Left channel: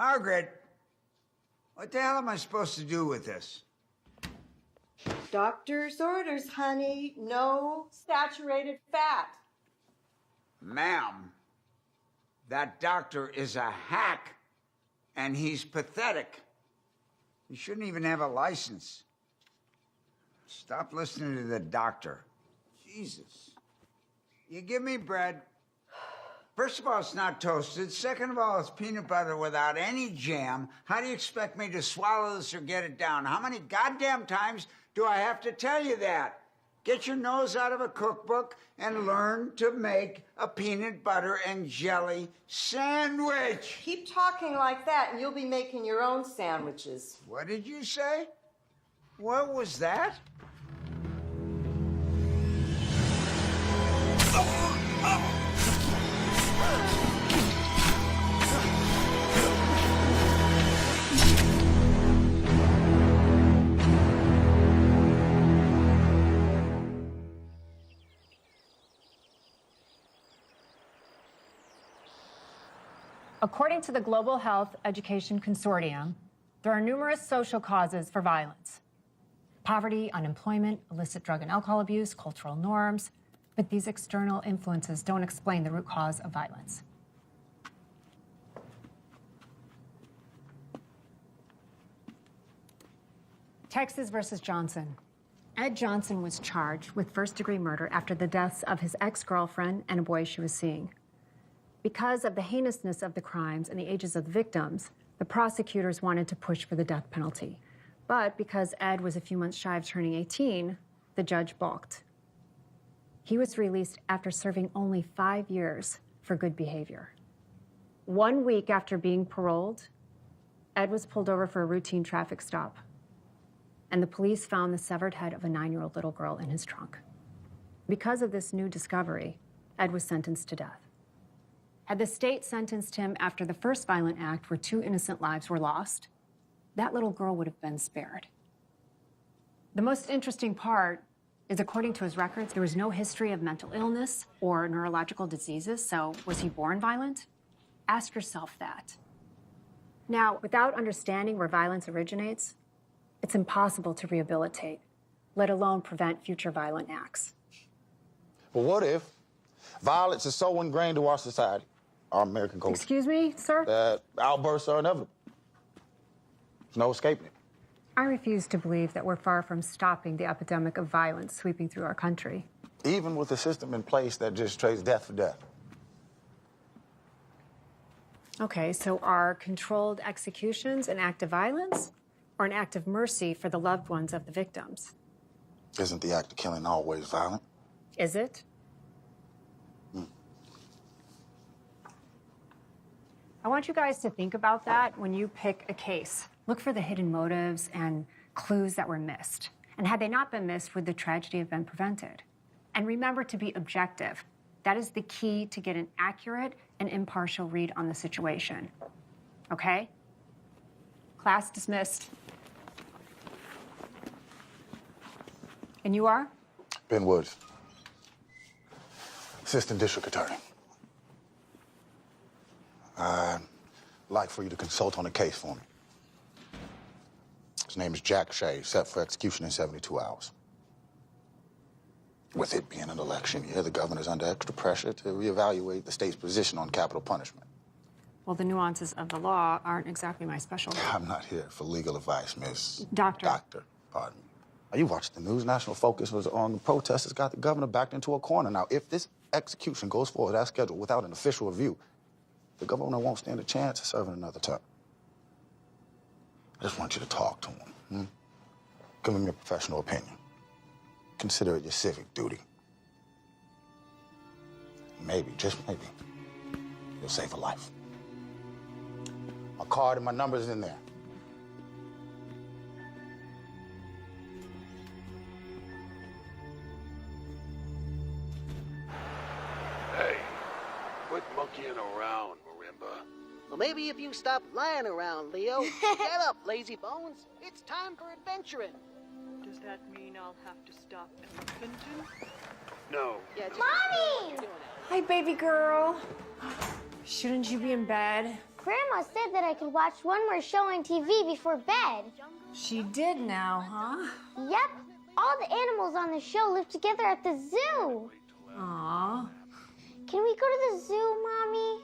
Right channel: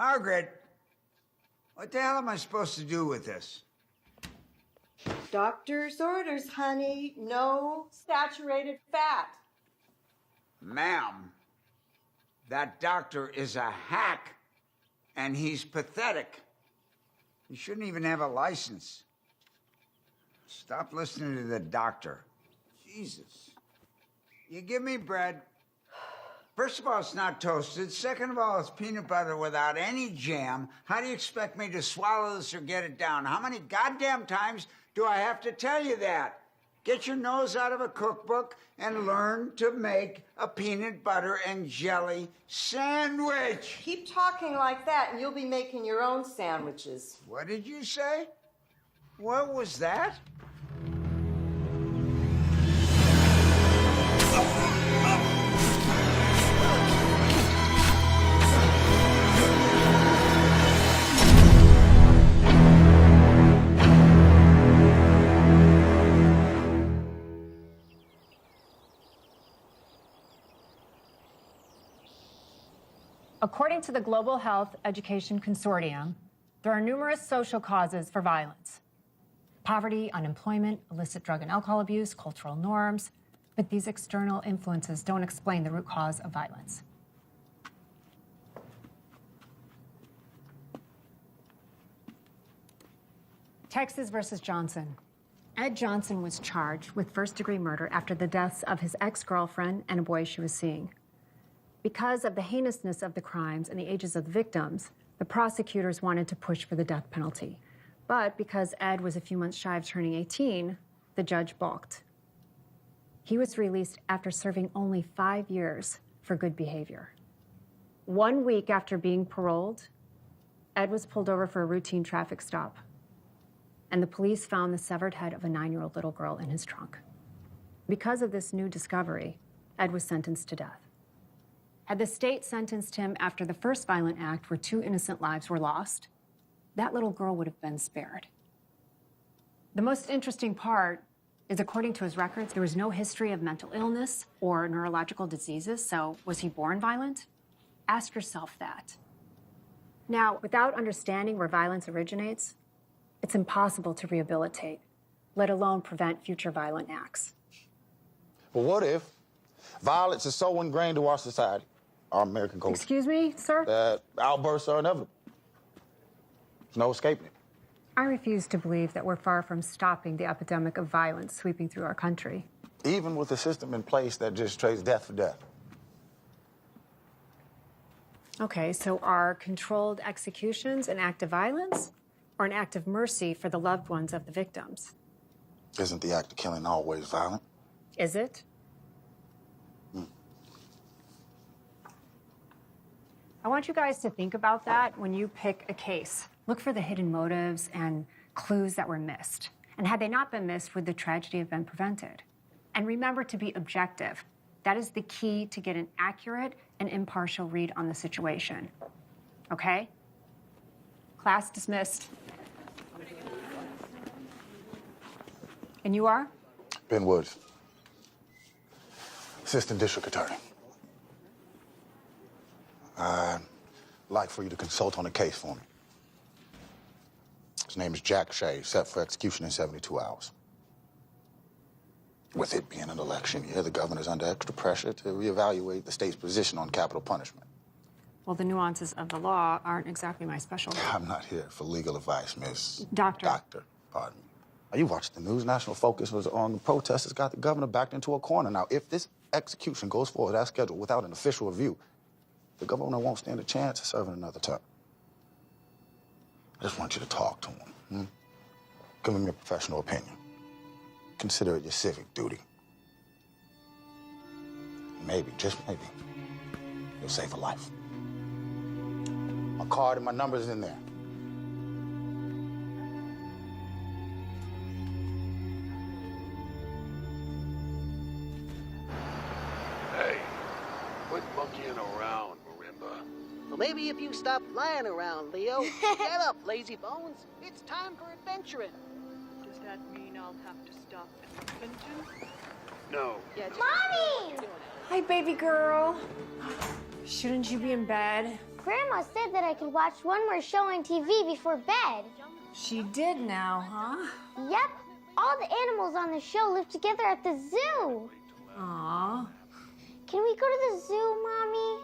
Margaret, what the hell am I supposed to do with this? Doctor's orders, honey. No saturated fat. Ma'am, that doctor is a hack, and he's pathetic. He shouldn't even have a license. Stop listening to the doctor. Jesus. You give me bread. First of all, it's not toasted. Second of all, it's peanut butter without any jam. How do you expect me to swallow this or get it down? How many goddamn times do I have to tell you that? Get your nose out of a cookbook and learn to make a peanut butter and jelly sandwich. Keep talking like that and you'll be making your own sandwiches. What did you say? What was that? According to the Global Health Education Consortium, there are numerous social causes for violence. Poverty, unemployment, illicit drug and alcohol abuse, cultural norms, but these external influences don't explain the root cause of violence. Texas versus Johnson. Ed Johnson was charged with first-degree murder after the deaths of his ex-girlfriend and a boy she was seeing. Because of the heinousness of the crimes and the ages of the victims, the prosecutors wanted to push for the death penalty. But because Ed was a few months shy of turning 18, the judge balked. He was released after serving only 5 years for good behavior. 1 week after being paroled, Ed was pulled over for a routine traffic stop, and the police found the severed head of a 9-year-old little girl in his trunk. Because of this new discovery, Ed was sentenced to death. Had the state sentenced him after the first violent act where 2 innocent lives were lost, that little girl would have been spared. The most interesting part is, according to his records, there was no history of mental illness or neurological diseases, so was he born violent? Ask yourself that. Now, without understanding where violence originates, it's impossible to rehabilitate, let alone prevent future violent acts. But what if violence is so ingrained to our society, our American culture? Excuse me, sir? That outbursts are inevitable. There's no escaping it. I refuse to believe that we're far from stopping the epidemic of violence sweeping through our country. Even with a system in place that just trades death for death. Okay, so are controlled executions an act of violence or an act of mercy for the loved ones of the victims? Isn't the act of killing always violent? Is it? I want you guys to think about that when you pick a case. Look for the hidden motives and clues that were missed. And had they not been missed, would the tragedy have been prevented? And remember to be objective. That is the key to get an accurate and impartial read on the situation. Okay? Class dismissed. And you are? Ben Woods, Assistant District Attorney. I'd like for you to consult on a case for me. His name is Jack Shea, set for execution in 72 hours. With it being an election year, the governor's under extra pressure to reevaluate the state's position on capital punishment. Well, the nuances of the law aren't exactly my specialty. I'm not here for legal advice, Miss... Doctor. Doctor, pardon me. Now, you watched the news. National focus was on the protesters got the governor backed into a corner. Now, if this execution goes forward as scheduled without an official review, the governor won't stand a chance of serving another term. I just want you to talk to him. Give him your professional opinion. Consider it your civic duty. Maybe, just maybe, you'll save a life. My card and my number's in there. Hey, quit monkeying around, Marimba. Well, maybe if you stop lying around, Leo. Get up, lazy bones. It's time for adventuring. Does that mean I'll have to stop adventuring? No. Yeah, just Mommy! Hi, baby girl. Shouldn't you be in bed? Grandma said that I could watch one more show on TV before bed. She did now, huh? Yep. All the animals on the show live together at the zoo. Aw. Can we go to the zoo, Mommy?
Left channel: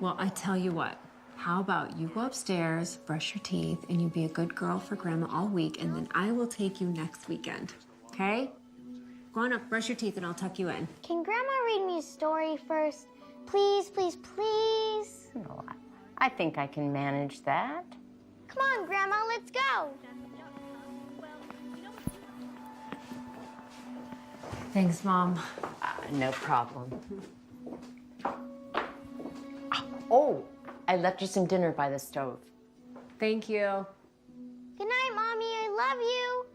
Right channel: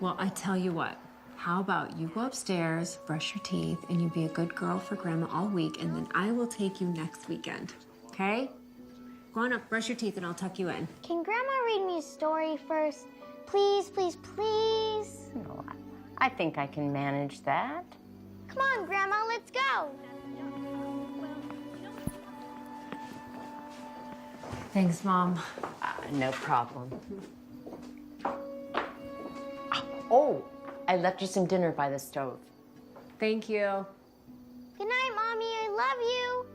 Well, I tell you what. How about you go upstairs, brush your teeth, and you be a good girl for Grandma all week, and then I will take you next weekend. Okay? Go on up, brush your teeth, and I'll tuck you in. Can Grandma read me a story first? Please, please, please. No, I think I can manage that. Come on, Grandma, let's go. Thanks, Mom. No problem. Oh, I left you some dinner by the stove. Thank you. Good night, Mommy. I love you.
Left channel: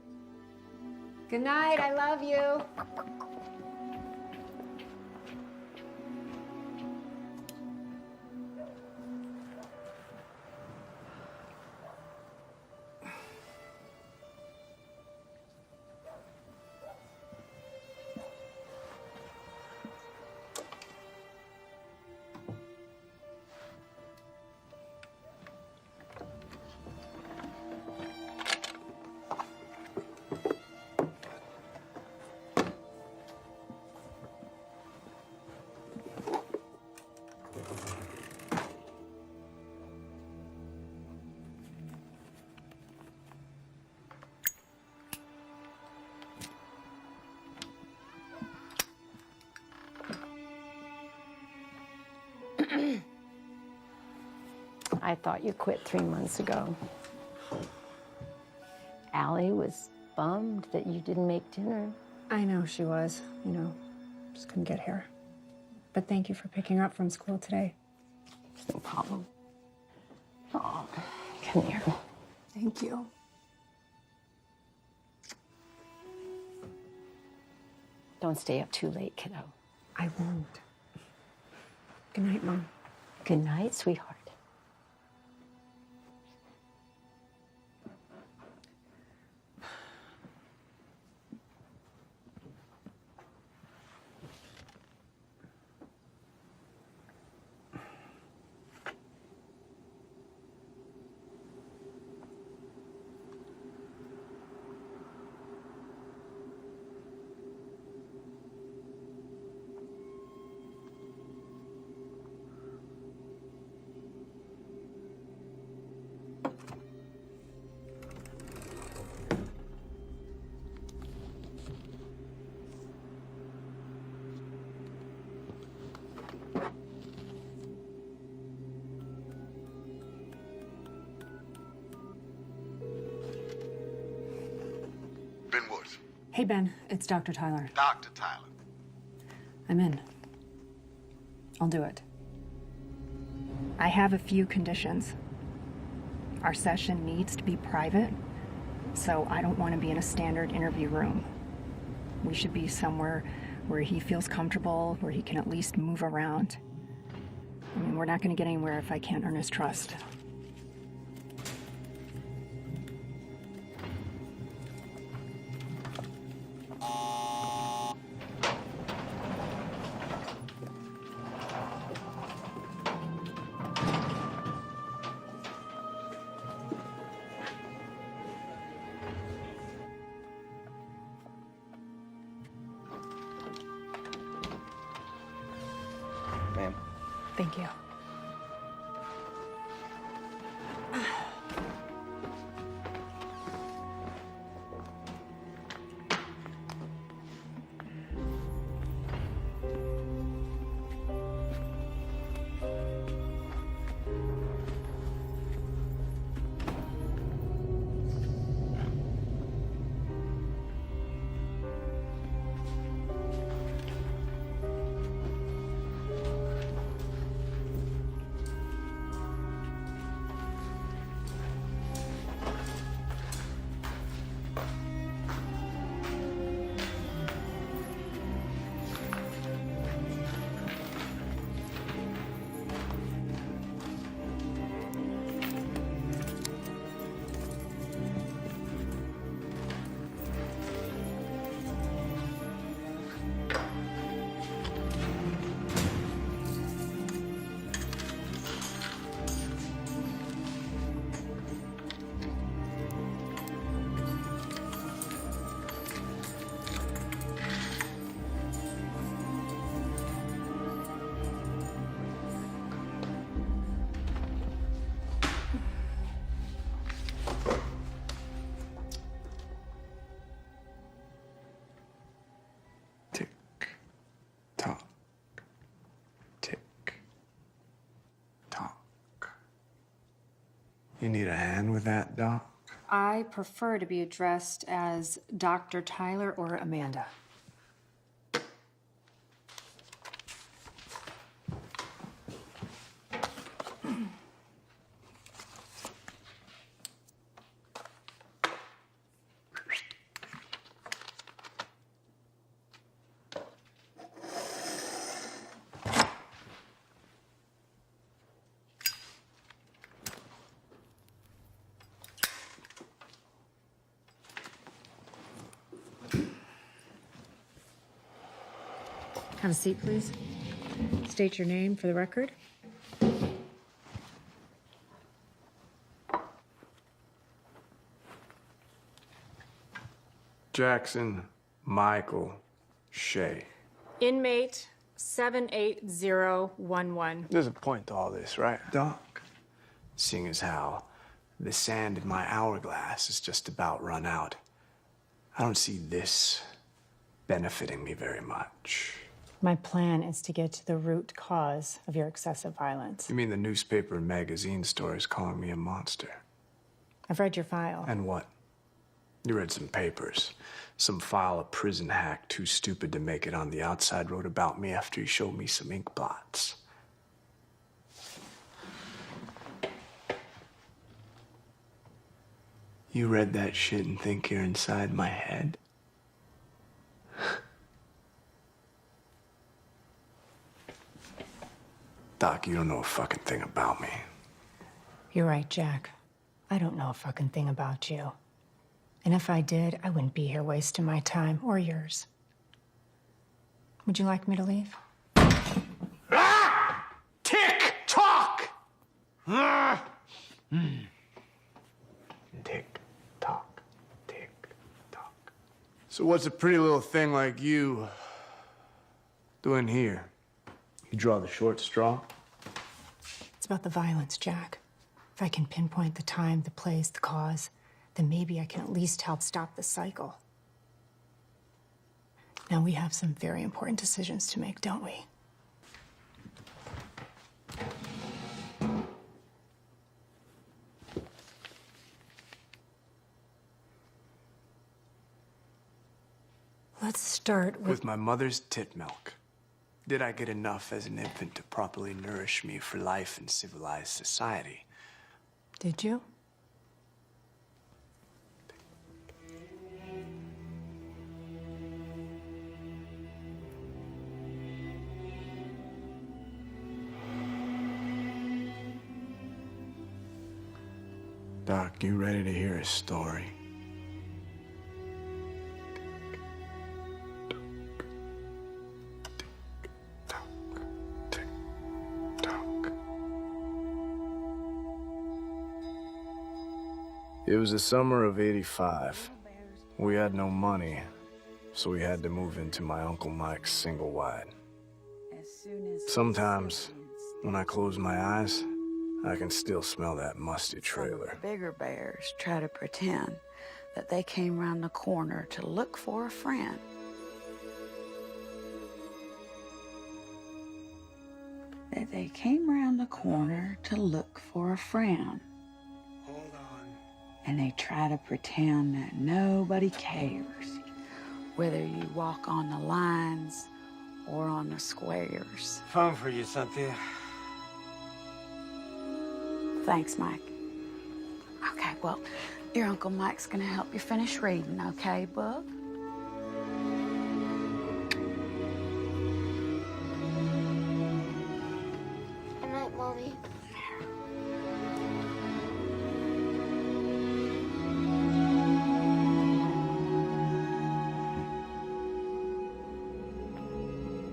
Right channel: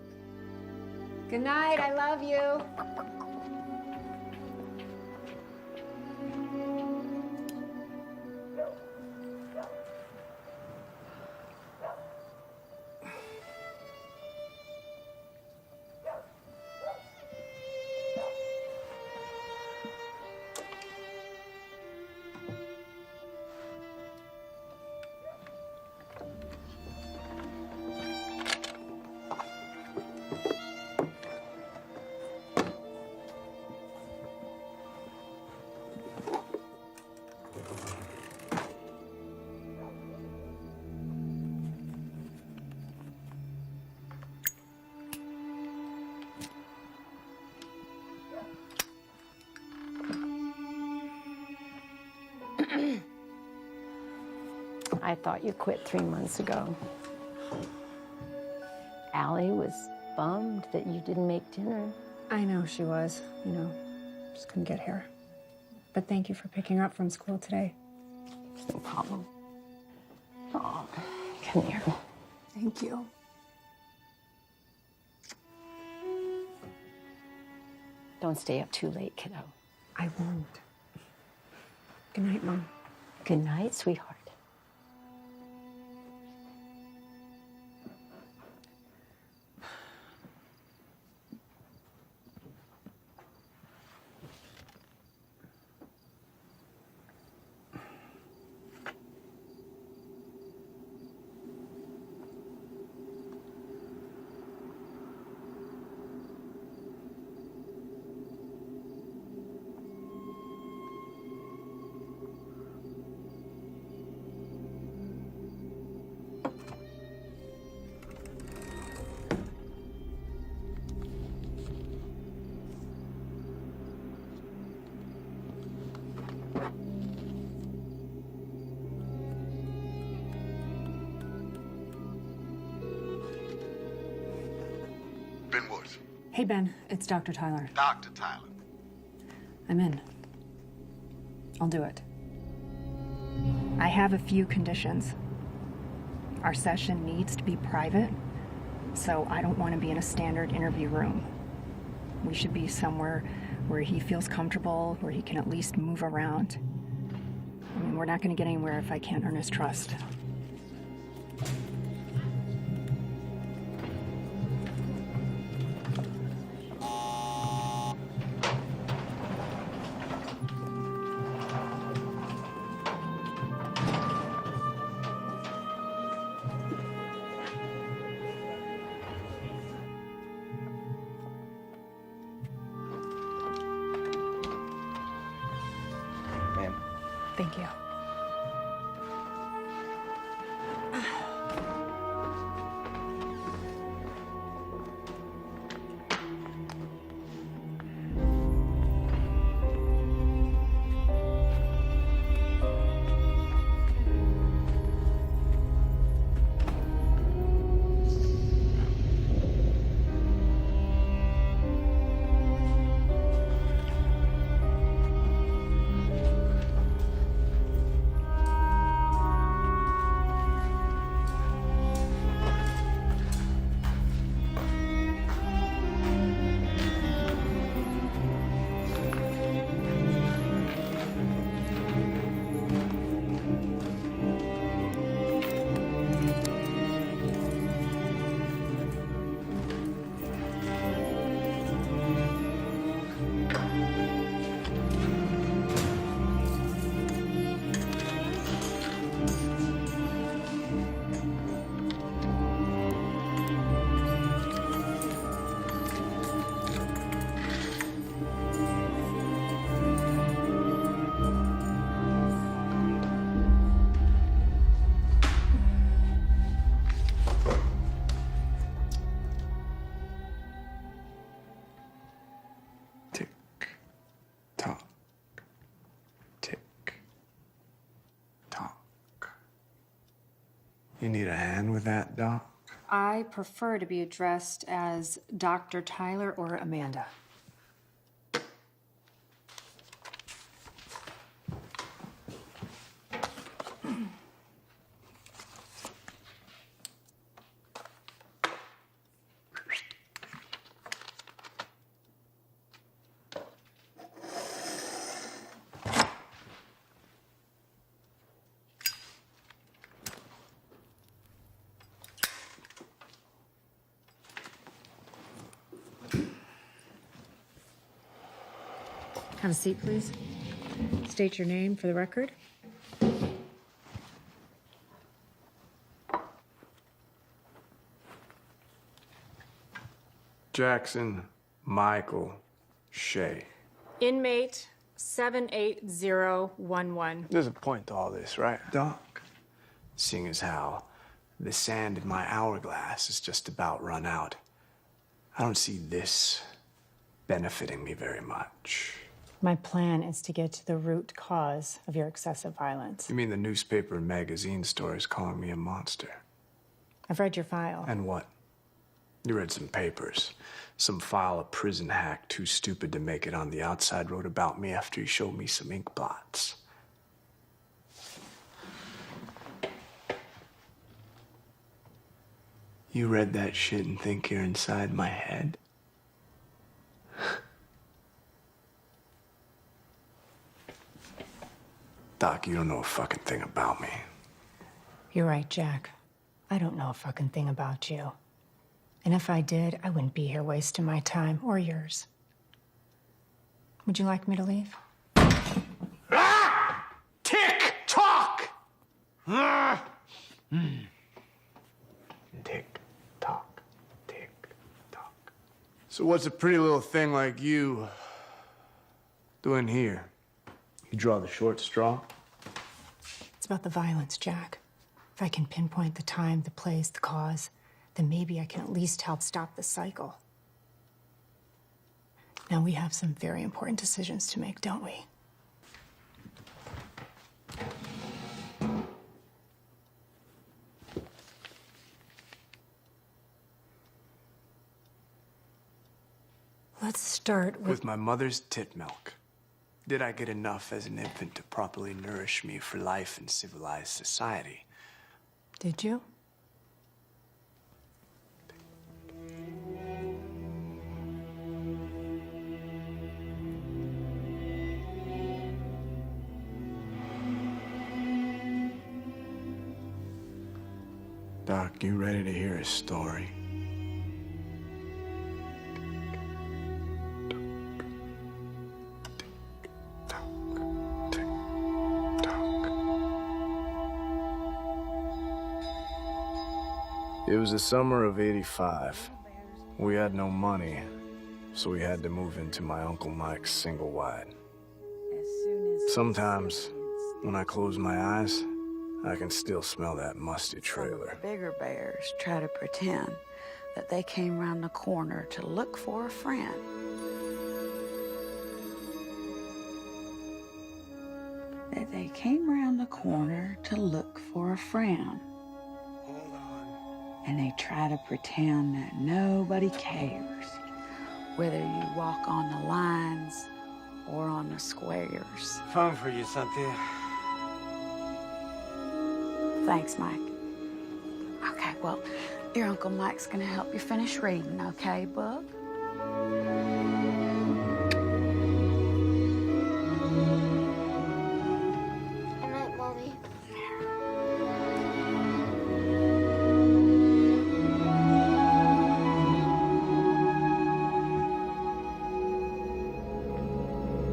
Good night. I love you. I thought you quit 3 months ago. Allie was bummed that you didn't make dinner. I know she was. You know, just couldn't get here. But thank you for picking her up from school today. No problem. Oh, come here. Thank you. Don't stay up too late, kiddo. I won't. Good night, Mom. Good night, sweetheart. Hey, Ben, it's Dr. Tyler. Dr. Tyler. I'm in. I'll do it. I have a few conditions. Our session needs to be private, so I don't want to be in a standard interview room. We should be somewhere where he feels comfortable, where he can at least move around. I mean, we're not going to get anywhere if I can't earn his trust. Thank you. You need a hand with that, Doc? I prefer to be addressed as Dr. Tyler or Amanda. Have a seat, please. State your name for the record. Jackson Michael Shea. Inmate 78011. There's a point to all this, right, Doc? Seeing as how the sand in my hourglass is just about run out, I don't see this benefiting me very much. My plan is to get to the root cause of your excessive violence. You mean the newspaper and magazine stories calling me a monster? I've read your file. And what? You read some papers. Some file a prison hack too stupid to make it on the outside wrote about me after he showed me some ink blots. You read that shit and think you're inside my head? Doc, you don't know a fucking thing about me. You're right, Jack. I don't know a fucking thing about you. And if I did, I wouldn't be here wasting my time or yours. Would you like me to leave? Ah! Tick tock! Ah! Tick tock, tick tock. So what's a pretty little thing like you doing here? You draw the short straw? It's about the violence, Jack. If I can pinpoint the time, the place, the cause, then maybe I can at least help stop the cycle. Now, we have some very important decisions to make, don't we? Let's start with my mother's tit milk. Did I get enough as an infant to properly nourish me for life in civilized society? Did you? Doc, you ready to hear a story? It was the summer of '85. We had no money, so we had to move into my Uncle Mike's single wide. Sometimes, when I close my eyes, I can still smell that musty trailer. The bigger bears try to pretend that they came around the corner to look for a friend. That they came around the corner to look for a friend. Hold on. And they try to pretend that nobody cares, whether you walk on the lines or on the squares. Phone for you, Cynthia. Thanks, Mike. Okay, well, your Uncle Mike's gonna help you finish reading, okay, Book? Good night, Mommy.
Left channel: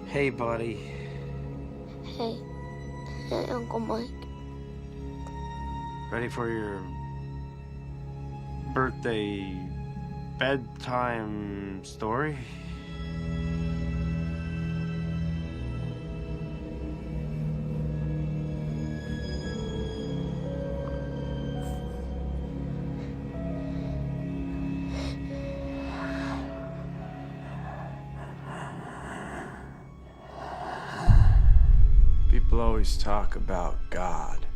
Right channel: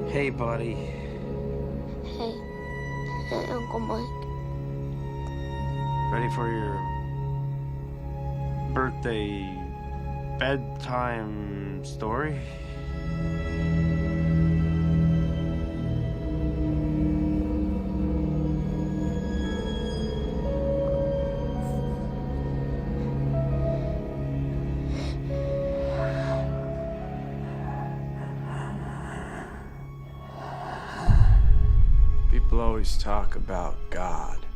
Hey, buddy. Hey. Hey, Uncle Mike. Ready for your birthday bedtime story? People always talk about God.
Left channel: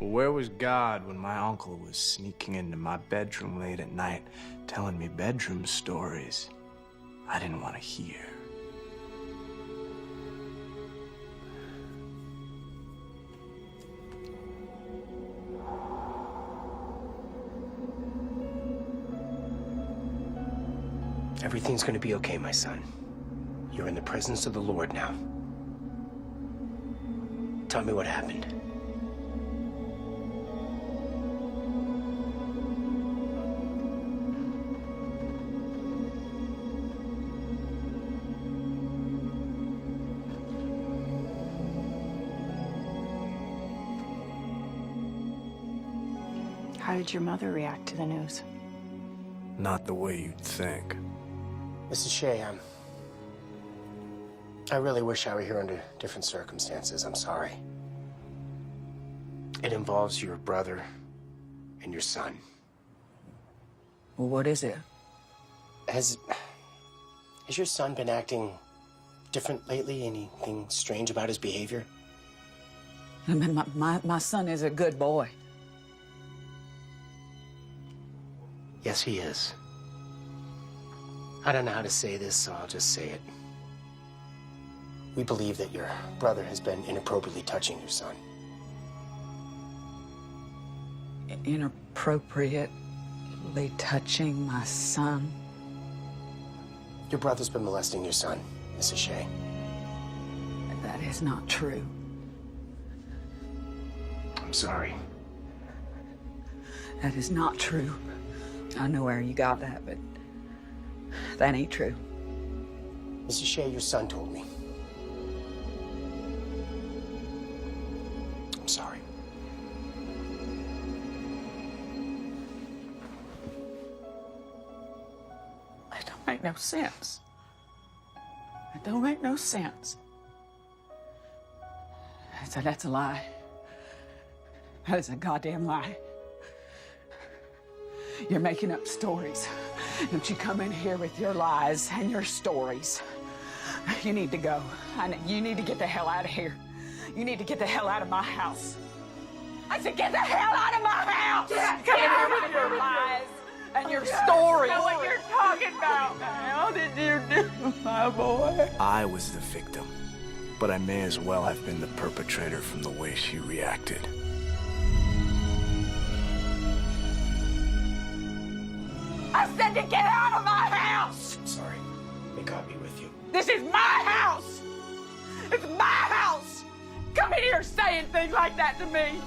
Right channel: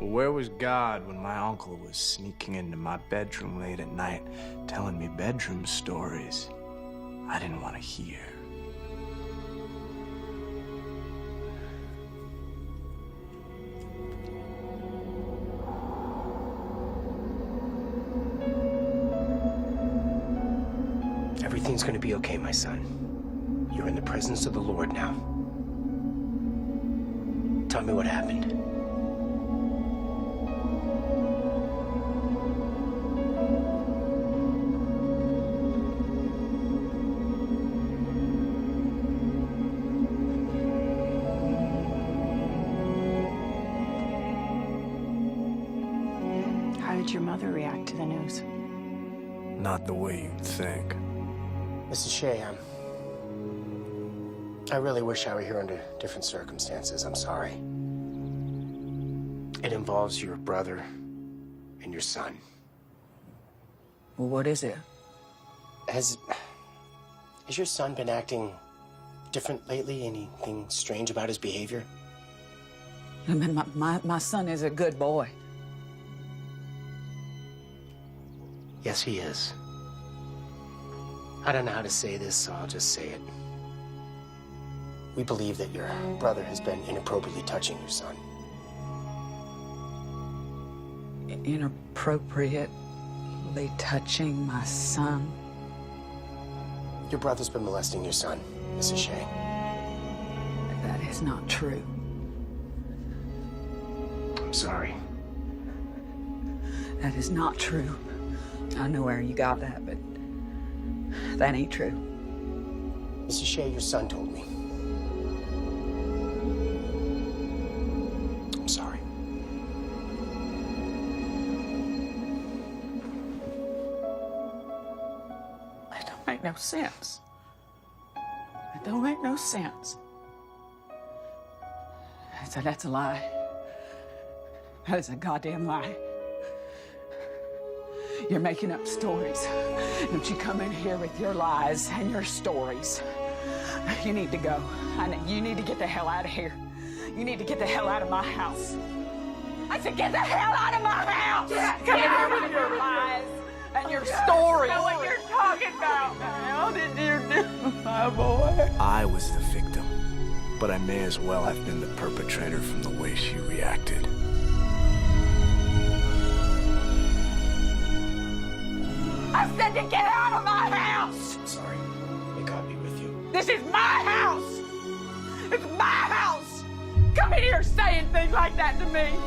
Well, where was God when my uncle was sneaking into my bedroom late at night, telling me bedroom stories I didn't want to hear? Everything's gonna be okay, my son. You're in the presence of the Lord now. Tell me what happened. How did your mother react to the news? Not the way you'd think. Mrs. Shea, I really wish I were here under different circumstances. I'm sorry. It involves your brother and your son. Well, what is it? Has your son been acting different lately? Anything strange about his behavior? I mean, my son is a good boy. Yes, he is. I don't know how to say this, so I'll just say it. We believe that your brother has been inappropriately touching your son. Inappropriately touching my son? Your brother's been molesting your son, Mrs. Shea. That is not true. I'm sorry. That is not true. I know where you got that, but that ain't true. Mrs. Shea, your son told me. I'm sorry. It don't make no sense. It don't make no sense. That's a lie. That is a goddamn lie. You're making up stories. Don't you come in here with your lies and your stories. You need to go. You need to get the hell out of here. You need to get the hell out of my house. I said get the hell out of my house! Come in here with your lies and your stories. I know what you're talking about. How did you do, my boy? I was the victim, but I may as well have been the perpetrator from the way she reacted. I said to get out of my house! I'm sorry. May God be with you. This is my house! It's my house! Come in here saying things like that to me!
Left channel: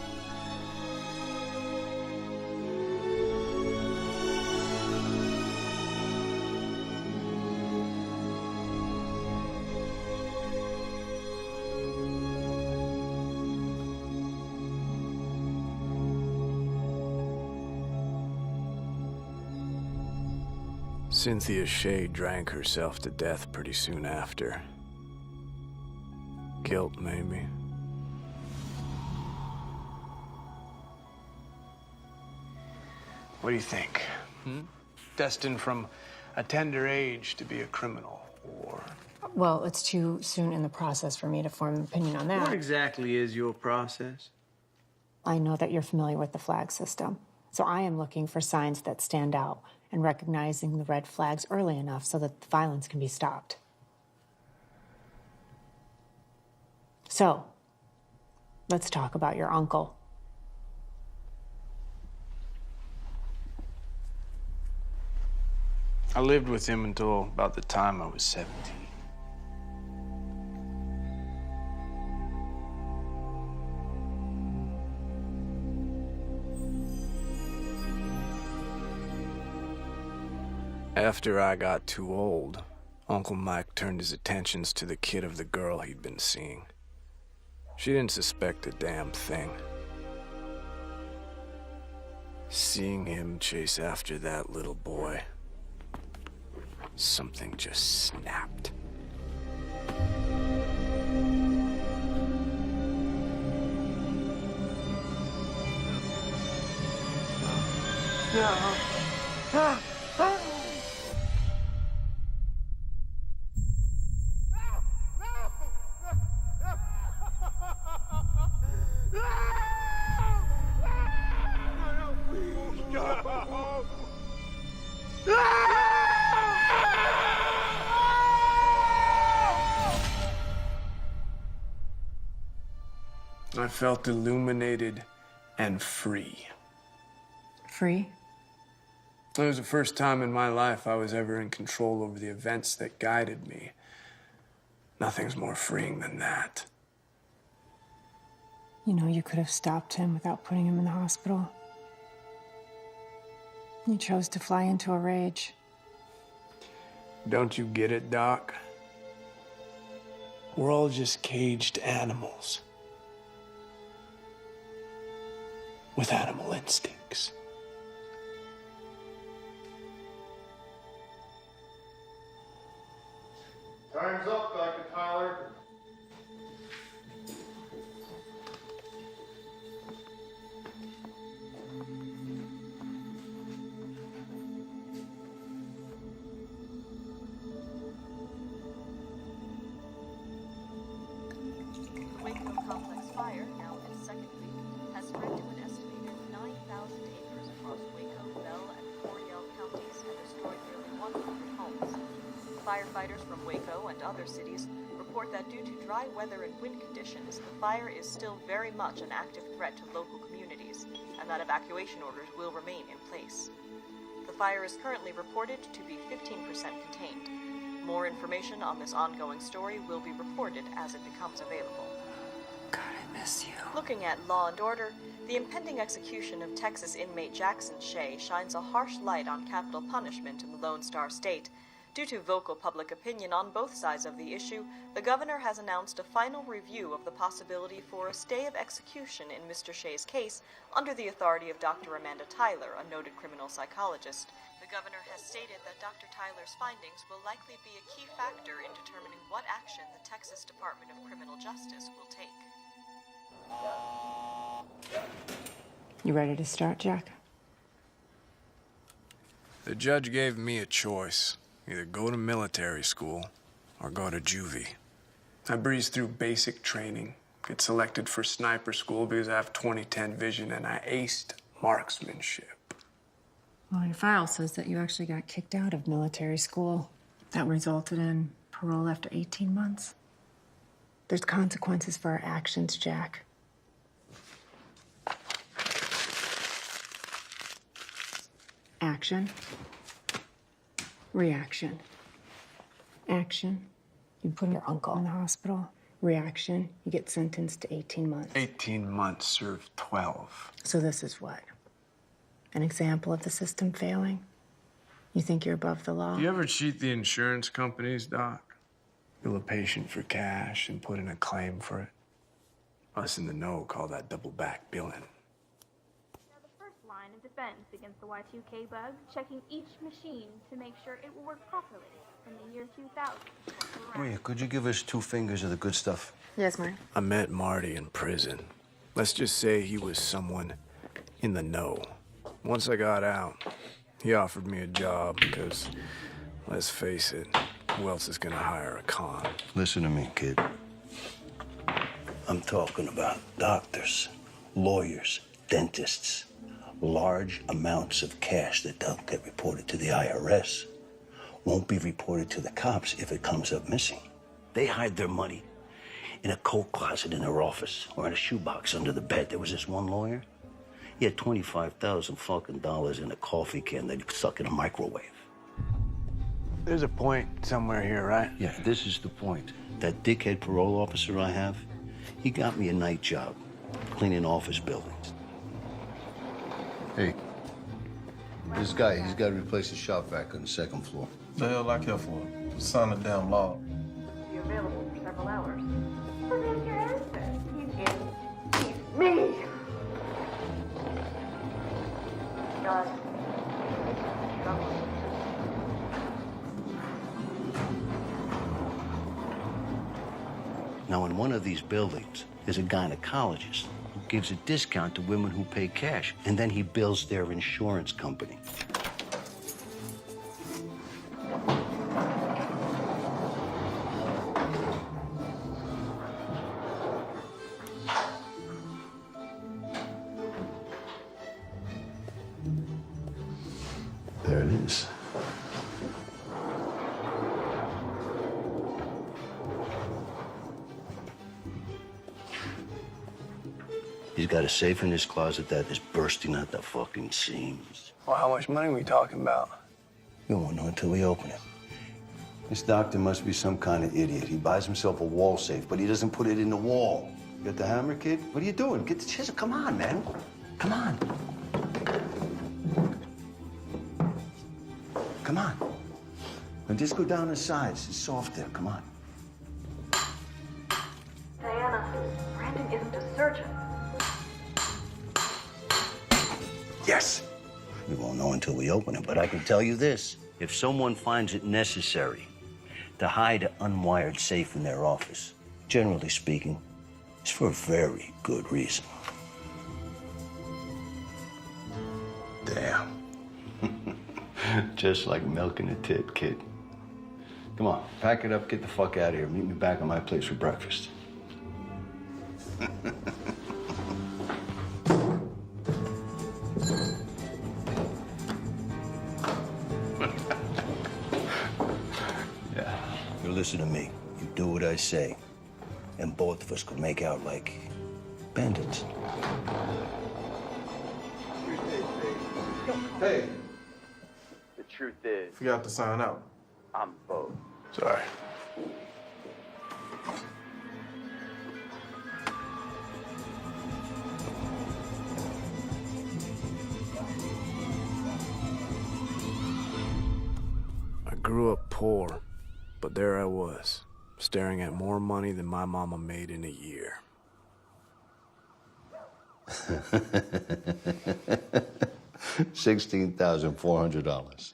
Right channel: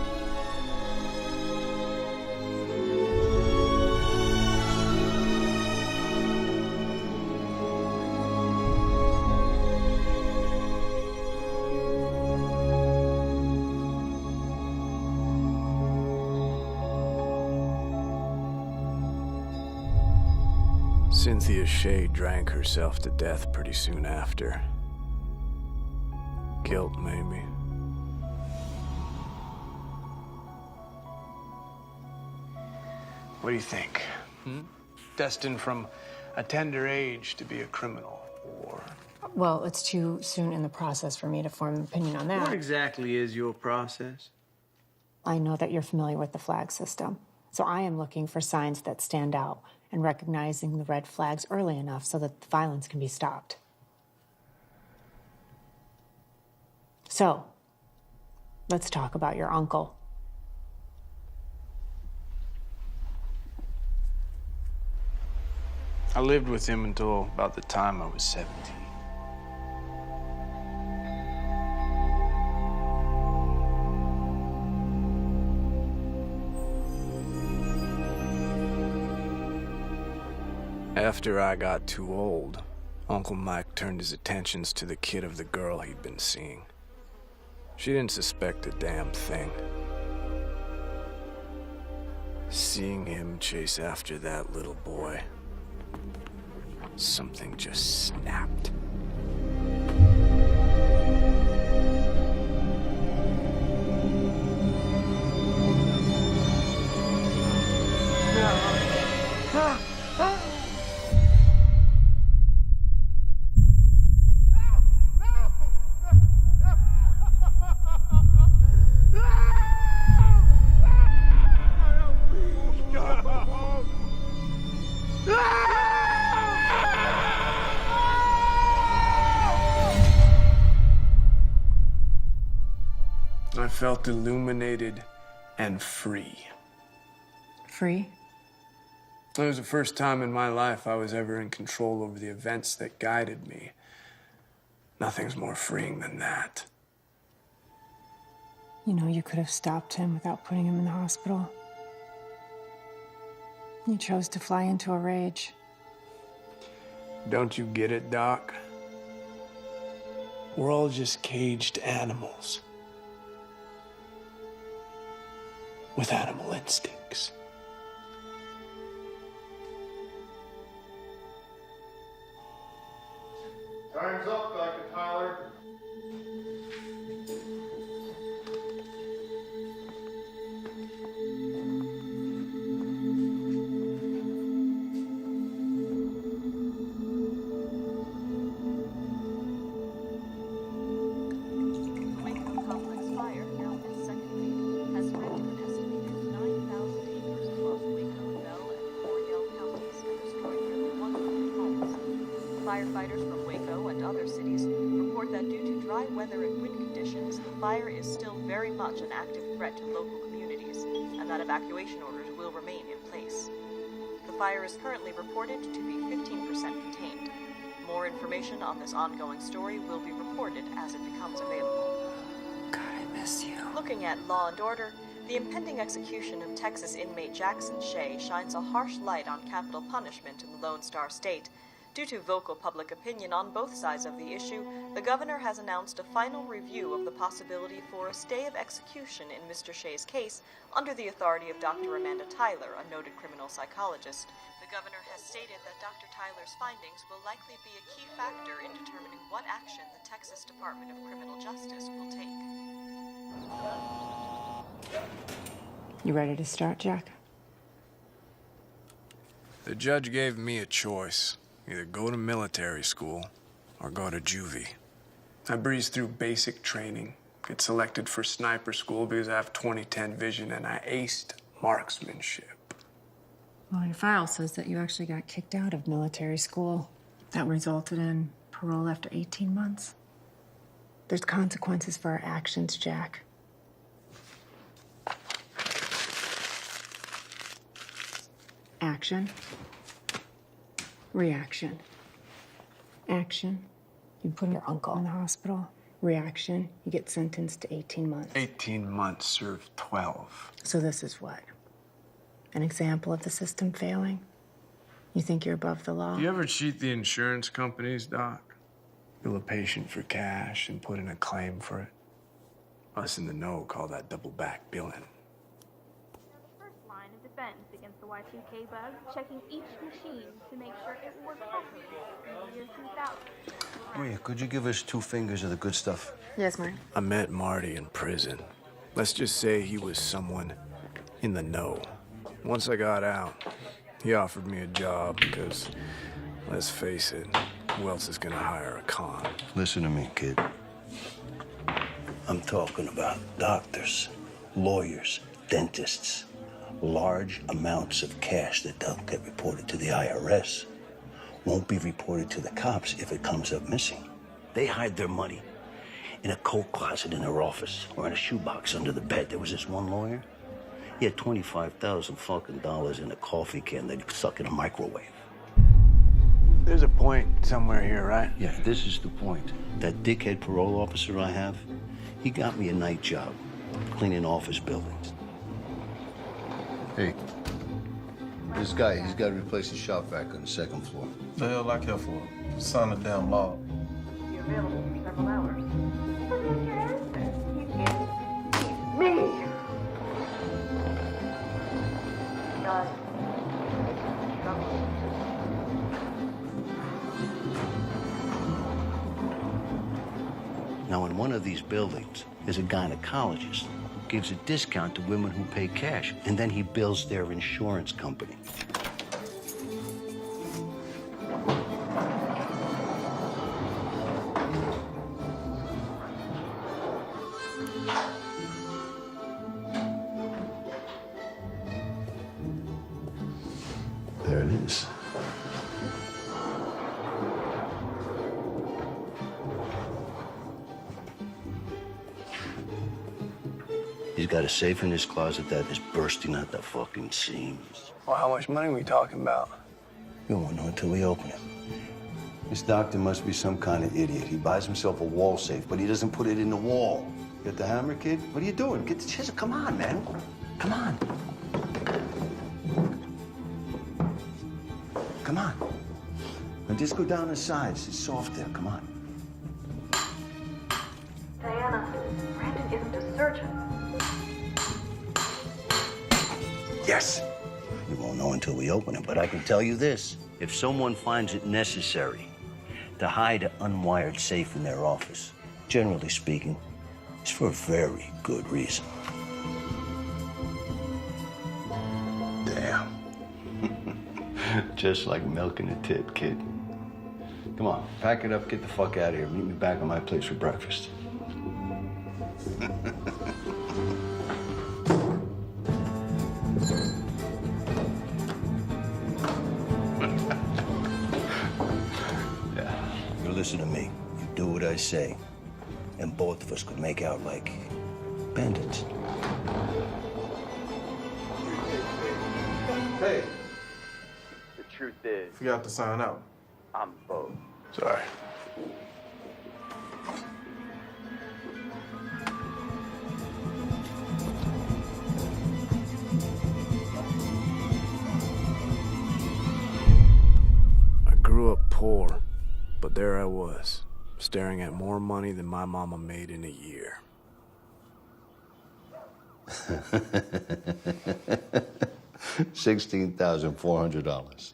Cynthia Shea drank herself to death pretty soon after. Guilt, maybe. What do you think? Destined from a tender age to be a criminal, or... Well, it's too soon in the process for me to form an opinion on that. What exactly is your process? I know that you're familiar with the flag system, so I am looking for signs that stand out and recognizing the red flags early enough so that the violence can be stopped. So, let's talk about your uncle. I lived with him until about the time I was 17. After I got too old, Uncle Mike turned his attentions to the kid of the girl he'd been seeing. She didn't suspect a damn thing. Seeing him chase after that little boy, something just snapped. No. felt illuminated and free. Free? It was the first time in my life I was ever in control over the events that guided me. Nothing's more freeing than that. You know, you could have stopped him without putting him in the hospital. You chose to fly into a rage. Don't you get it, Doc? We're all just caged animals. With animal instincts. Firefighters from Waco and other cities report that due to dry weather and wind conditions, the fire is still very much an active threat to local communities, and that evacuation orders will remain in place. The fire is currently reported to be 15% contained. More information on this ongoing story will be reported as it becomes available. God, I miss you. Looking at Law and Order, the impending execution of Texas inmate Jackson Shea shines a harsh light on capital punishment in the Lone Star State. Due to vocal public opinion on both sides of the issue, the governor has announced a final review of the possibility for a stay of execution in Mr. Shea's case under the authority of Dr. Amanda Tyler, a noted criminal psychologist. The governor has stated that Dr. Tyler's findings will likely be a key factor in determining what action the Texas Department of Criminal Justice will take. You ready to start, Jack? The judge gave me a choice. Either go to military school or go to juvie. I breezed through basic training, get selected for sniper school because I have 20/10 vision, and I aced marksmanship. Well, your file says that you actually got kicked out of military school. That resulted in parole after 18 months. There's consequences for our actions, Jack. Action. Reaction. Action, you put your uncle in the hospital. Reaction, you get sentenced to 18 months. 18 months, served 12. So this is what? An example of the system failing? You think you're above the law? Do you ever cheat the insurance companies, Doc? Bill a patient for cash and put in a claim for it? Us in the know call that double back billing. Line of defense against the Y2K bug, checking each machine to make sure it will work properly in the year 2000. Maria, could you give us 2 fingers of the good stuff? Yes, Marty. I met Marty in prison. Let's just say he was someone in the know. Once I got out, he offered me a job because, let's face it, who else is gonna hire a con? Listen to me, kid. I'm talking about doctors, lawyers, dentists. Large amounts of cash that don't get reported to the IRS won't be reported to the cops if it comes up missing. They hide their money in a coat closet in their office or in a shoebox under the bed. There was this one lawyer. He had $25,000 in a coffee can that he stuck in a microwave. There's a point somewhere here, right? Yeah, this is the point. That dickhead parole officer I have, he got me a night job cleaning office buildings. Hey, this guy, he's got to replace his shop vac on the 2nd floor. The hell I care for? Sign a damn law. Be available for several hours. So there's your answer. He's me. God. Now, in one of these buildings, there's a gynecologist who gives a discount to women who pay cash, and then he bills their insurance company. There it is. He's got a safe in his closet that is bursting at the fucking seams. Well, how much money are we talking about? We won't know until we open it. This doctor must be some kind of idiot. He buys himself a wall safe, but he doesn't put it in the wall. You got the hammer, kid? What are you doing? Get the chisel. Come on, man. Come on. Come on. And just go down the sides. It's soft there. Come on. Diana, Brandon isn't a surgeon. Yes. You won't know until we open it, but I can tell you this. If someone finds it necessary to hide an unwired safe in their office, generally speaking, it's for a very good reason. Damn. Just like milking a tit, kid. Come on, pack it up, get the fuck out of here. Meet me back at my place for breakfast. Yeah. You listen to me. You do what I say. And both of us could make out like bandits. Hey, The truth is, forgot to sign out. I'm both. Sorry. I grew up poor, but there I was, staring at more money than my mama made in a year. $16,400.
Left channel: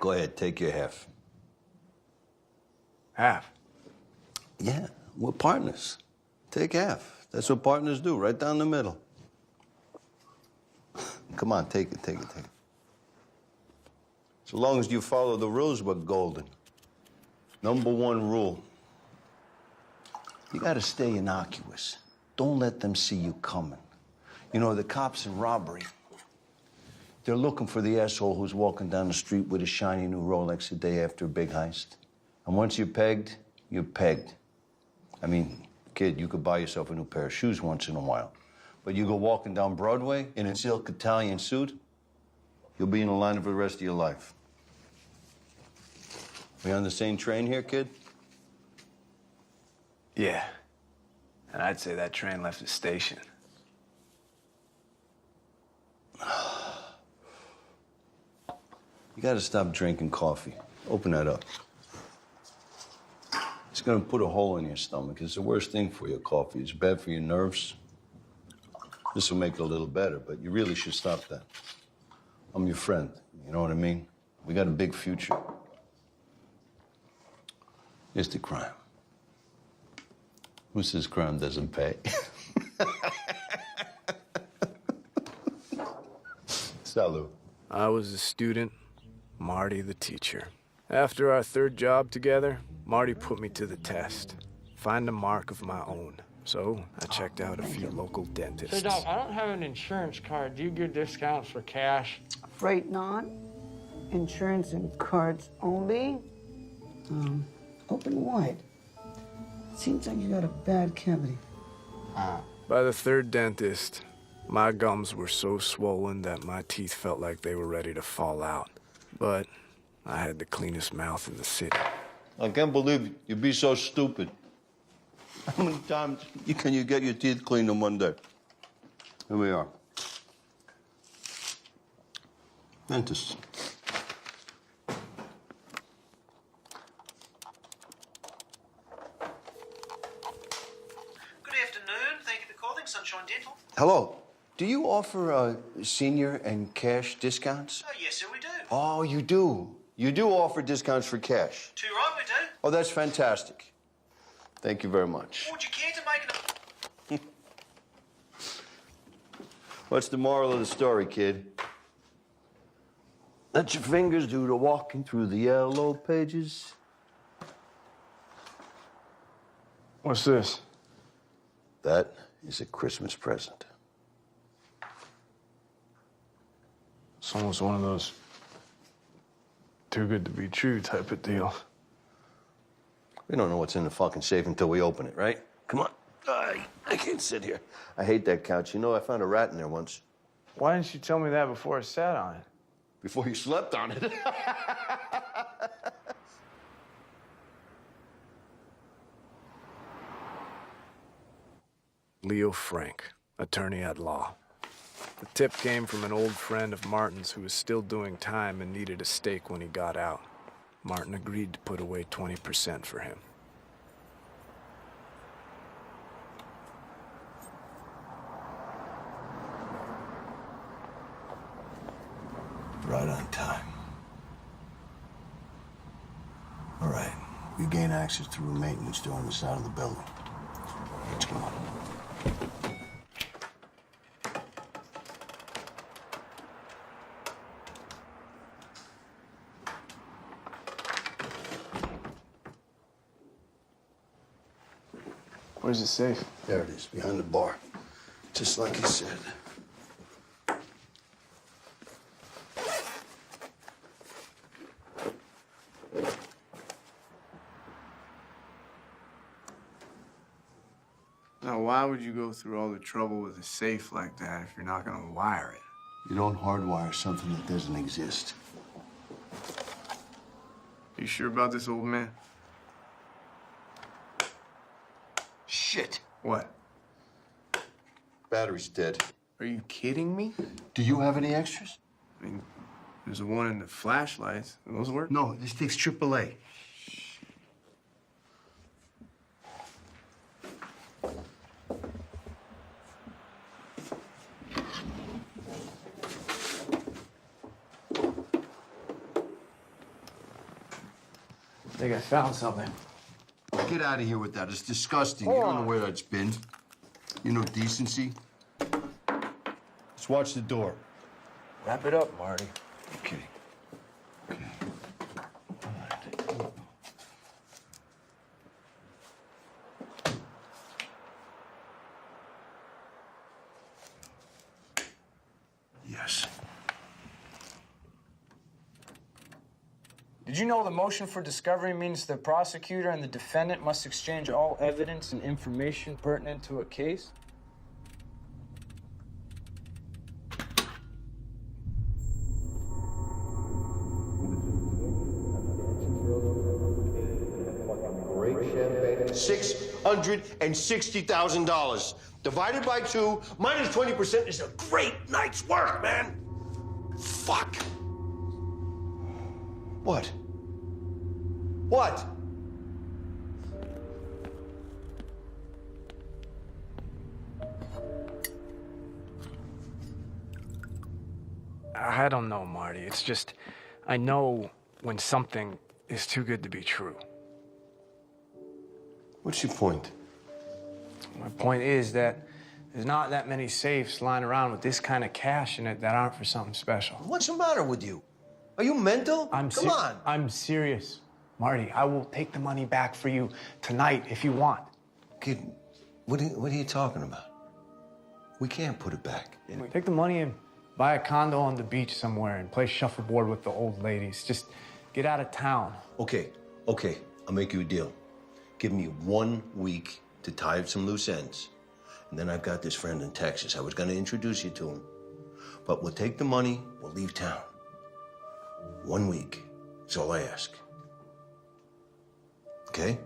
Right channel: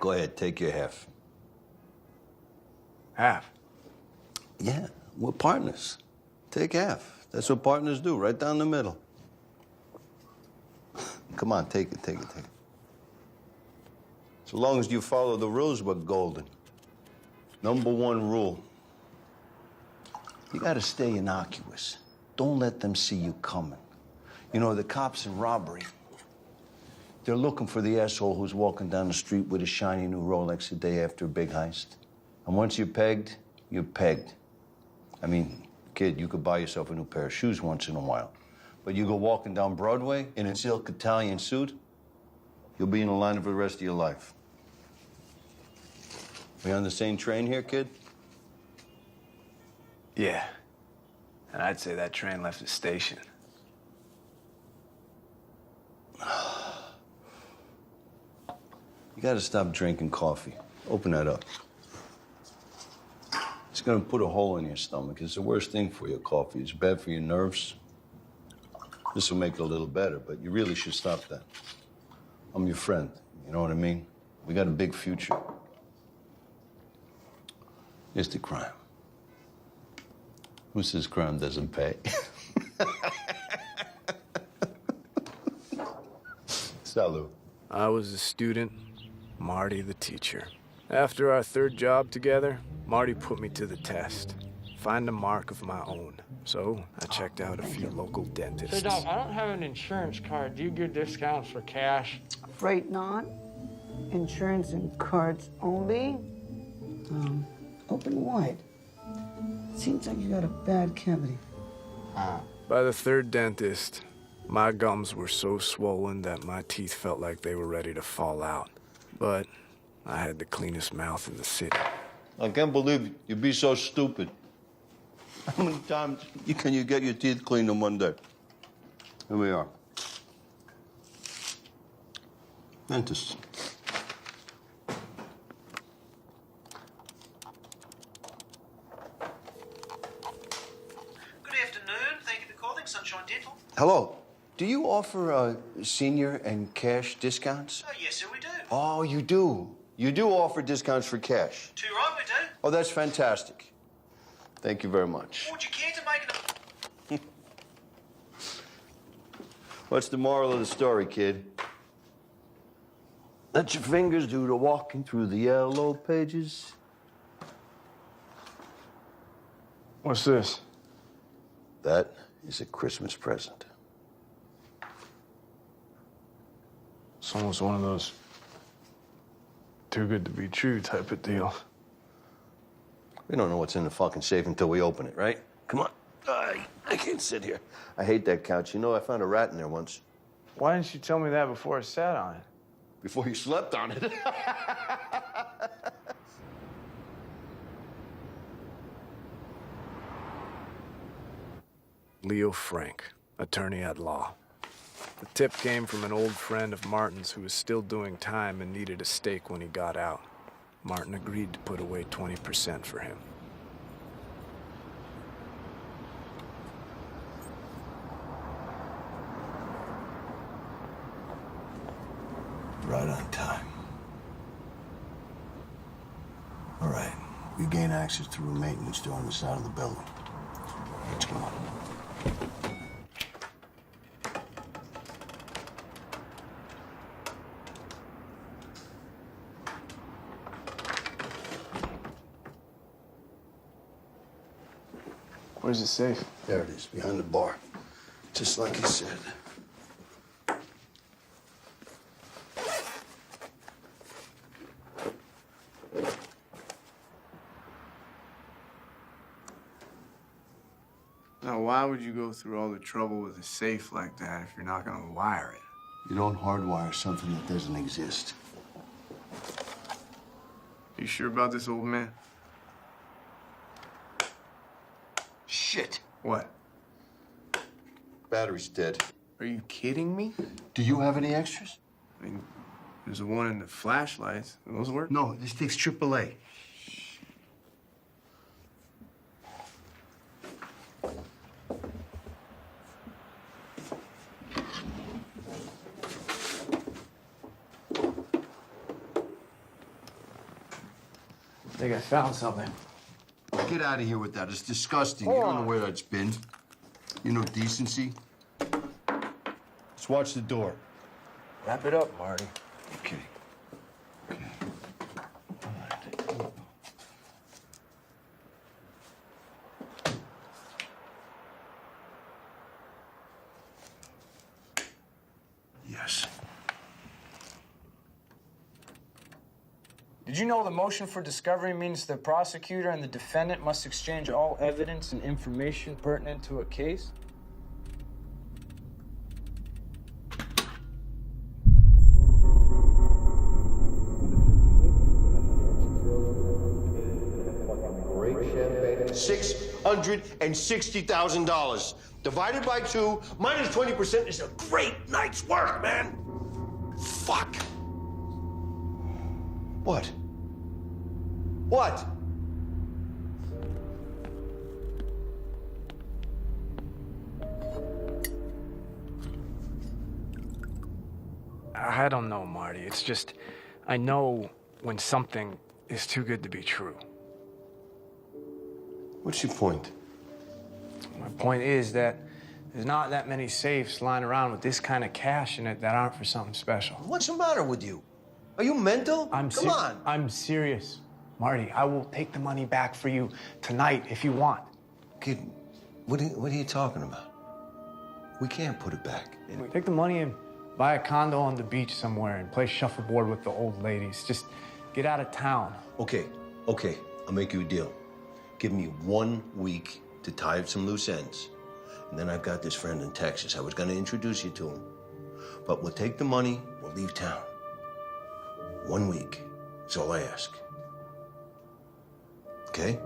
Go ahead, take your half. Half? Yeah, we're partners. Take half. That's what partners do, right down the middle. Come on, take it, take it, take it. So long as you follow the rules, we're golden. Number one rule. You gotta stay innocuous. Don't let them see you coming. You know, the cops in robbery, they're looking for the asshole who's walking down the street with a shiny new Rolex a day after a big heist. And once you're pegged, you're pegged. I mean, kid, you could buy yourself a new pair of shoes once in a while. But you go walking down Broadway in a silk Italian suit, you'll be in the line for the rest of your life. We on the same train here, kid? Yeah. And I'd say that train left the station. You gotta stop drinking coffee. Open that up. It's gonna put a hole in your stomach. It's the worst thing for your coffee. It's bad for your nerves. This will make it a little better, but you really should stop that. I'm your friend, you know what I mean? We got a big future. Here's the crime. Who says crime doesn't pay? Salud. I was a student, Marty the teacher. After our third job together, Marty put me to the test. Find a mark of my own. So I checked out a few local dentists. So, Doc, I don't have an insurance card. Do you give discounts for cash? Afraid not. Insurance and cards only. Open wide. Seems like you got a bad cavity. By the third dentist, my gums were so swollen that my teeth felt like they were ready to fall out. But I had the cleanest mouth in the city. I can't believe you'd be so stupid. How many times can you get your teeth cleaned in one day? Here we are. Dentist. Good afternoon. Thank you for calling Sunshine Dental. Hello. Do you offer senior and cash discounts? Oh, yes, sir, we do. Oh, you do. You do offer discounts for cash. Too right, we do. Oh, that's fantastic. Thank you very much. Would you care to make it What's the moral of the story, kid? Let your fingers do the walking through the yellow pages. What's this? That is a Christmas present. It's almost one of those too good to be true type of deal. We don't know what's in the fucking safe until we open it, right? Come on. I can't sit here. I hate that couch. You know, I found a rat in there once. Why didn't you tell me that before I sat on it? Before you slept on it. Leo Frank, attorney at law. The tip came from an old friend of Martin's who was still doing time and needed a stake when he got out. Martin agreed to put away 20% for him. Right on time. All right, we gain access through a maintenance door on the side of the building. Let's go. Where's the safe? There it is, behind the bar. Just like he said. Now, why would you go through all the trouble with a safe like that if you're not gonna wire it? You don't hardwire something that doesn't exist. You sure about this, old man? Shit. What? Battery's dead. Are you kidding me? Do you have any extras? I mean, there's the one in the flashlights. Those work? No, this takes AAA. I think I found something. Get out of here with that. It's disgusting. You don't know where that's been. You know decency. Let's watch the door. Wrap it up, Marty. Okay. Yes. Did you know the motion for discovery means the prosecutor and the defendant must exchange all evidence and information pertinent to a case? $660,000 divided by 2 minus 20% is a great night's work, man. Fuck. What? What? I don't know, Marty. It's just, I know when something is too good to be true. What's your point? My point is that there's not that many safes lying around with this kind of cash in it that aren't for something special. What's the matter with you? Are you mental? Come on. I'm serious. Marty, I will take the money back for you tonight if you want. Kid, what are you talking about? We can't put it back. Take the money and buy a condo on the beach somewhere and play shuffleboard with the old ladies. Just get out of town. Okay. I'll make you a deal. Give me 1 week to tie up some loose ends. And then I've got this friend in Texas. I was going to introduce you to him. But we'll take the money, we'll leave town. 1 week. That's all I ask. Okay?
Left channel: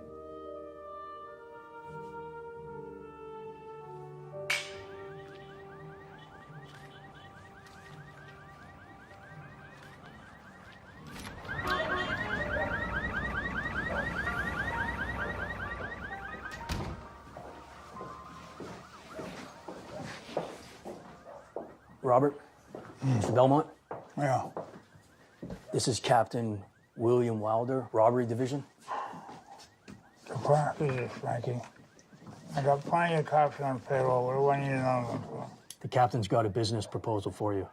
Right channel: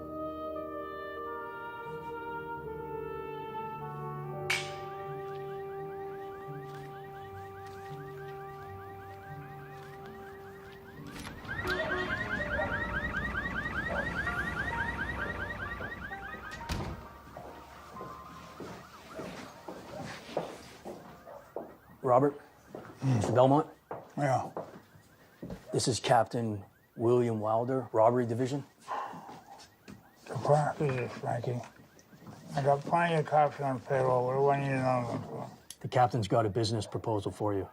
Robert? Mr. Belmont? Yeah. This is Captain William Wilder, Robbery Division. Surprise this, Frankie. I got plenty of cops on payroll. What do I need another one for? The captain's got a business proposal for you.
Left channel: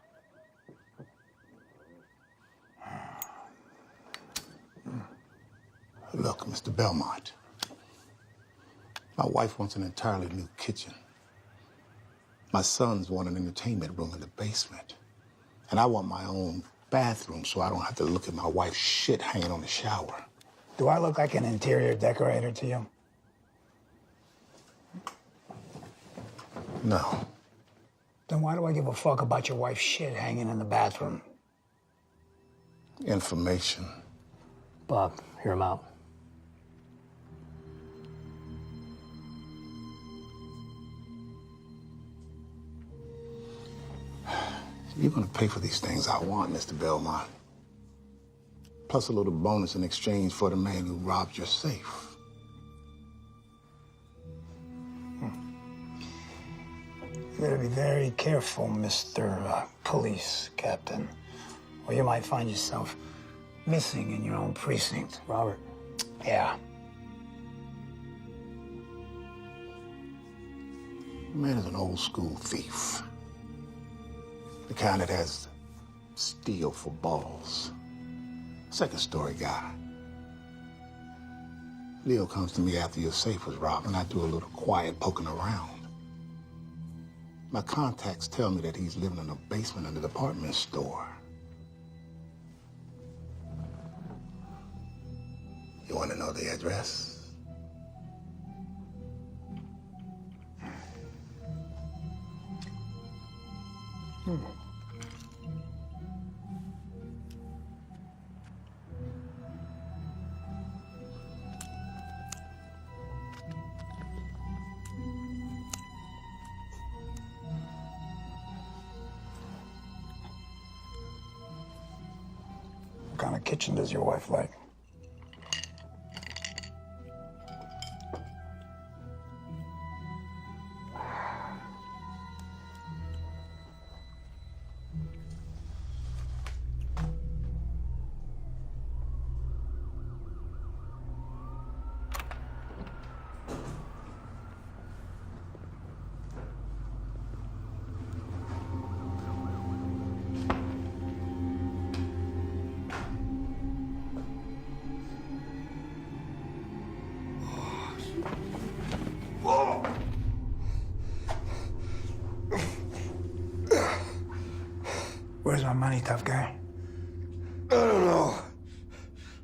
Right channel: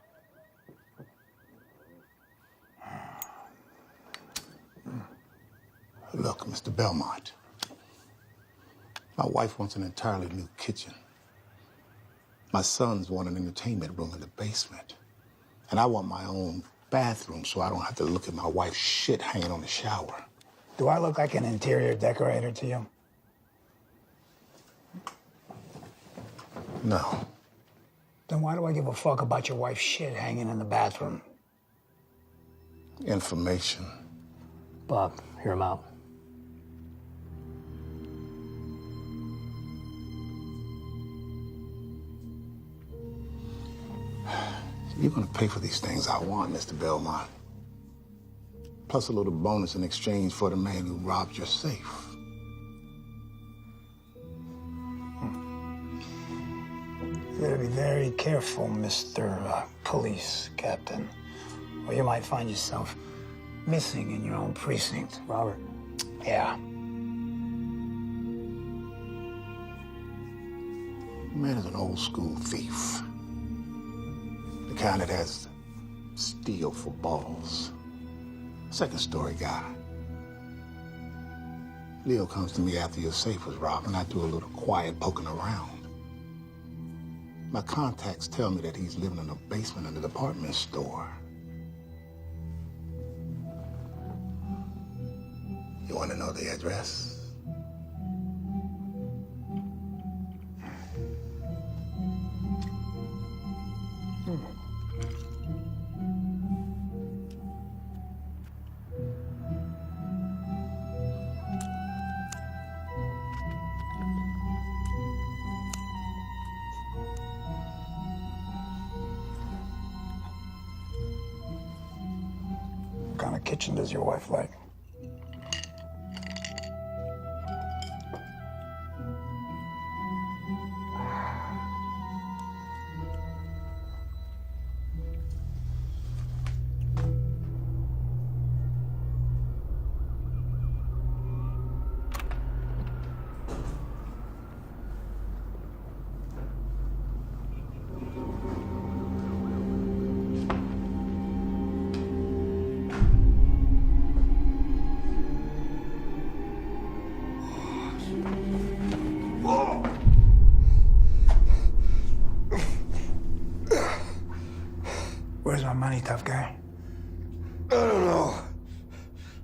Look, Mr. Belmont, my wife wants an entirely new kitchen. My sons want an entertainment room in the basement. And I want my own bathroom so I don't have to look at my wife's shit hanging on the shower. Do I look like an interior decorator to you? No. Then why do I give a fuck about your wife's shit hanging in the bathroom? Information. Bob, hear him out. You're gonna pay for these things I want, Mr. Belmont. Plus a little bonus in exchange for the man who robbed your safe. You better be very careful, Mr. Police Captain, or you might find yourself missing in your own precinct. Robert. Yeah. The man is an old school thief. The kind that has steel for balls. Second story guy. Leo comes to me after your safe was robbed, and I do a little quiet poking around. My contacts tell me that he's living in a basement in the department store. You want to know the address? What kind of kitchen does your wife like? Where's my money, tough guy? I don't know.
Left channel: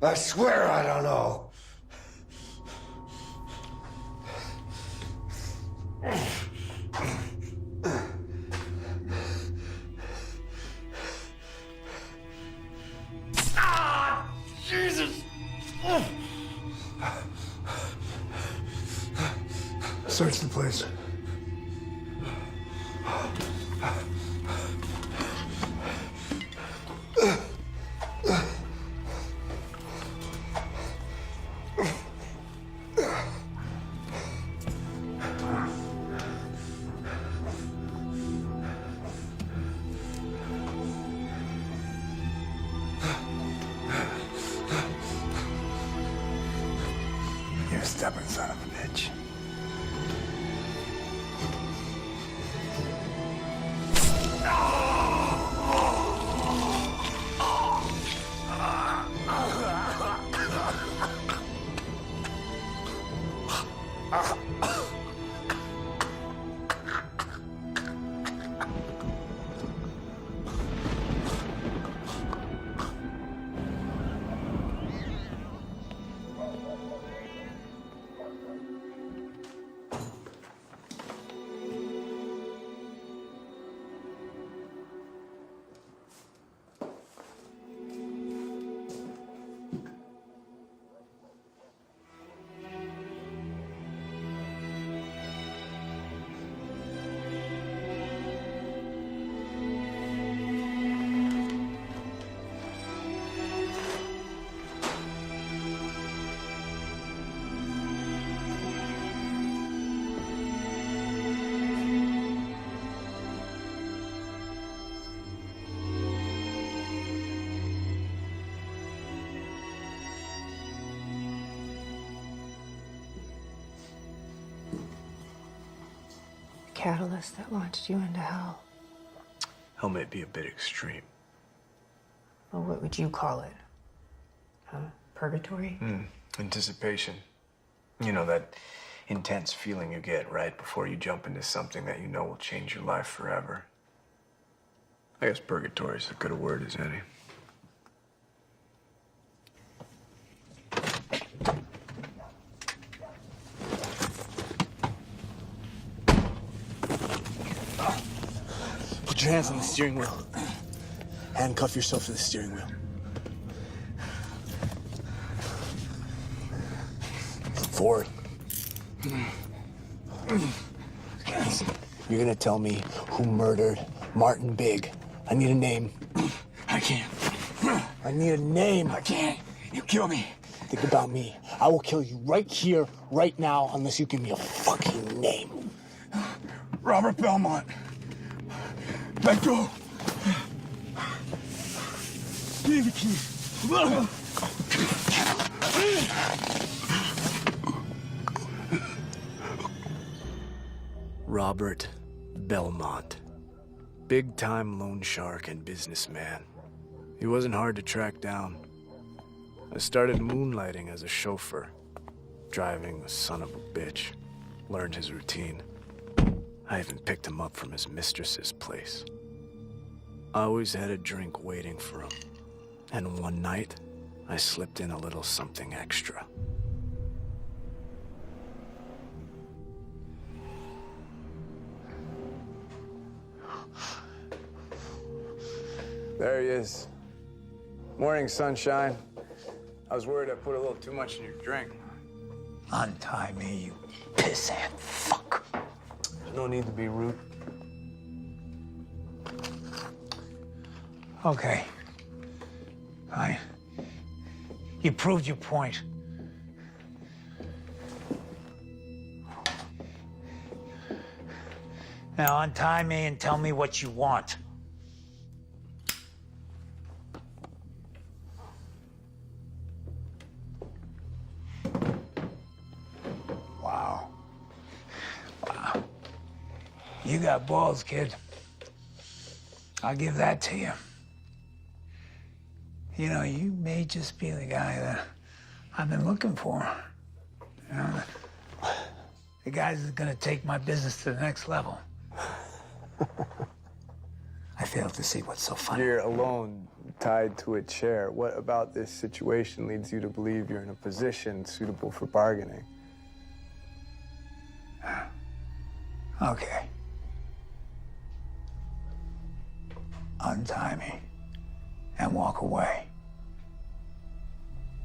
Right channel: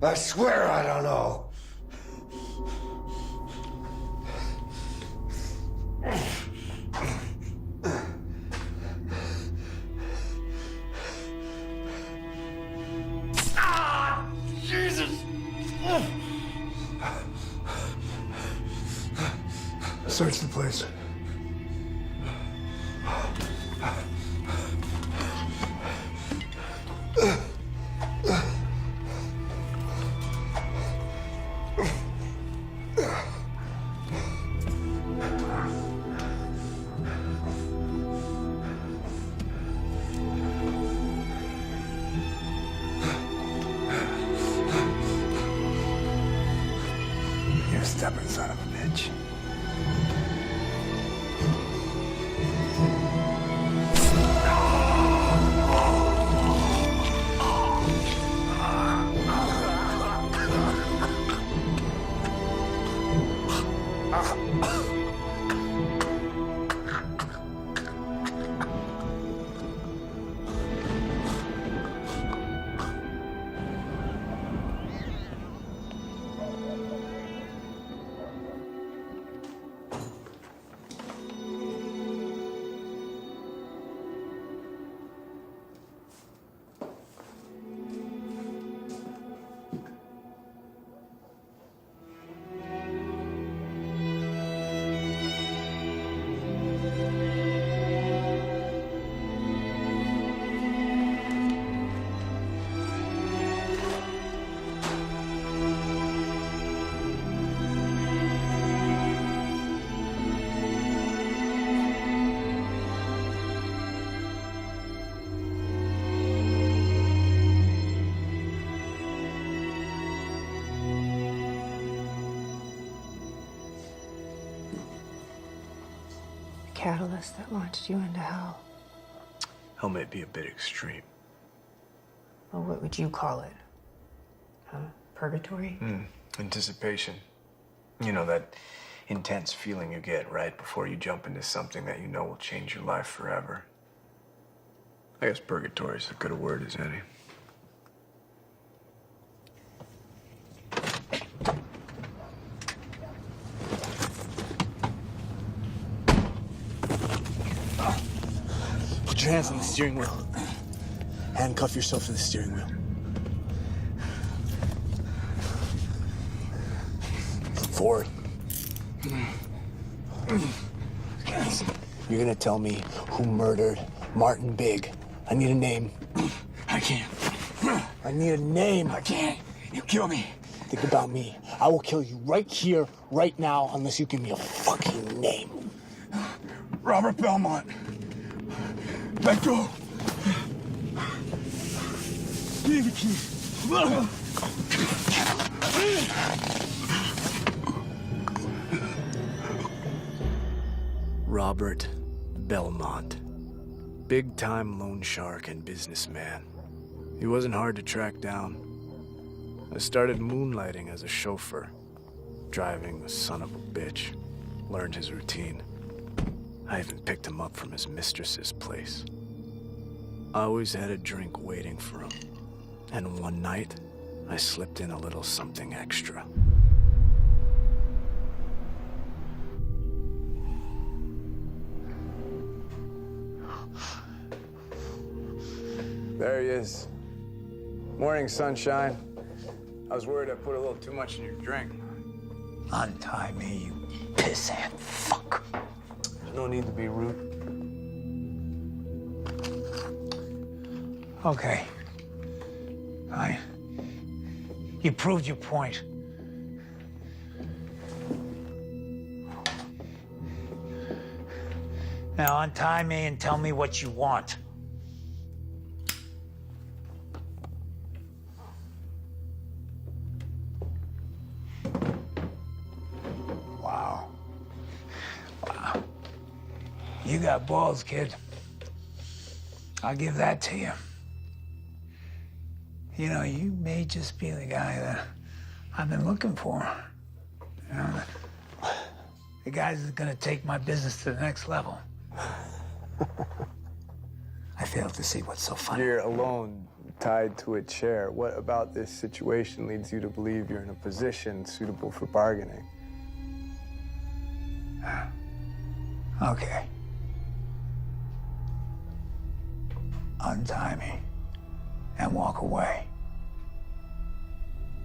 I swear I don't know. Ah! Jesus! Search the place. You stubborn son of a bitch. Catalyst that launched you into hell. Hell may be a bit extreme. Well, what would you call it? Purgatory? Anticipation. You know, that intense feeling you get right before you jump into something that you know will change your life forever. I guess purgatory is as good a word as any. Put your hands on the steering wheel. Handcuff yourself to the steering wheel. Forward. You're gonna tell me who murdered Martin Big. I need a name. I can't. I need a name. I can't. You kill me. Think about me. I will kill you right here, right now, unless you give me a fucking name. Robert Belmont. Let go. Give me the keys. Robert Belmont. Big-time loan shark and businessman. He wasn't hard to track down. I started moonlighting as a chauffeur, driving the son of a bitch. Learned his routine. I even picked him up from his mistress's place. I always had a drink waiting for him. And one night, I slipped in a little something extra. There he is. Morning, sunshine. I was worried I put a little too much in your drink. Untie me, you pissant fuck. There's no need to be rude. Okay. Fine. You proved your point. Now untie me and tell me what you want. Wow. Wow. You got balls, kid. I'll give that to you. You know, you may just be the guy that I've been looking for. You know, the guy that's gonna take my business to the next level. I fail to see what's so funny. You're alone, tied to a chair. What about this situation leads you to believe you're in a position suitable for bargaining? Okay. Untie me and walk away.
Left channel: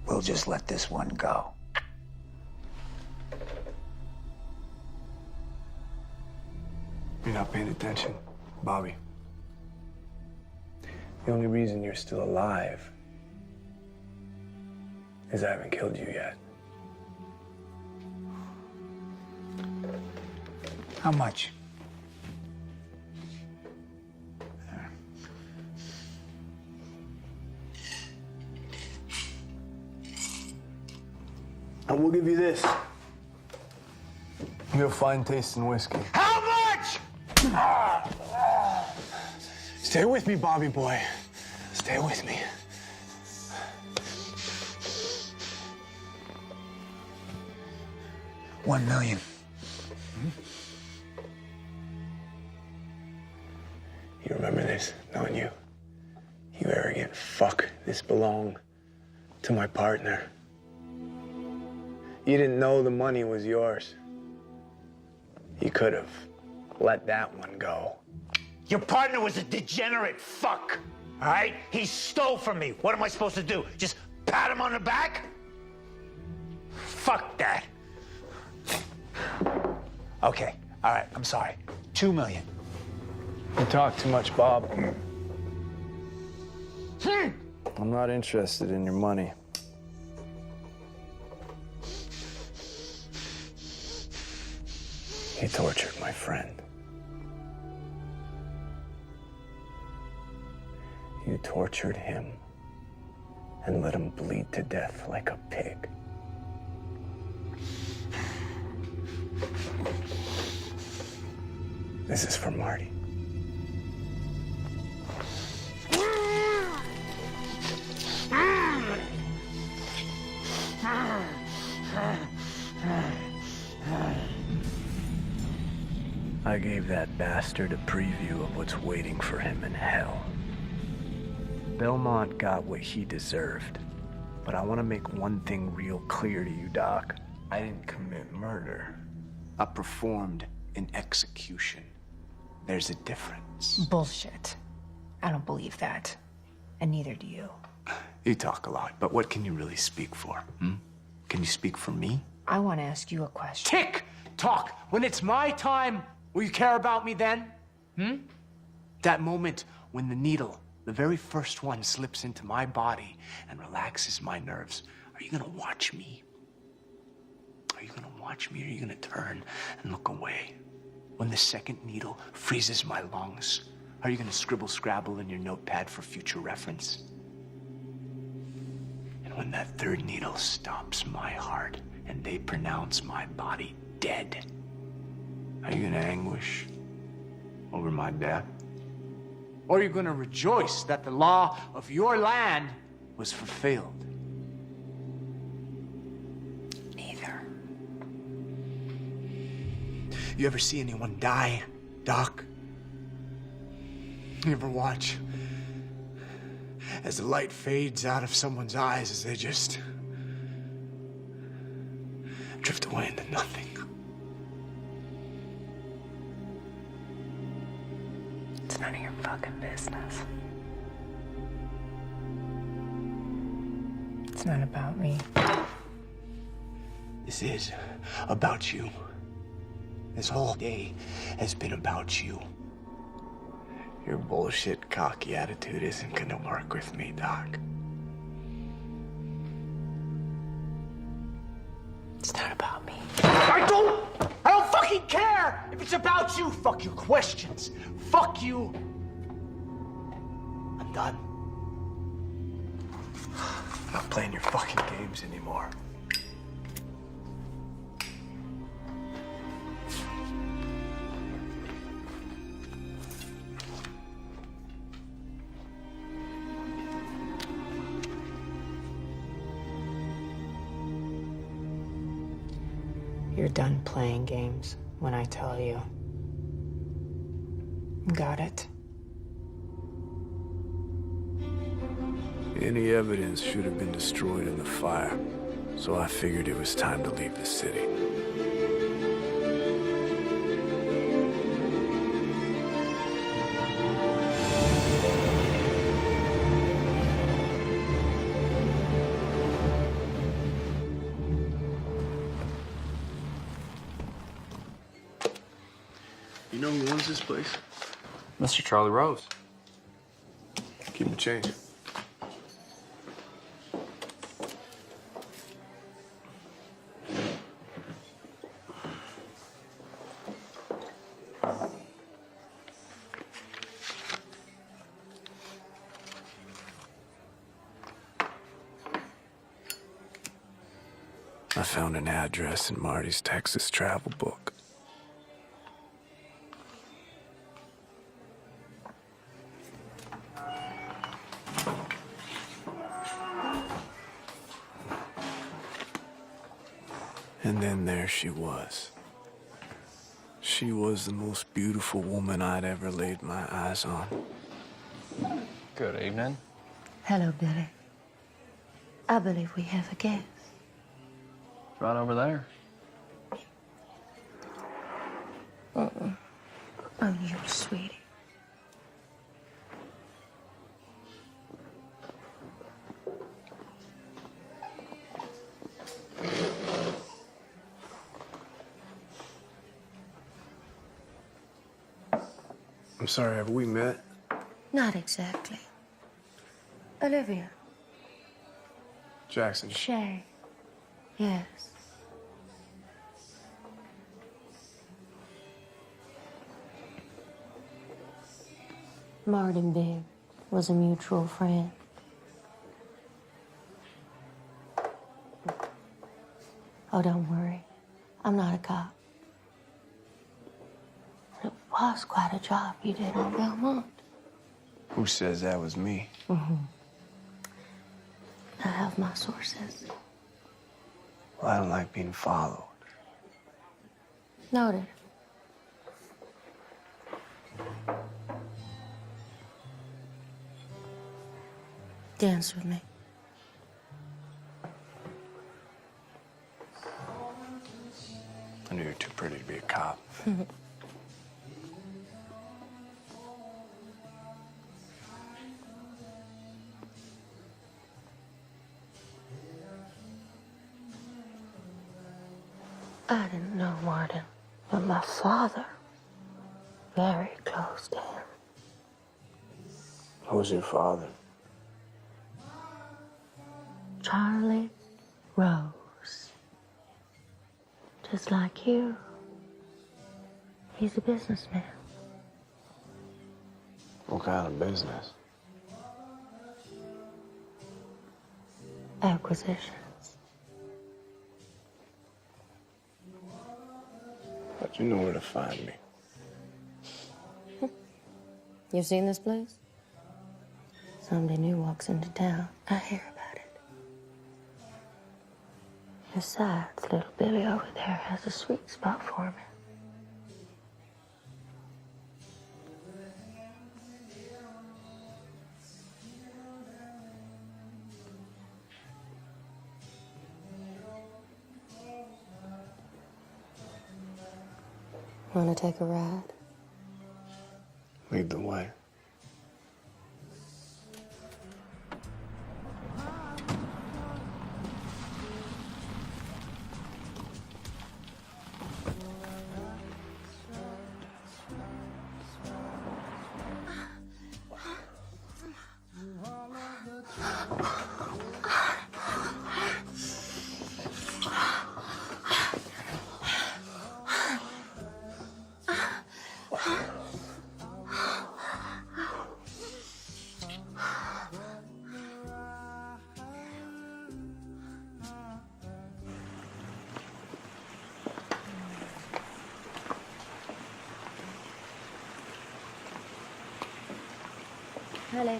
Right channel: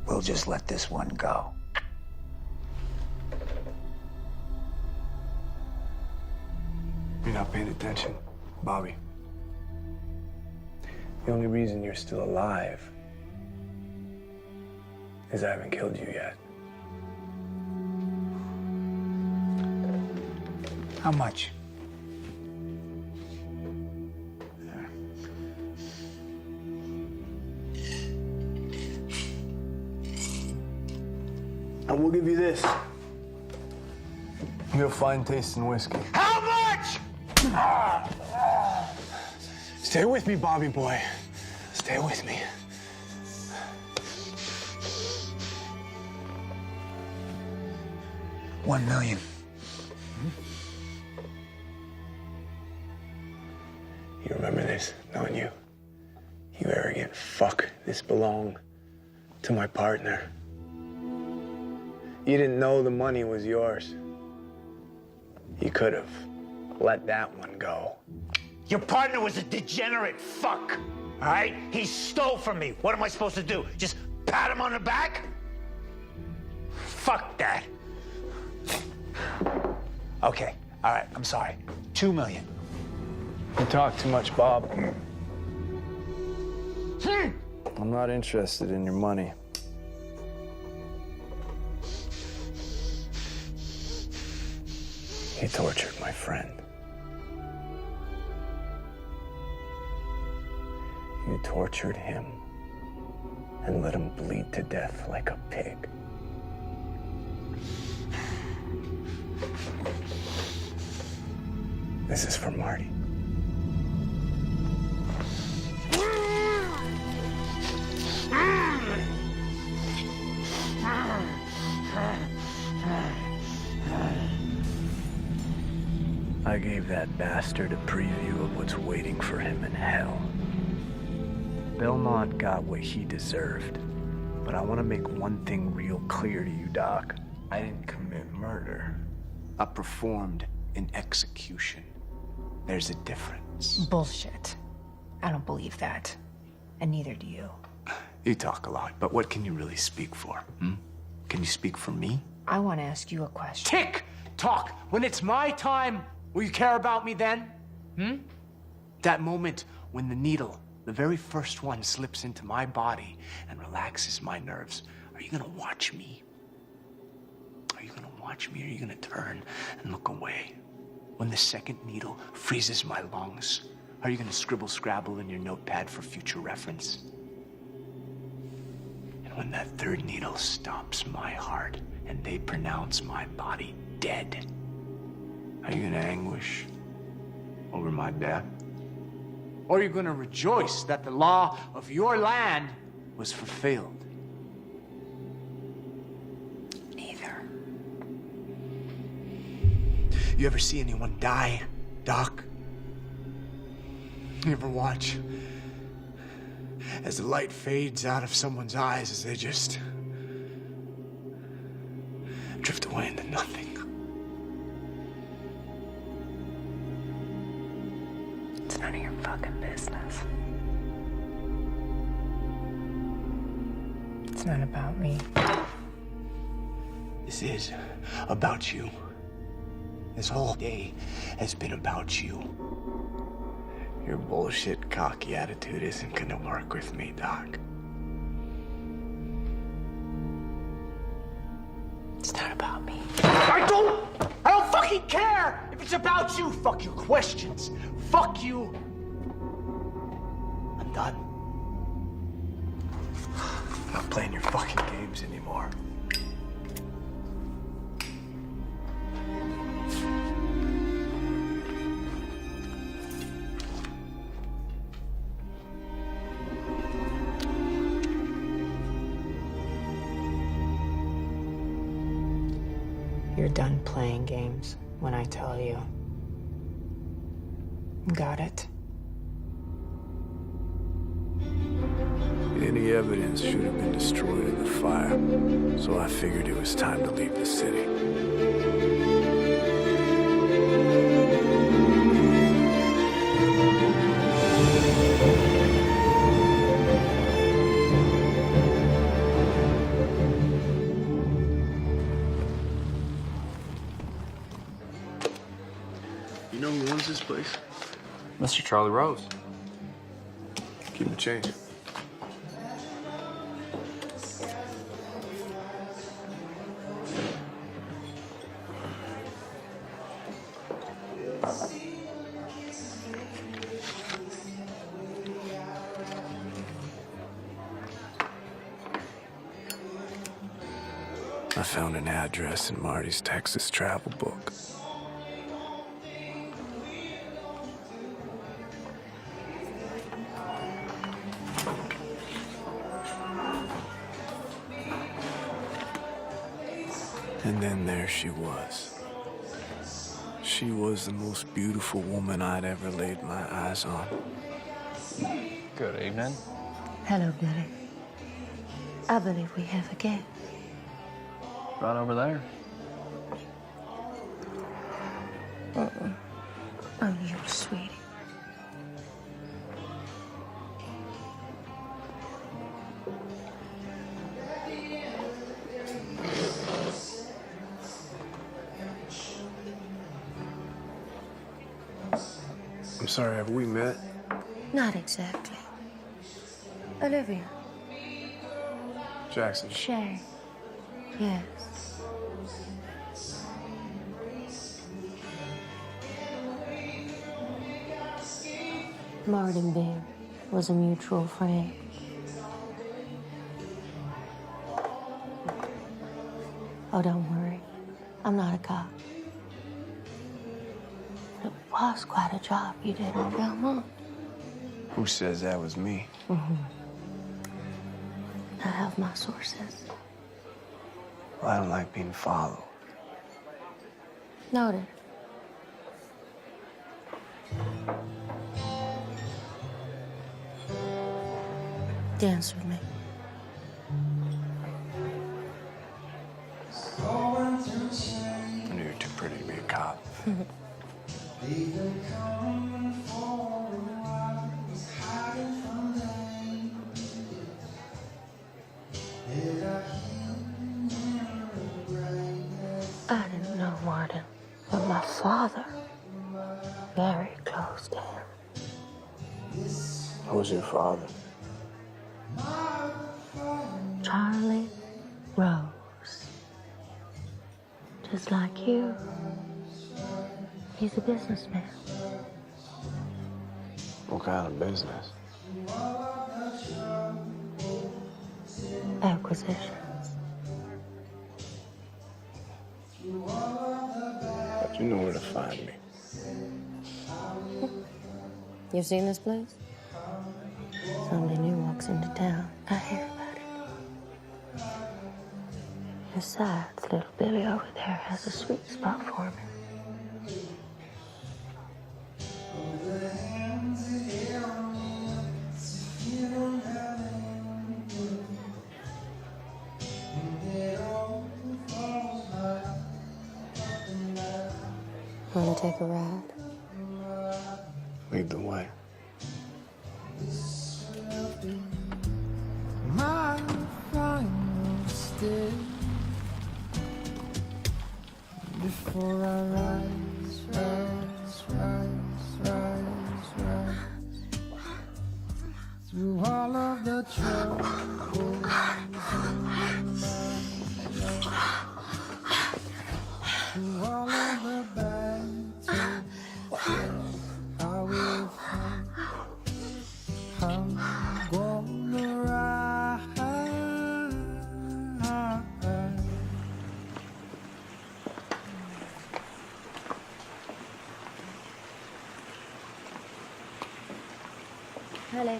We'll just let this one go. You're not paying attention, Bobby. The only reason you're still alive is I haven't killed you yet. How much? And we'll give you this. You have fine taste in whiskey. How much? Stay with me, Bobby boy. Stay with me. $1 million. You remember this, don't you? You arrogant fuck. This belonged to my partner. You didn't know the money was yours. You could have let that one go. Your partner was a degenerate fuck, all right? He stole from me. What am I supposed to do? Just pat him on the back? Fuck that. Okay, all right, I'm sorry. $2 million. You talk too much, Bob. I'm not interested in your money. He tortured my friend. You tortured him and let him bleed to death like a pig. This is for Marty. I gave that bastard a preview of what's waiting for him in hell. Belmont got what he deserved, but I want to make one thing real clear to you, Doc. I didn't commit murder. I performed an execution. There's a difference. reference. Bullshit. I don't believe that. And neither do you. You talk a lot, but what can you really speak for? Can you speak for me? I want to ask you a question. Tick tock. When it's my time, will you care about me then? That moment when the needle, the very first one, slips into my body and relaxes my nerves. Are you gonna watch me? Are you gonna watch me, or are you gonna turn and look away? When the second needle freezes my lungs, are you gonna scribble scrabble in your notepad for future reference? And when that third needle stops my heart and they pronounce my body dead, are you gonna anguish over my death? Or are you gonna rejoice that the law of your land was fulfilled? Neither. You ever see anyone die, Doc? You ever watch as the light fades out of someone's eyes as they just drift away into nothing? It's none of your fucking business. It's not about me. This is about you. This whole day has been about you. Your bullshit, cocky attitude isn't gonna work with me, Doc. It's not about me. I don't fucking care if it's about you. Fuck your questions. Fuck you. I'm done. I'm not playing your fucking games anymore. You're done playing games when I tell you. Got it? Any evidence should have been destroyed in the fire, so I figured it was time to leave the city. You know who owns this place? Mr. Charlie Rose. Keep the change. I found an address in Marty's Texas travel book. And then there she was. She was the most beautiful woman I'd ever laid my eyes on. Good evening. Hello, Billy. I believe we have a guest. Right over there. I'm your sweetie. I'm sorry, have we met? Not exactly. Olivia. Jackson. Shay. Yes. Martin Big was a mutual friend. Oh, don't worry. I'm not a cop. But it was quite a job you did on Belmont. Who says that was me? I have my sources. Well, I don't like being followed. Noted. Dance with me. I knew you were too pretty to be a cop. I didn't know Martin, but my father, very close to him. Who's your father? Charlie Rose. Just like you. He's a businessman. What kind of business? Acquisitions. But you know where to find me. You've seen this place? Somebody new walks into town. I hear about it. Besides, little Billy over there has a sweet spot for me. Want to take a ride? Lead the way. Hi, lady.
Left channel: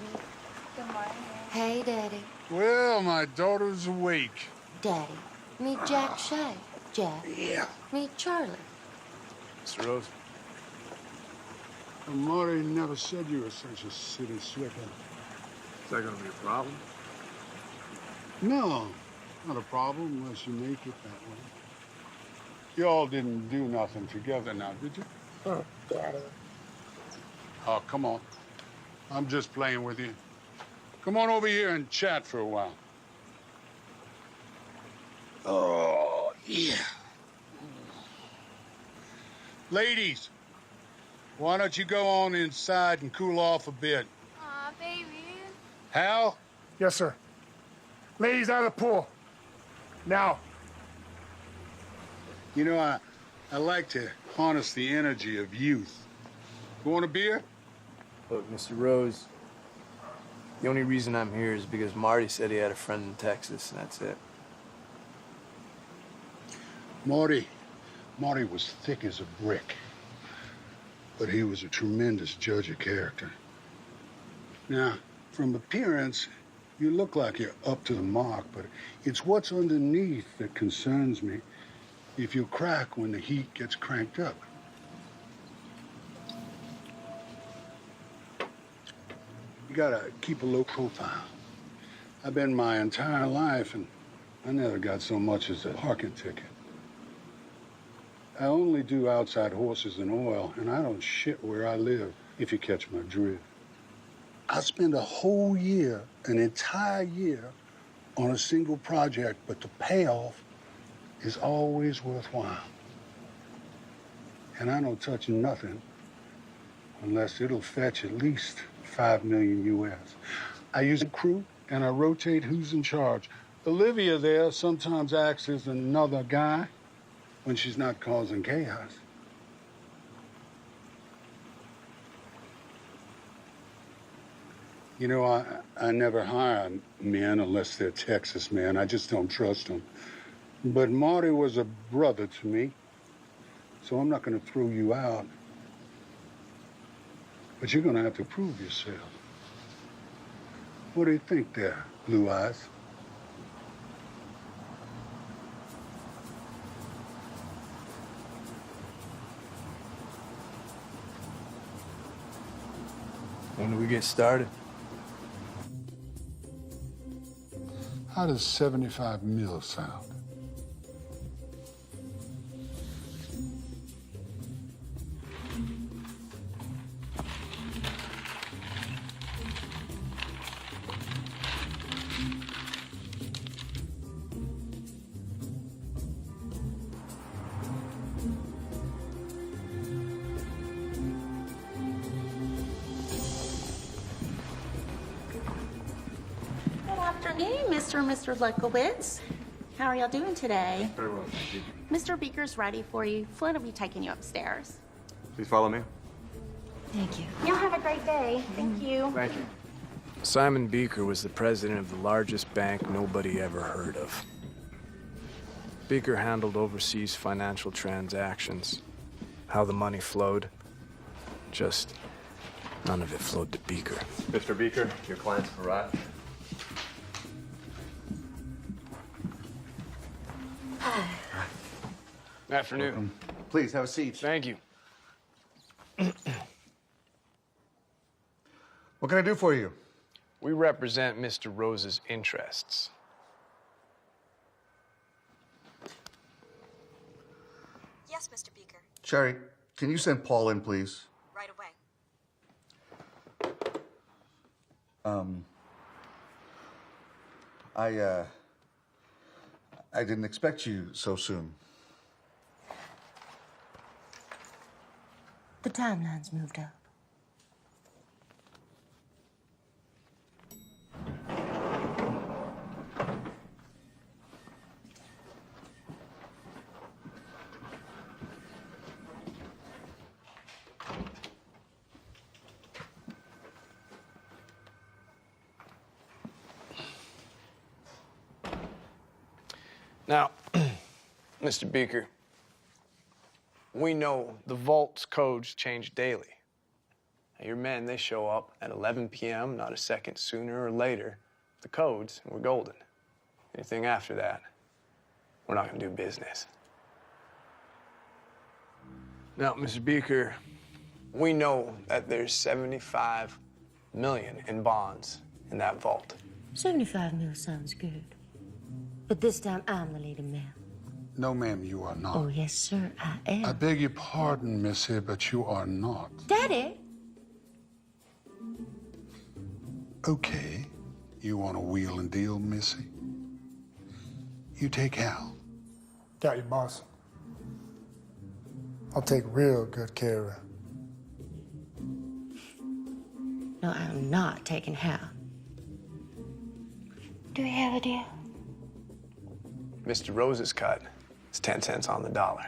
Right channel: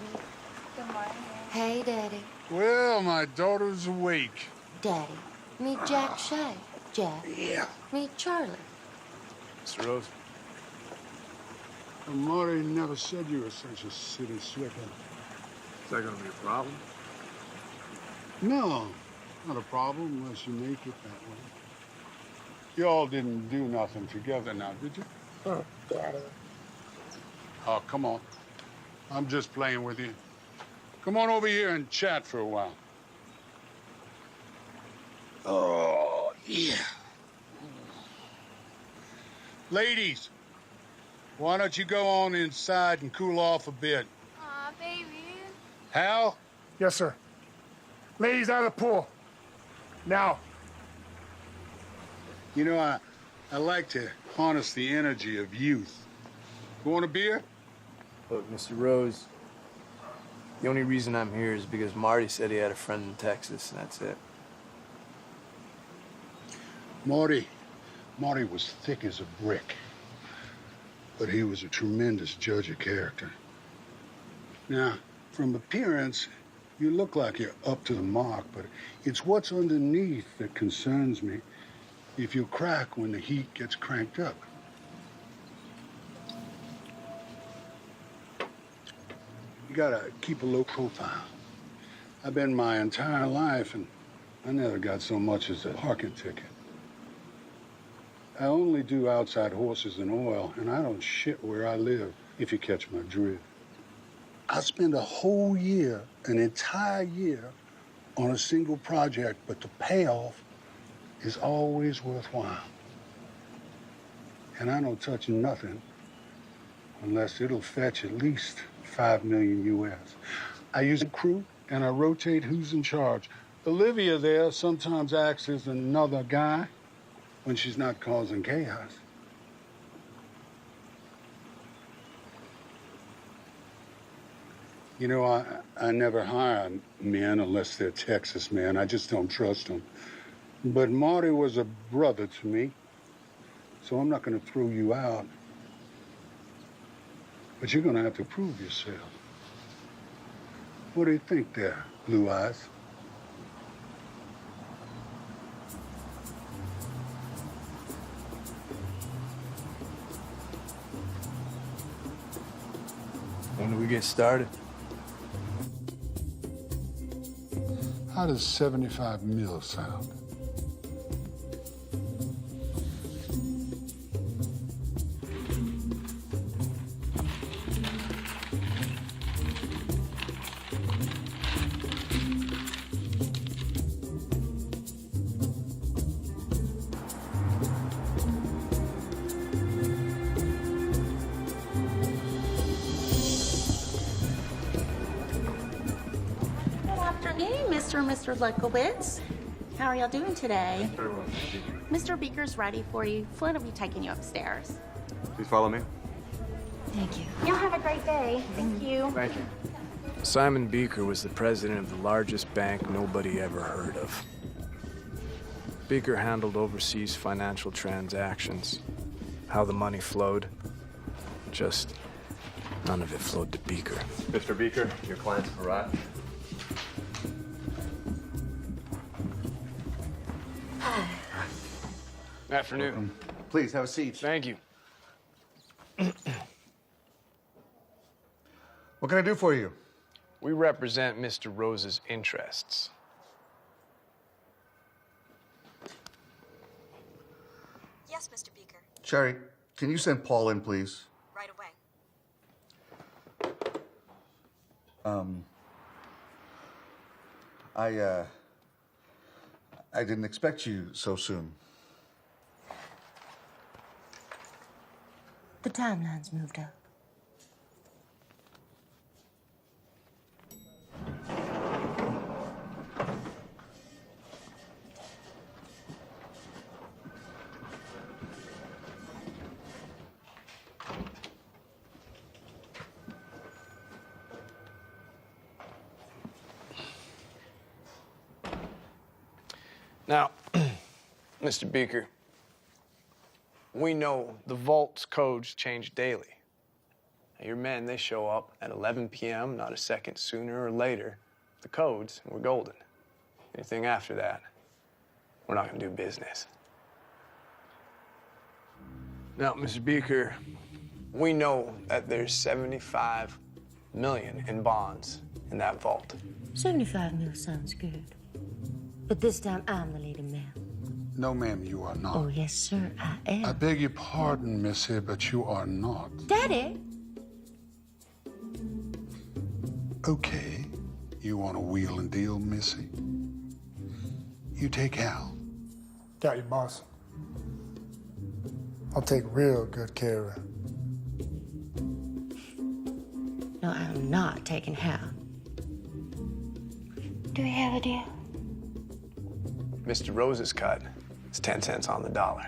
Good morning. Hey, Daddy. Well, my daughter's awake. Daddy, meet Jack Shea. Jack. Yeah. Meet Charlie. Mr. Rose. Well, Marty never said you were such a city slicker. Is that gonna be a problem? No, not a problem unless you make it that way. You all didn't do nothing together now, did you? Oh, Daddy. Oh, come on. I'm just playing with you. Come on over here and chat for a while. Oh, yeah. Ladies, why don't you go on inside and cool off a bit? Aw, baby. Hal? Yes, sir. Ladies out of the pool. Now. You know, I like to harness the energy of youth. You want a beer? Look, Mr. Rose, the only reason I'm here is because Marty said he had a friend in Texas, and that's it. Marty was thick as a brick, but he was a tremendous judge of character. Now, from appearance, you look like you're up to the mark, but it's what's underneath that concerns me. If you crack when the heat gets cranked up. You gotta keep a low profile. I've been my entire life, and I never got so much as a parking ticket. I only do outside horses and oil, and I don't shit where I live, if you catch my drift. I spend a whole year, an entire year, on a single project, but the payoff is always worthwhile. And I don't touch nothing unless it'll fetch at least $5 million US. I use a crew and I rotate who's in charge. Olivia there sometimes acts as another guy when she's not causing chaos. You know, I never hire men unless they're Texas men. I just don't trust them. But Marty was a brother to me, so I'm not going to throw you out. But you're going to have to prove yourself. What do you think there, Blue Eyes? When do we get started? How does 75 mil sound? evening, Mr. and Mr. Lukowitz. How are y'all doing today? Very well, thank you. Mr. Beaker's ready for you. Flynn will be taking you upstairs. Please follow me. Thank you. Y'all have a great day. Thank you. Thank you. Simon Beaker was the president of the largest bank nobody ever heard of. Beaker handled overseas financial transactions. How the money flowed, just none of it flowed to Beaker. Mr. Beaker, your client's arrived. Afternoon. Welcome. Please have a seat. Thank you. What can I do for you? We represent Mr. Rose's interests. Yes, Mr. Beaker. Sherry, can you send Paul in, please? Right away. I didn't expect you so soon. The timeline's moved up. Now, Mr. Beaker, we know the vault's codes change daily. Now, your men, they show up at 11 p.m., not a second sooner or later. The codes, and we're golden. Anything after that, we're not gonna do business. Now, Mr. Beaker, we know that there's 75 million in bonds in that vault. 75 mil sounds good. But this time, I'm the leading man. No, ma'am, you are not. Oh, yes, sir, I am. I beg your pardon, Missy, but you are not. Daddy! Okay. You want to wheel and deal, Missy? You take Hal. Got you, boss. I'll take real good care of her. No, I'm not taking Hal. Do we have a deal? Mr. Rose's cut is 10 cents on the dollar.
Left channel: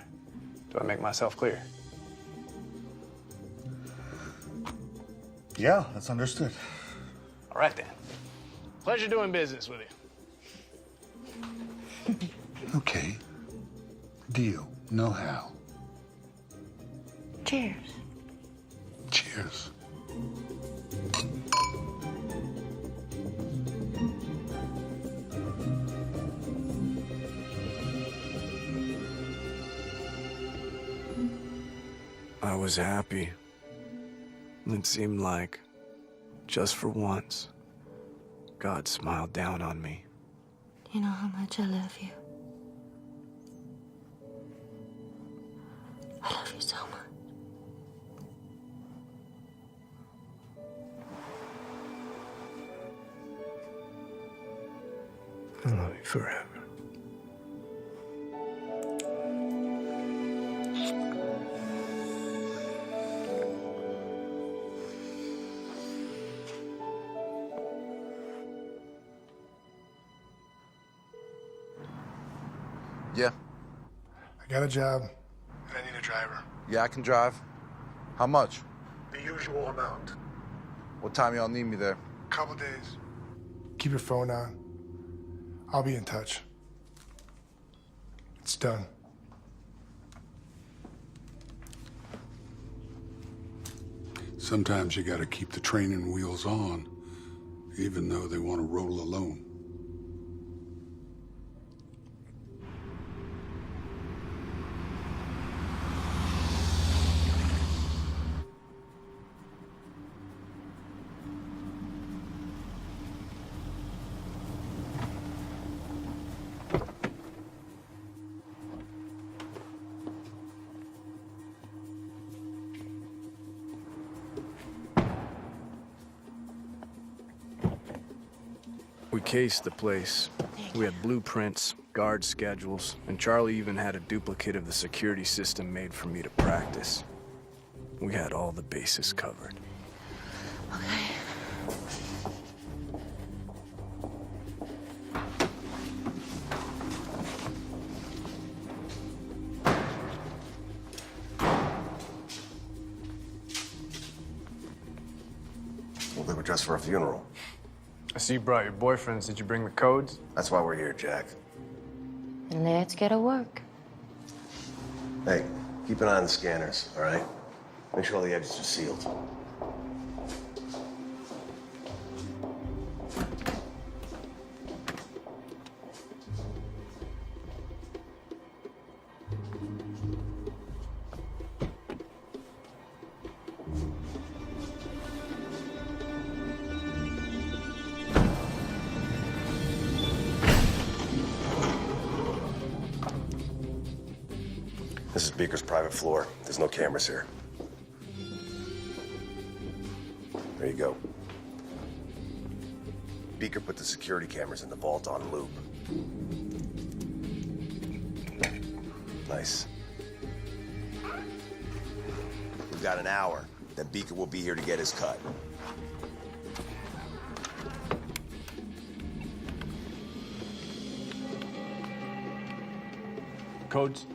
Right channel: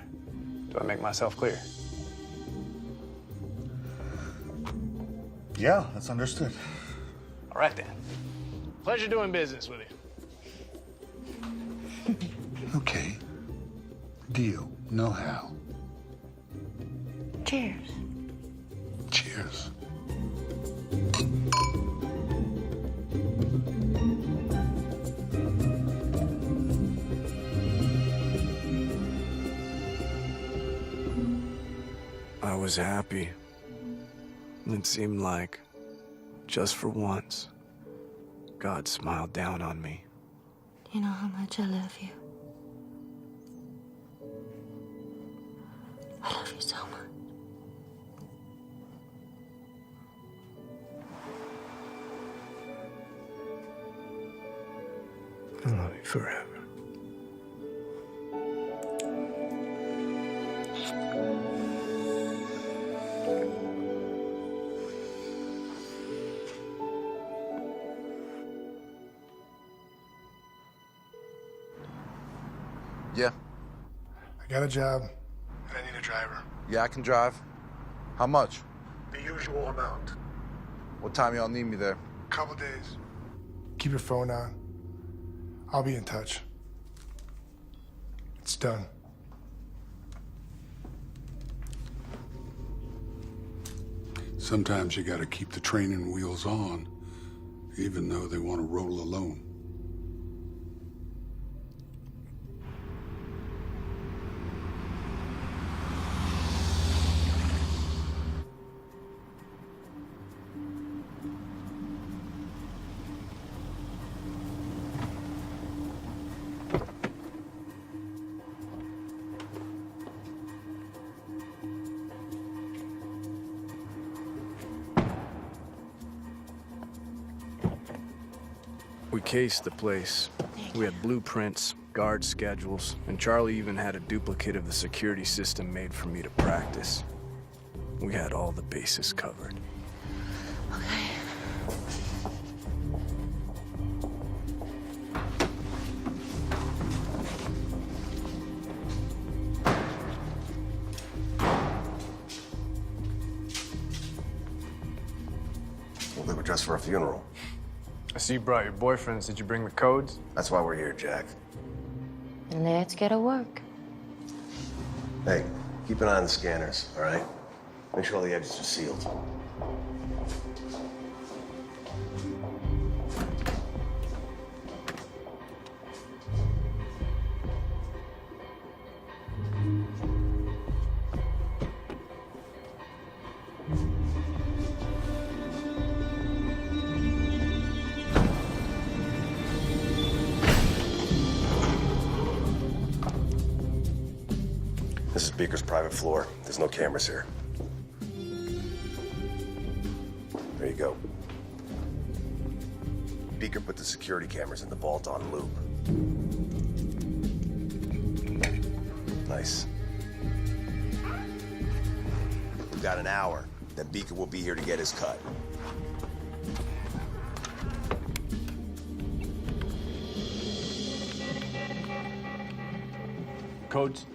Do I make myself clear? Yeah, that's understood. All right, then. Pleasure doing business with you. Okay. Deal. No Hal. Cheers. Cheers. I was happy. It seemed like, just for once, God smiled down on me. You know how much I love you. I love you so much. I love you forever. Yeah. I got a job, and I need a driver. Yeah, I can drive. How much? The usual amount. What time y'all need me there? Couple days. Keep your phone on. I'll be in touch. It's done. Sometimes you gotta keep the training wheels on, even though they want to roll alone. We cased the place. We had blueprints, guard schedules, and Charlie even had a duplicate of the security system made for me to practice. We had all the bases covered. Okay. Well, they were dressed for a funeral. I see you brought your boyfriends. Did you bring the codes? That's why we're here, Jack. Let's get to work. Hey, keep an eye on the scanners, all right? Make sure all the exits are sealed. This is Beaker's private floor. There's no cameras here. There you go. Beaker put the security cameras in the vault on loop. Nice. We've got an hour. Then Beaker will be here to get his cut. Codes?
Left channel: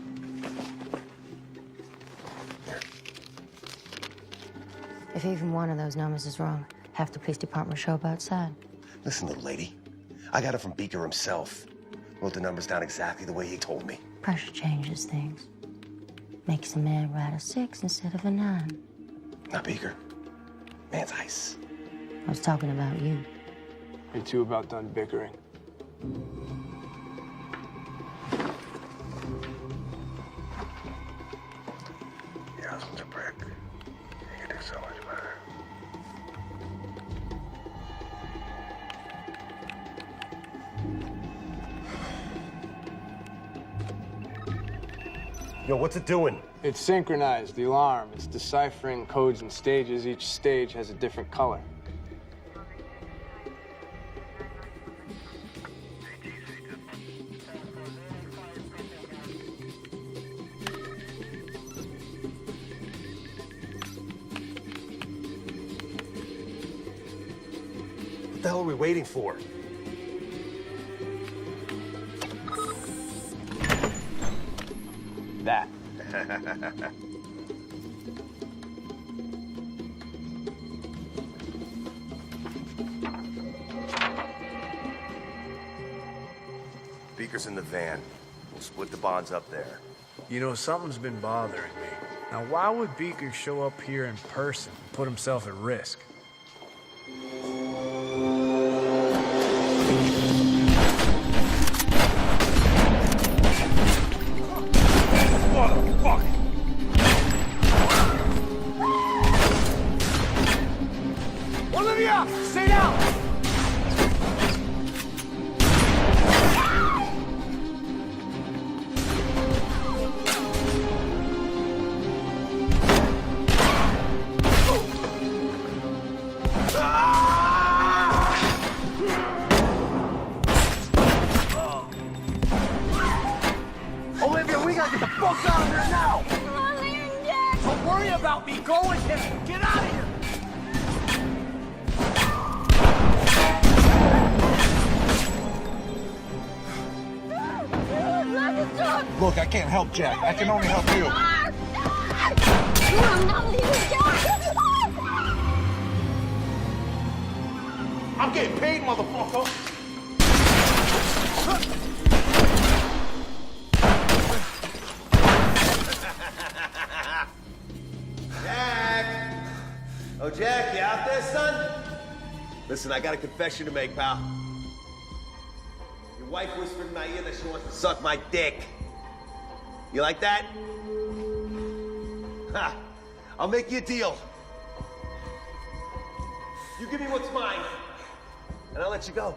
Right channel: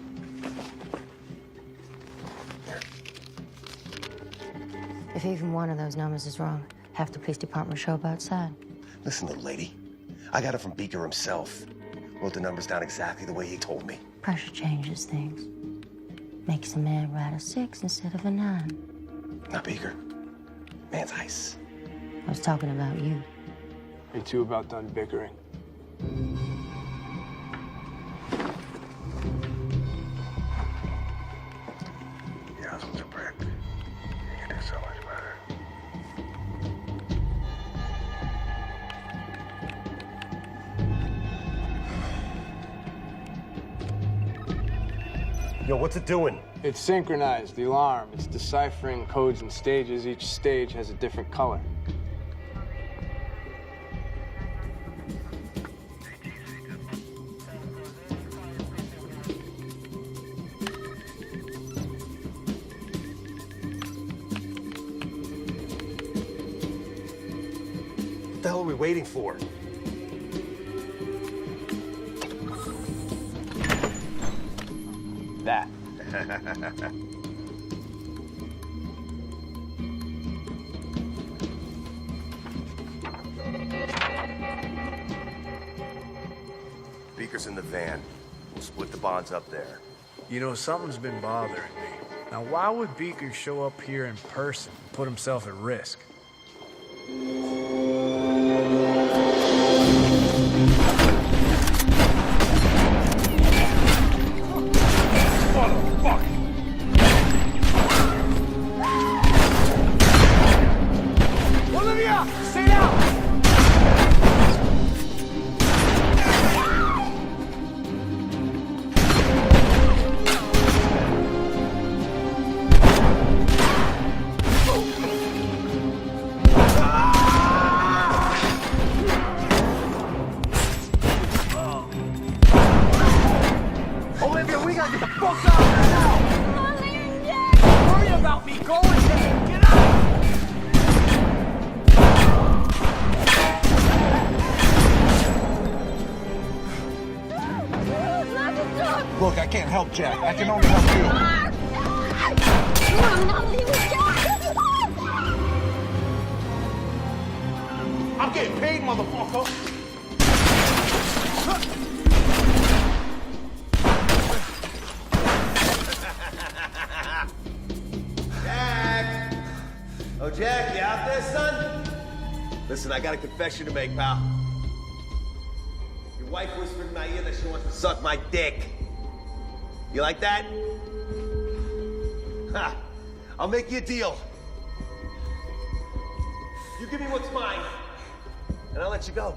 If even one of those numbers is wrong, half the police department will show up outside. Listen, little lady. I got it from Beaker himself. Wrote the numbers down exactly the way he told me. Pressure changes things. Makes a man write a 6 instead of a 9. Not Beaker. Man's ice. I was talking about you. You two about done bickering. Your husband's a prick. You can do so much better. Yo, what's it doing? It's synchronized, the alarm. It's deciphering codes and stages. Each stage has a different color. What the hell are we waiting for? That. Beaker's in the van. We'll split the bonds up there. You know, something's been bothering me. Now, why would Beaker show up here in person and put himself at risk? Motherfucker! Olivia! Stay down! Olivia, we gotta get the fuck out of here now! Don't worry about me. Go with him. Get out of here! Look, I can't help Jack. I can only help you. I'm not leaving Jack! I'm getting paid, motherfucker! Jack! Oh, Jack, you out there, son? Listen, I got a confession to make, pal. Your wife whispered in my ear that she wants to suck my dick. You like that? Ha! I'll make you a deal. You give me what's mine, and I'll let you go.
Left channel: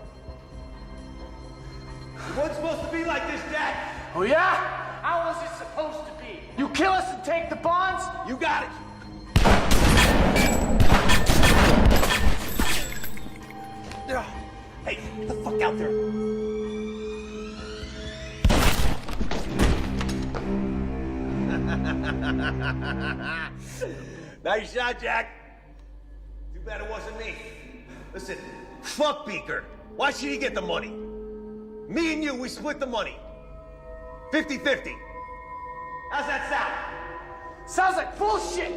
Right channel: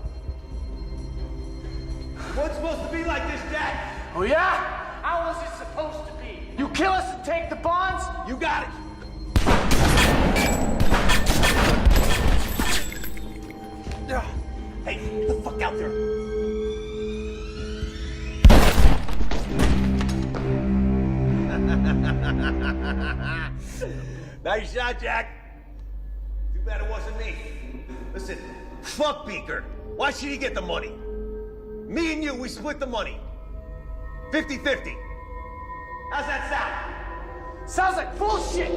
It wasn't supposed to be like this, Jack. Oh, yeah? How was it supposed to be? You kill us and take the bonds? You got it. Hey, get the fuck out there. Nice shot, Jack. Too bad it wasn't me. Listen, fuck Beaker. Why should he get the money? Me and you, we split the money. 50-50. How's that sound? Sounds like bullshit!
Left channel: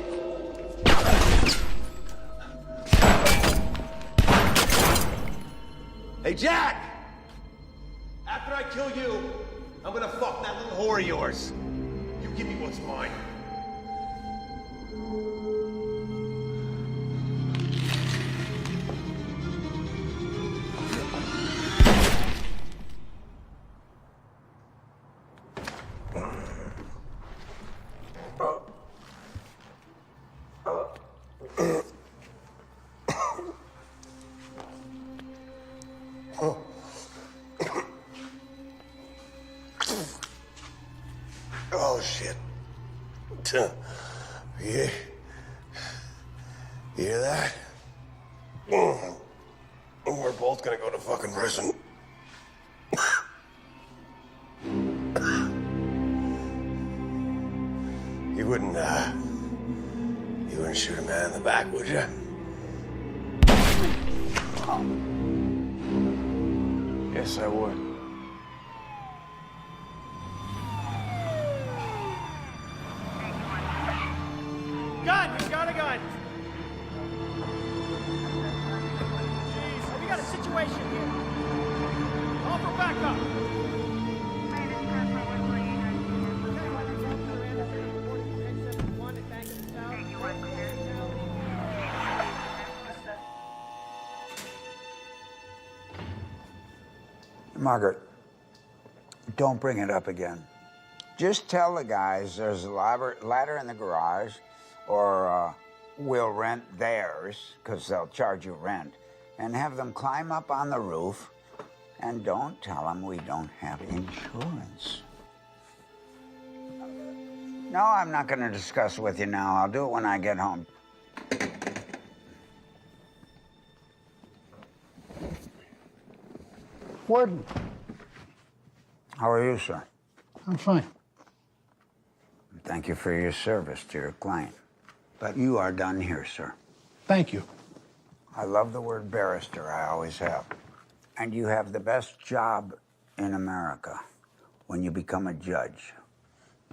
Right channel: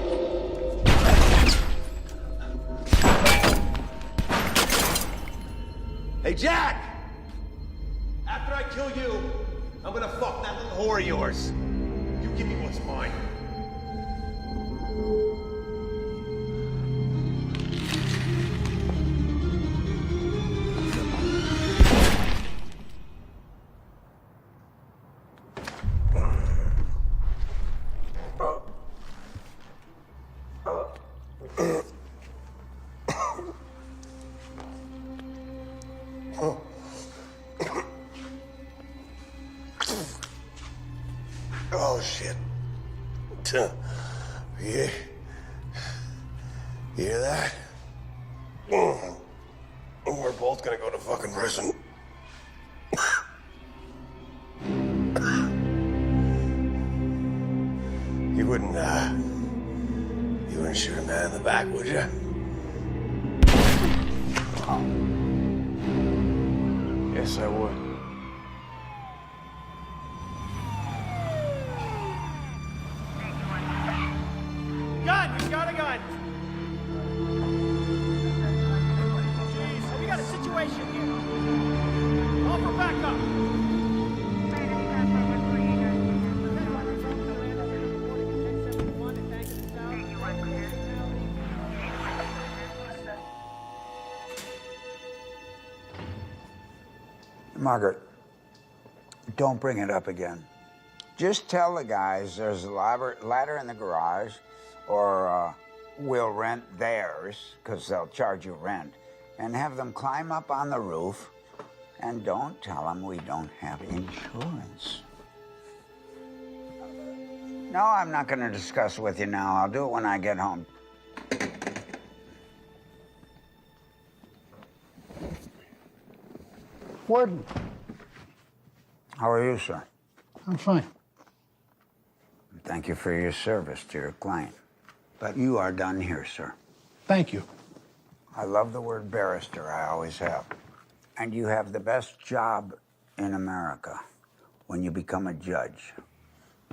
Hey, Jack! After I kill you, I'm gonna fuck that little whore of yours. You give me what's mine. Oh, shit. Yeah. You hear that? We're both gonna go to fucking prison. You wouldn't shoot a man in the back, would you? Yes, I would. Gun! He's got a gun! Jeez, we got a situation here. Call for backup! Margaret, don't bring it up again. Just tell the guys there's a ladder in the garage, or we'll rent theirs, because they'll charge you rent, and have them climb up on the roof, and don't tell them we don't have insurance. No, I'm not going to discuss it with you now. I'll do it when I get home. Warden. How are you, sir? I'm fine. Thank you for your service to your client. But you are done here, sir. Thank you. I love the word barrister. I always have. And you have the best job in America when you become a judge.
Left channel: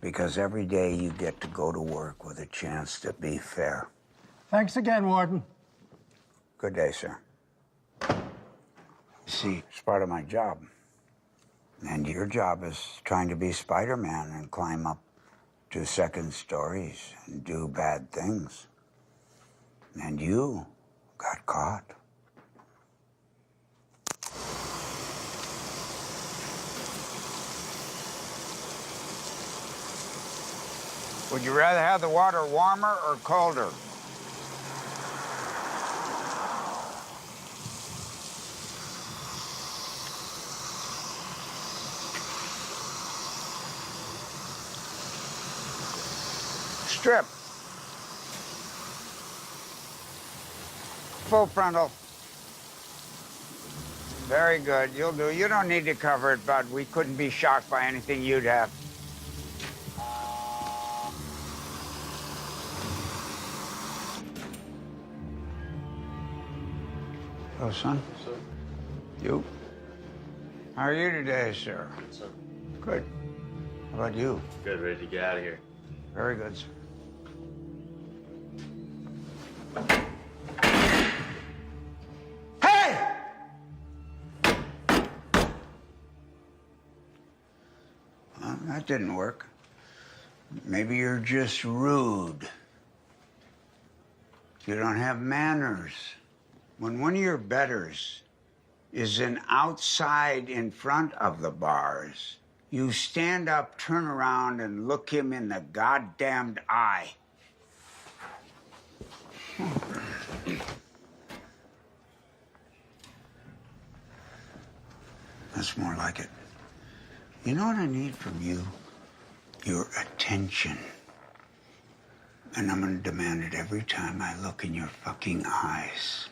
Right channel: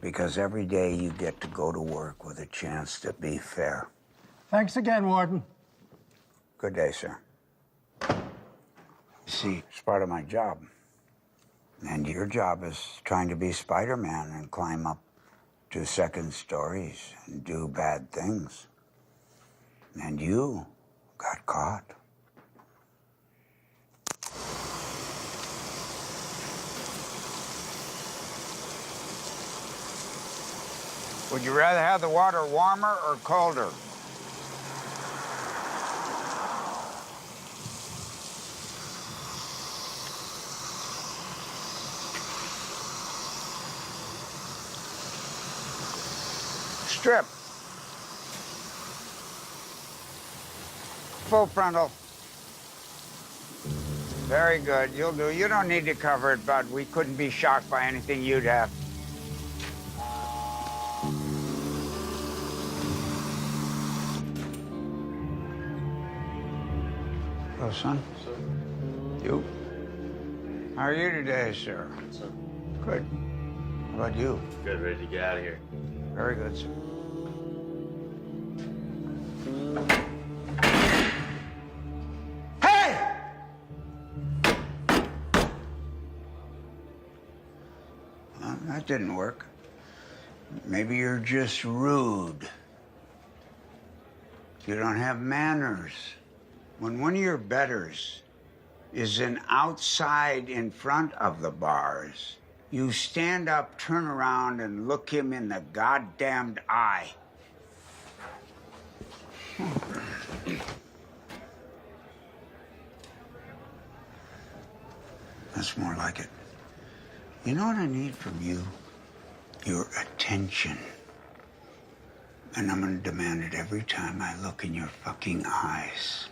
Because every day you get to go to work with a chance to be fair. Thanks again, Warden. Good day, sir. See, it's part of my job. And your job is trying to be Spider-Man and climb up to second stories and do bad things. And you got caught. Would you rather have the water warmer or colder? Strip. Full frontal. Very good. You'll do. You don't need to cover it, bud. We couldn't be shocked by anything you'd have. Hello, son. Sir. You? How are you today, sir? Good, sir. Good. How about you? Good, ready to get out of here. Very good, sir. Hey! Well, that didn't work. Maybe you're just rude. You don't have manners. When one of your betters is an outside in front of the bars, you stand up, turn around, and look him in the goddamned eye. That's more like it. You know what I need from you? Your attention. And I'm gonna demand it every time I look in your fucking eyes.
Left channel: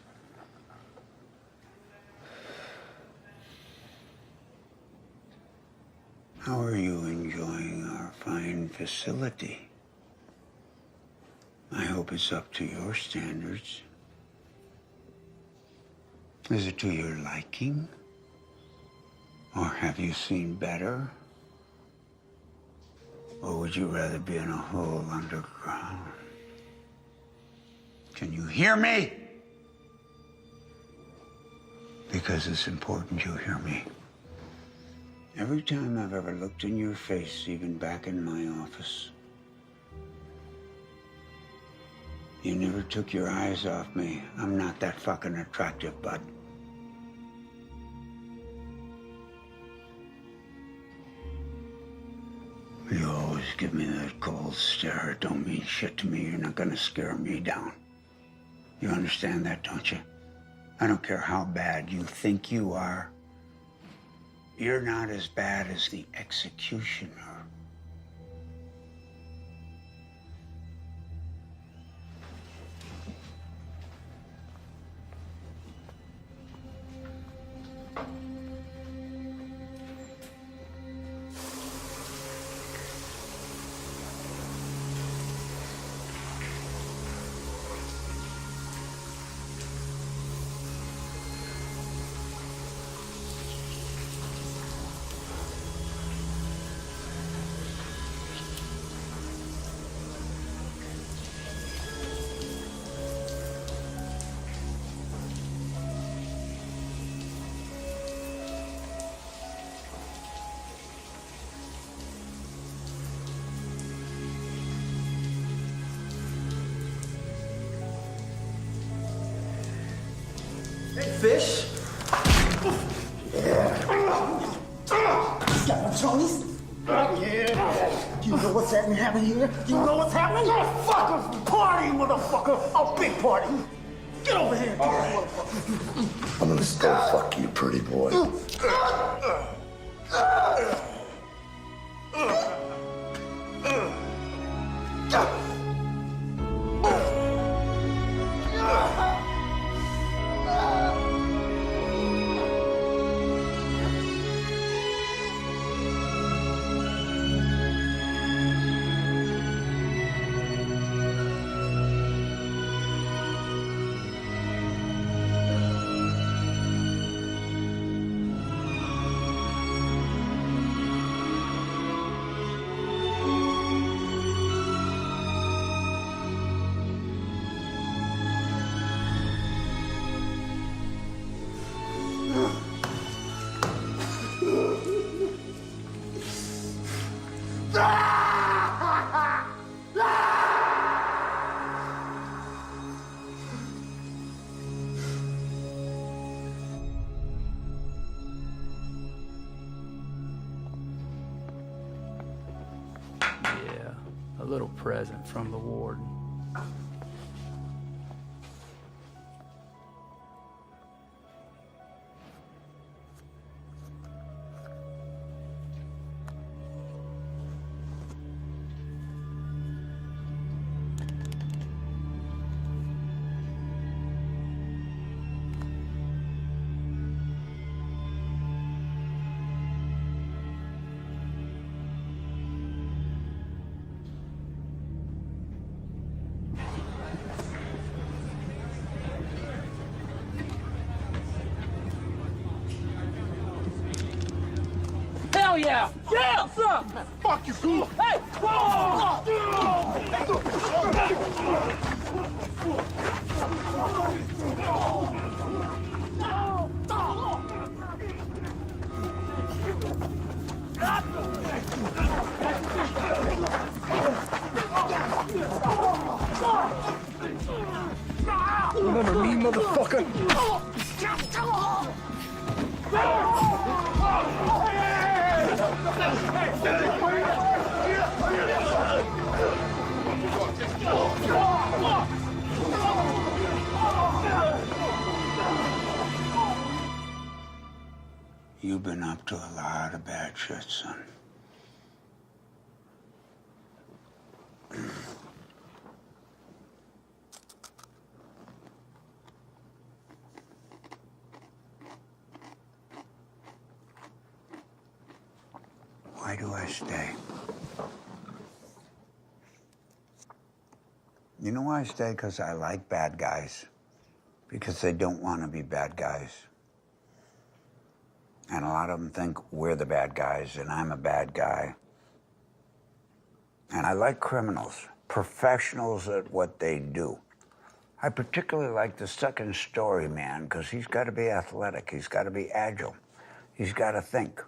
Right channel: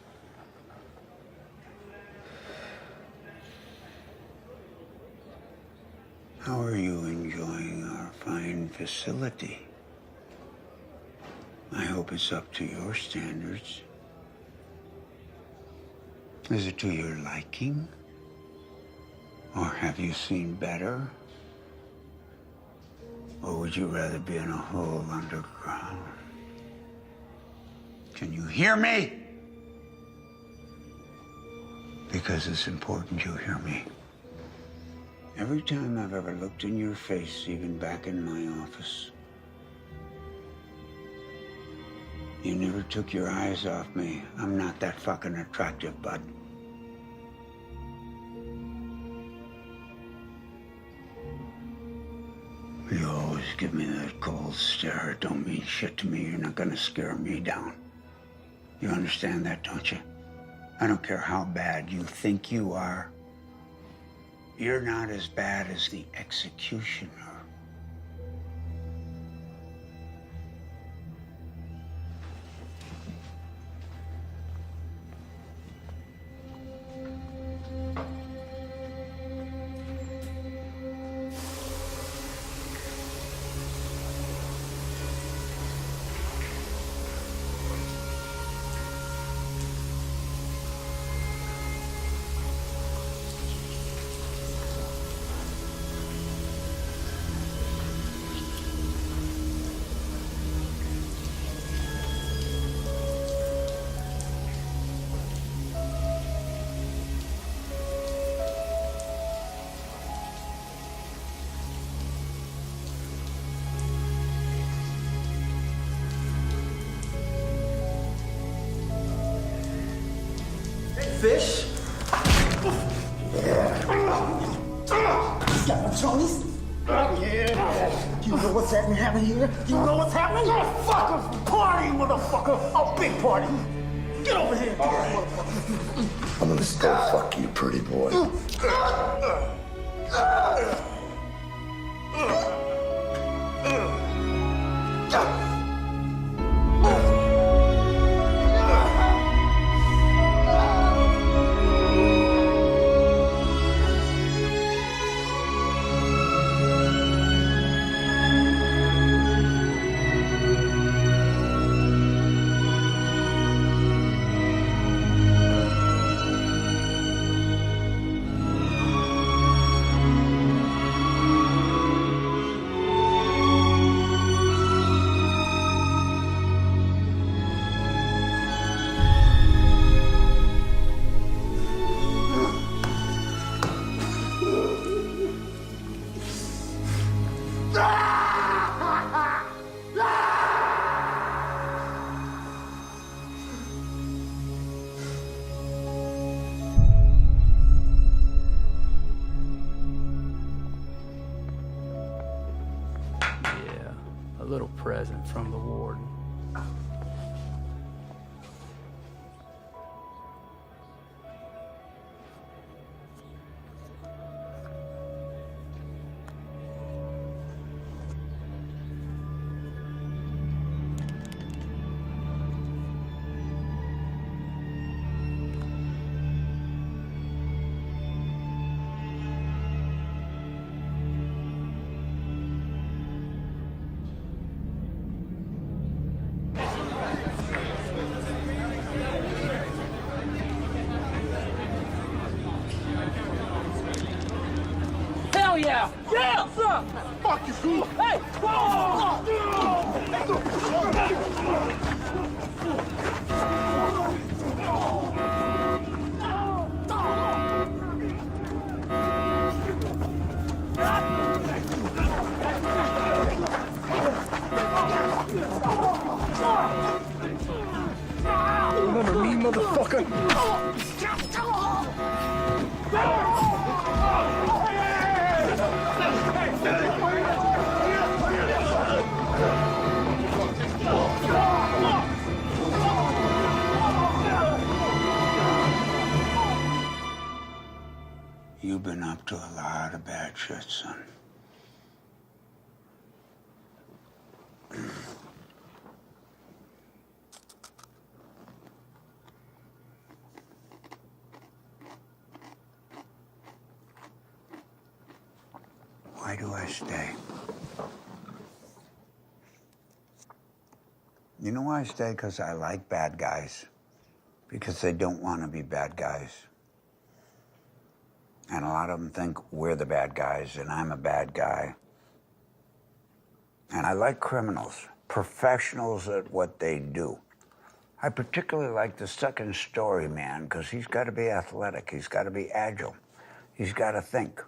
How are you enjoying our fine facility? I hope it's up to your standards. Is it to your liking? Or have you seen better? Or would you rather be in a hole underground? Can you hear me? Because Because it's important you hear me. Every time I've ever looked in your face, even back in my office, you never took your eyes off me. I'm not that fucking attractive, bud. You always give me that cold stare. It don't mean shit to me. You're not gonna scare me down. You understand that, don't you? I don't care how bad you think you are. You're not as bad as the executioner. Fish? Yeah. Got my Johnny's? Yeah. You know what's happening here? You know what's happening? Motherfucker! Party, motherfucker! A big party! Get over here! All right. I'm gonna still fuck you, pretty boy. A little present from the warden. Hell yeah! Yeah! What's up? Fuck you, fool! Hey! Remember me, motherfucker? You've been up to a lot of bad shit, son. Why do I stay? You know why I stay? Because I like bad guys. Because they don't want to be bad guys. And a lot of them think we're the bad guys, and I'm a bad guy. And I like criminals, professionals at what they do. I particularly like the second story man because he's got to be athletic. He's got to be agile. He's got to think.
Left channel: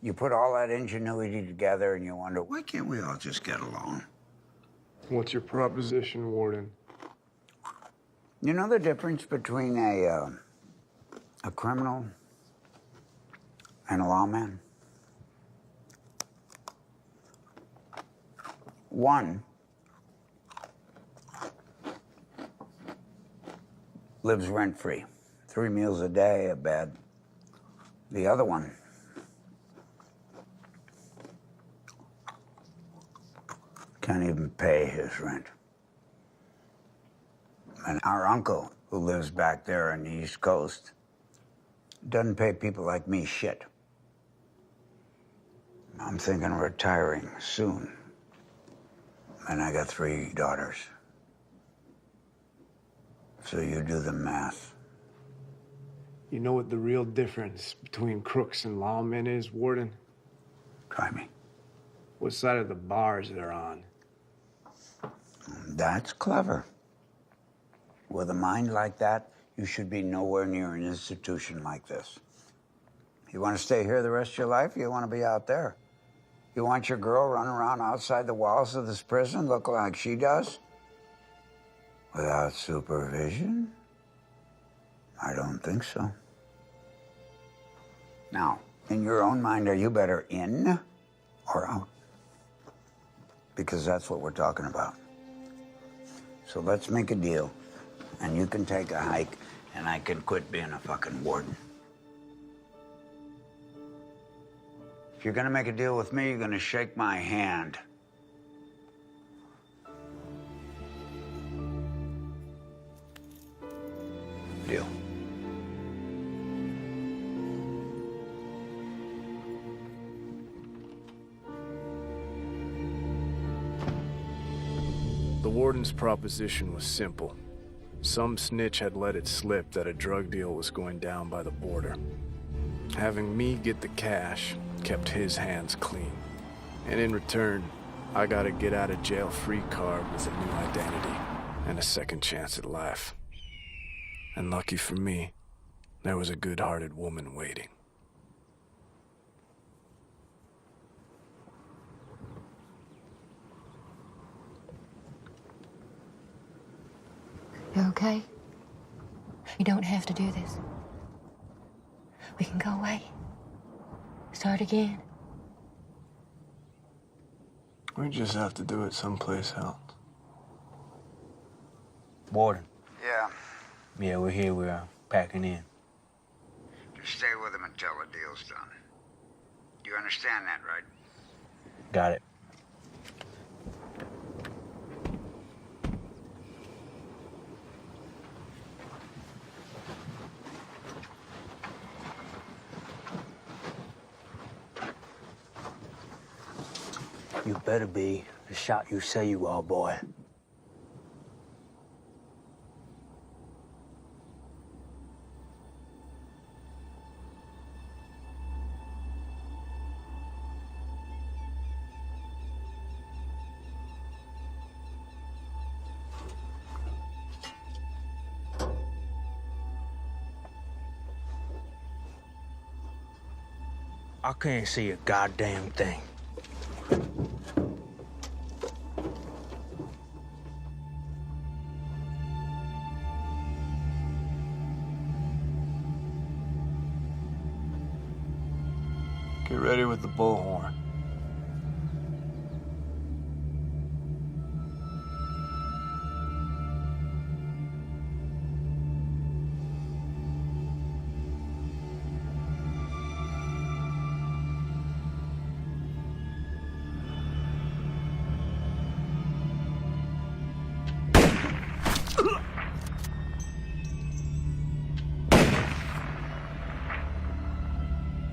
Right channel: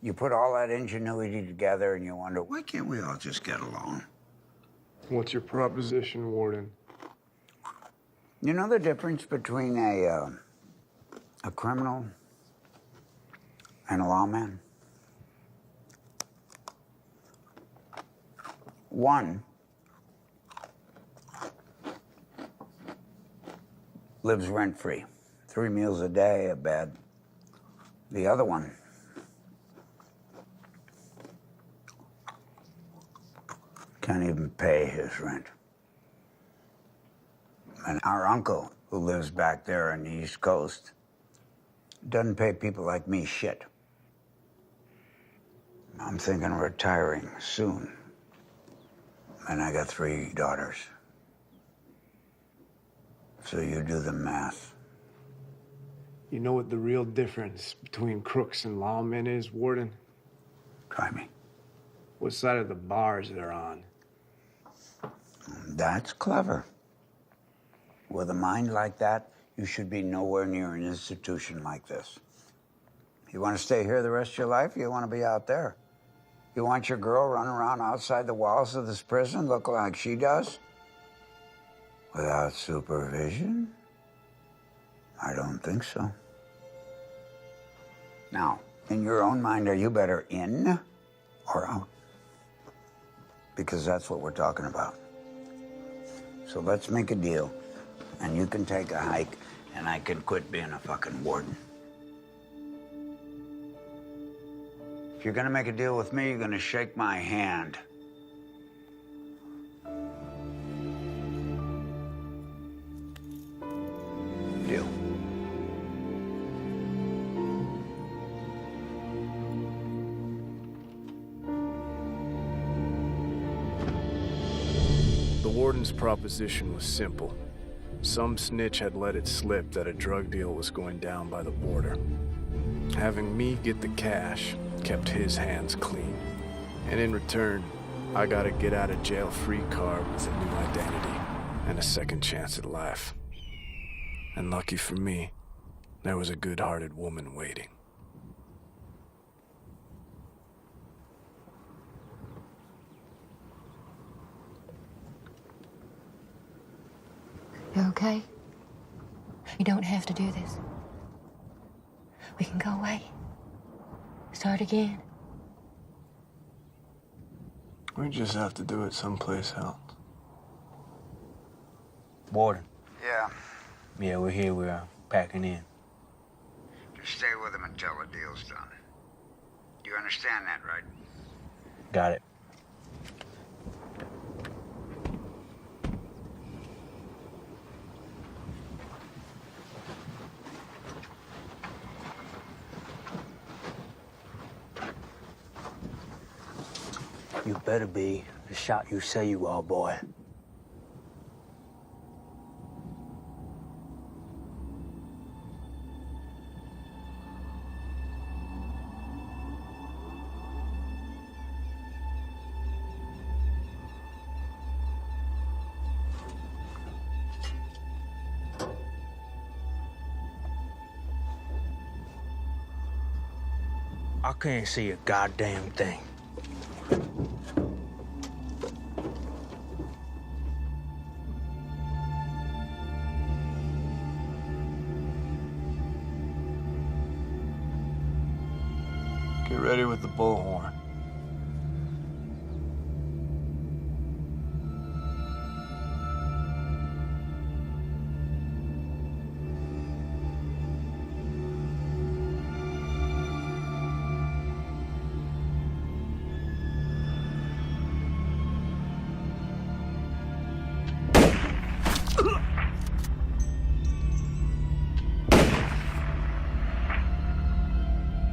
You put all that ingenuity together and you wonder, why can't we all just get along? What's your proposition, Warden? You know the difference between a criminal and a lawman? One lives rent-free, 3 meals a day, a bed. The other one can't even pay his rent. And our uncle, who lives back there on the East Coast, doesn't pay people like me shit. I'm thinking of retiring soon. And I got 3 daughters. So you do the math. You know what the real difference between crooks and lawmen is, Warden? Try me. What side of the bars they're on. That's clever. With a mind like that, you should be nowhere near an institution like this. You want to stay here the rest of your life, or you want to be out there? You want your girl running around outside the walls of this prison looking like she does? Without supervision? I don't think so. Now, in your own mind, are you better in or out? Because that's what we're talking about. So let's make a deal, and you can take a hike, and I can quit being a fucking warden. If you're gonna make a deal with me, you're gonna shake my hand. Deal. The warden's proposition was simple. Some snitch had let it slip that a drug deal was going down by the border. Having me get the cash kept his hands clean. And in return, I got a get-out-of-jail-free card with a new identity and a second chance at life. And lucky for me, there was a good-hearted woman waiting. You okay? You don't have to do this. We can go away. Start again. We just have to do it someplace else. Warden. Yeah. Yeah, we're here. We're packing in. Just stay with him until the deal's done. You understand that, right? Got it. You better be the shot you say you are, boy. I can't see a goddamn thing. Get ready with the bullhorn.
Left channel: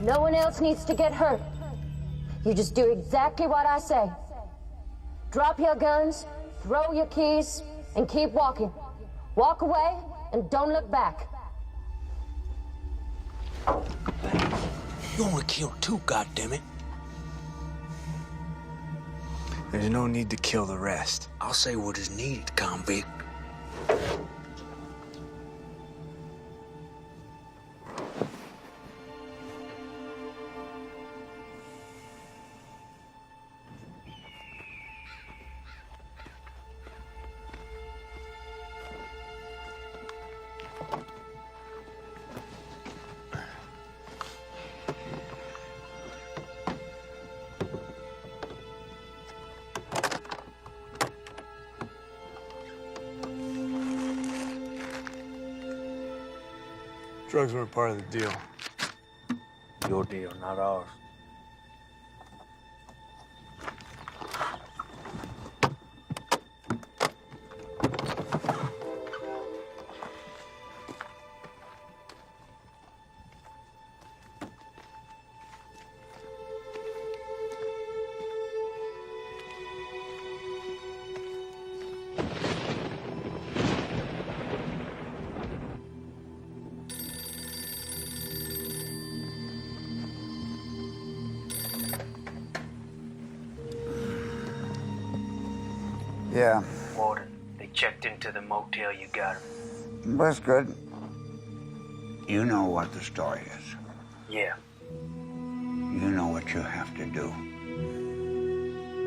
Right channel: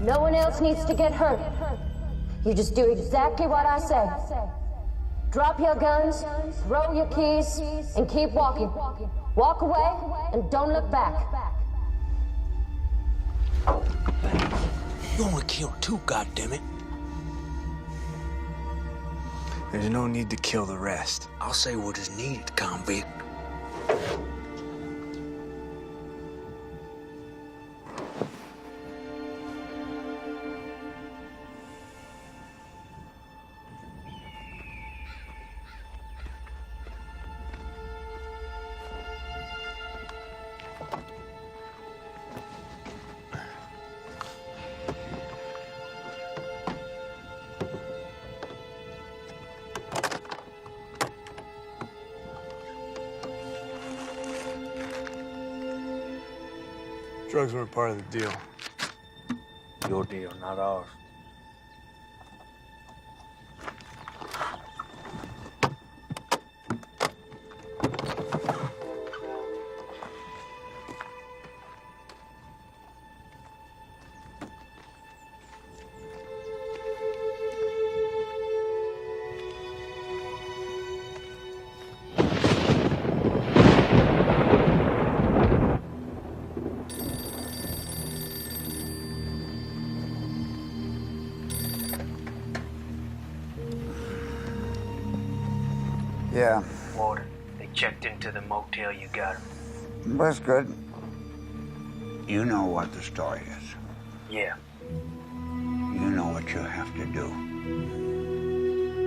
No one else needs to get hurt. You just do exactly what I say. Drop your guns, throw your keys, and keep walking. Walk away and don't look back. You only killed 2, goddammit. There's no need to kill the rest. I'll say what is needed, convict. Drugs weren't part of the deal. Your deal, not ours. Yeah. Warden, they checked into the motel you got him. That's good. You know what the story is. Yeah. You know what you have to do.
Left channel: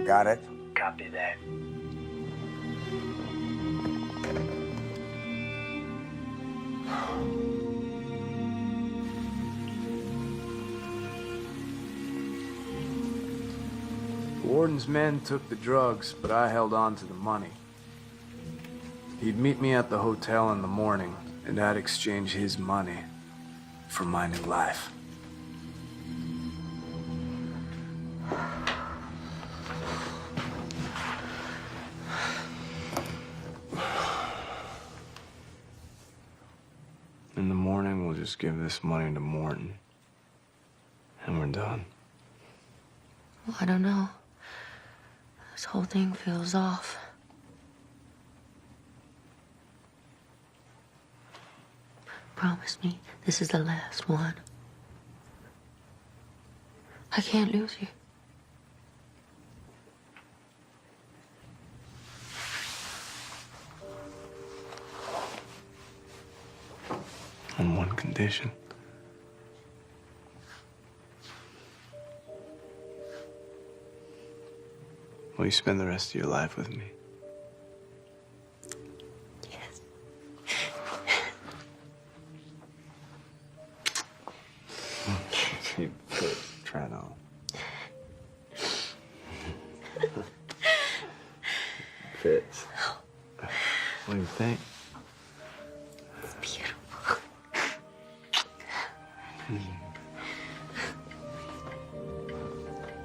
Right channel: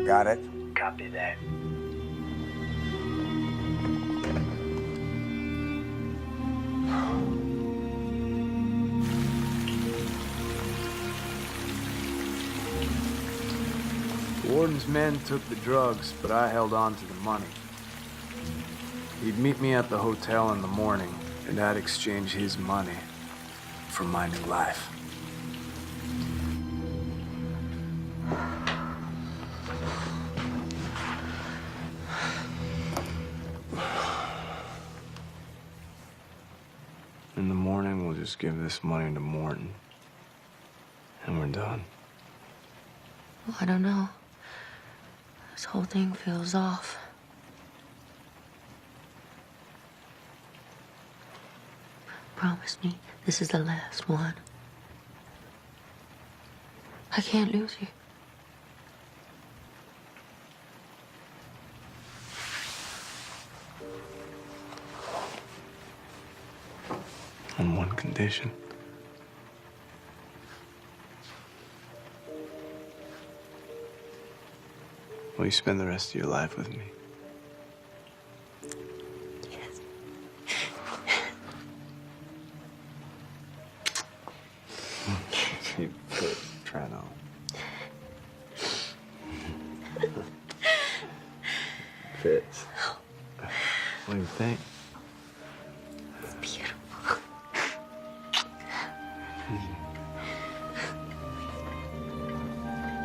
Got it? Copy that. The warden's men took the drugs, but I held on to the money. He'd meet me at the hotel in the morning, and I'd exchange his money for my new life. In the morning, we'll just give this money to Morton, and we're done. Well, I don't know. This whole thing feels off. Promise me this is the last one. I can't lose you. On one condition. Will you spend the rest of your life with me? Yes. You quit trying on. Fits. What do you think? It's beautiful.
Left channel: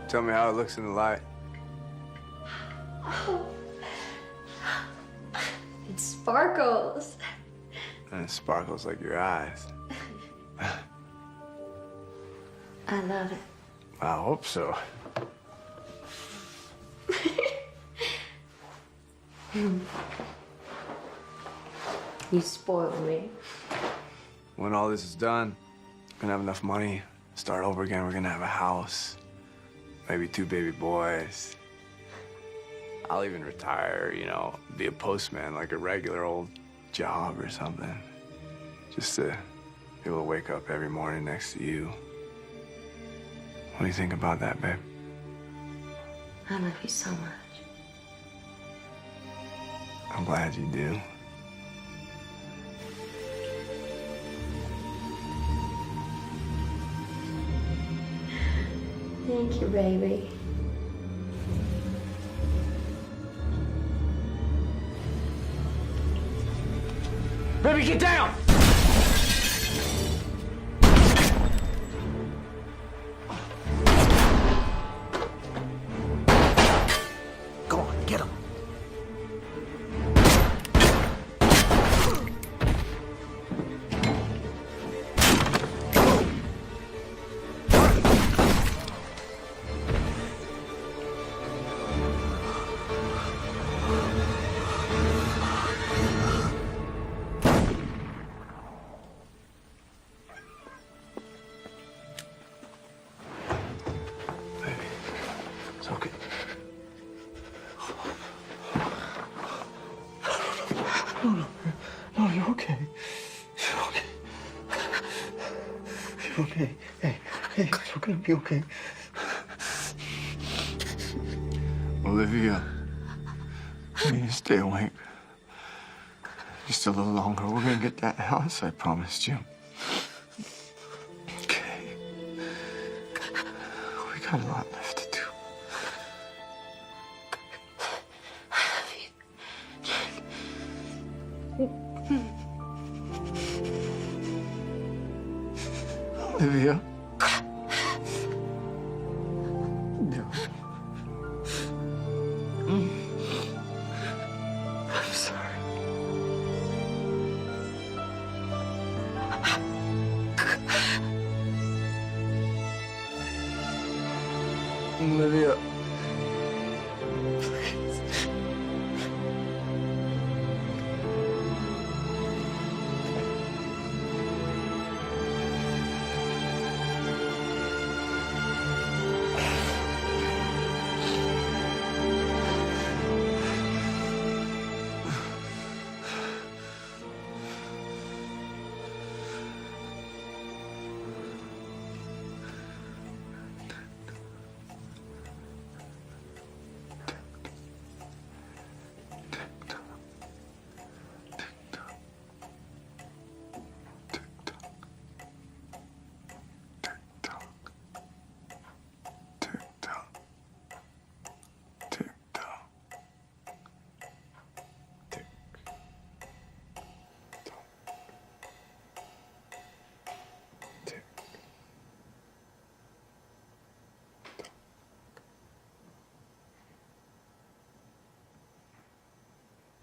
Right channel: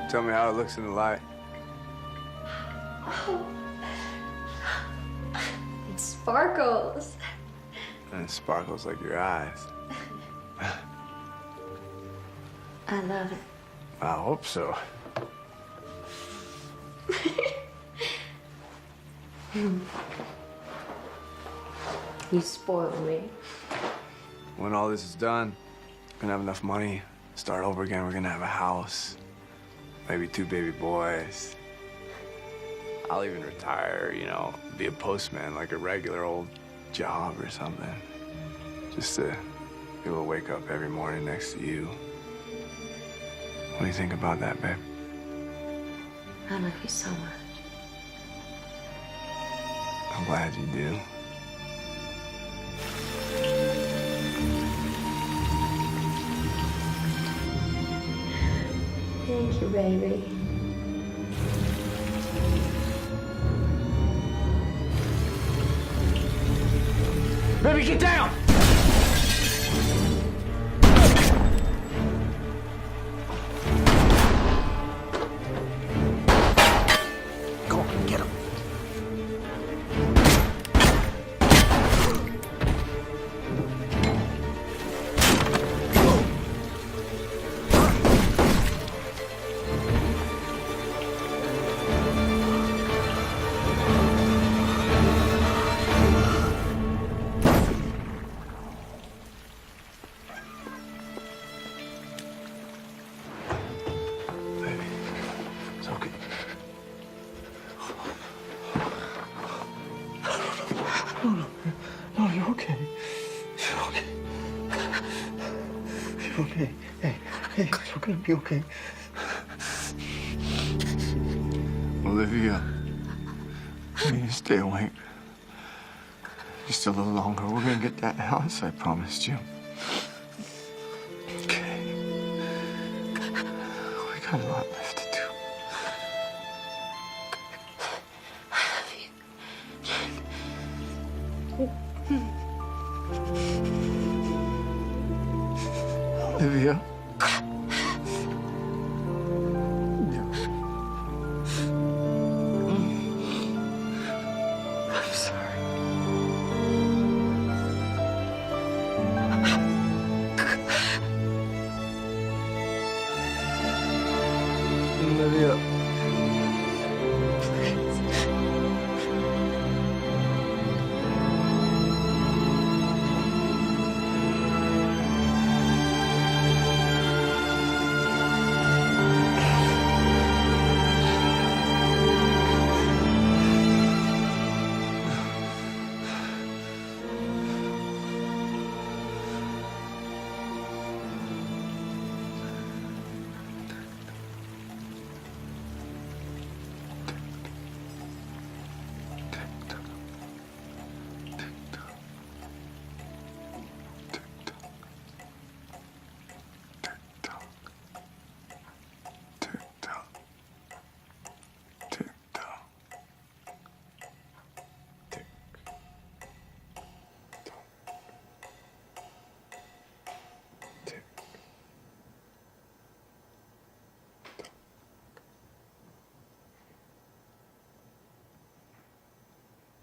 Tell me how it looks in the light. Oh. It sparkles. And it sparkles like your eyes. I love it. I hope so. You spoiled me. When all this is done, we're gonna have enough money, start over again. We're gonna have a house, maybe 2 baby boys. I'll even retire, you know, be a postman, like a regular old job or something. Just to be able to wake up every morning next to you. What do you think about that, babe? I love you so much. I'm glad you do. Thank you, baby. Baby, get down! Go on, get him. No, you're okay. You're okay. You're okay. Hey, you're gonna be okay. Olivia, you need to stay awake. Just a little longer. We're gonna get that house I promised you. Okay. We got a lot left to do. Olivia. I'm sorry. Olivia.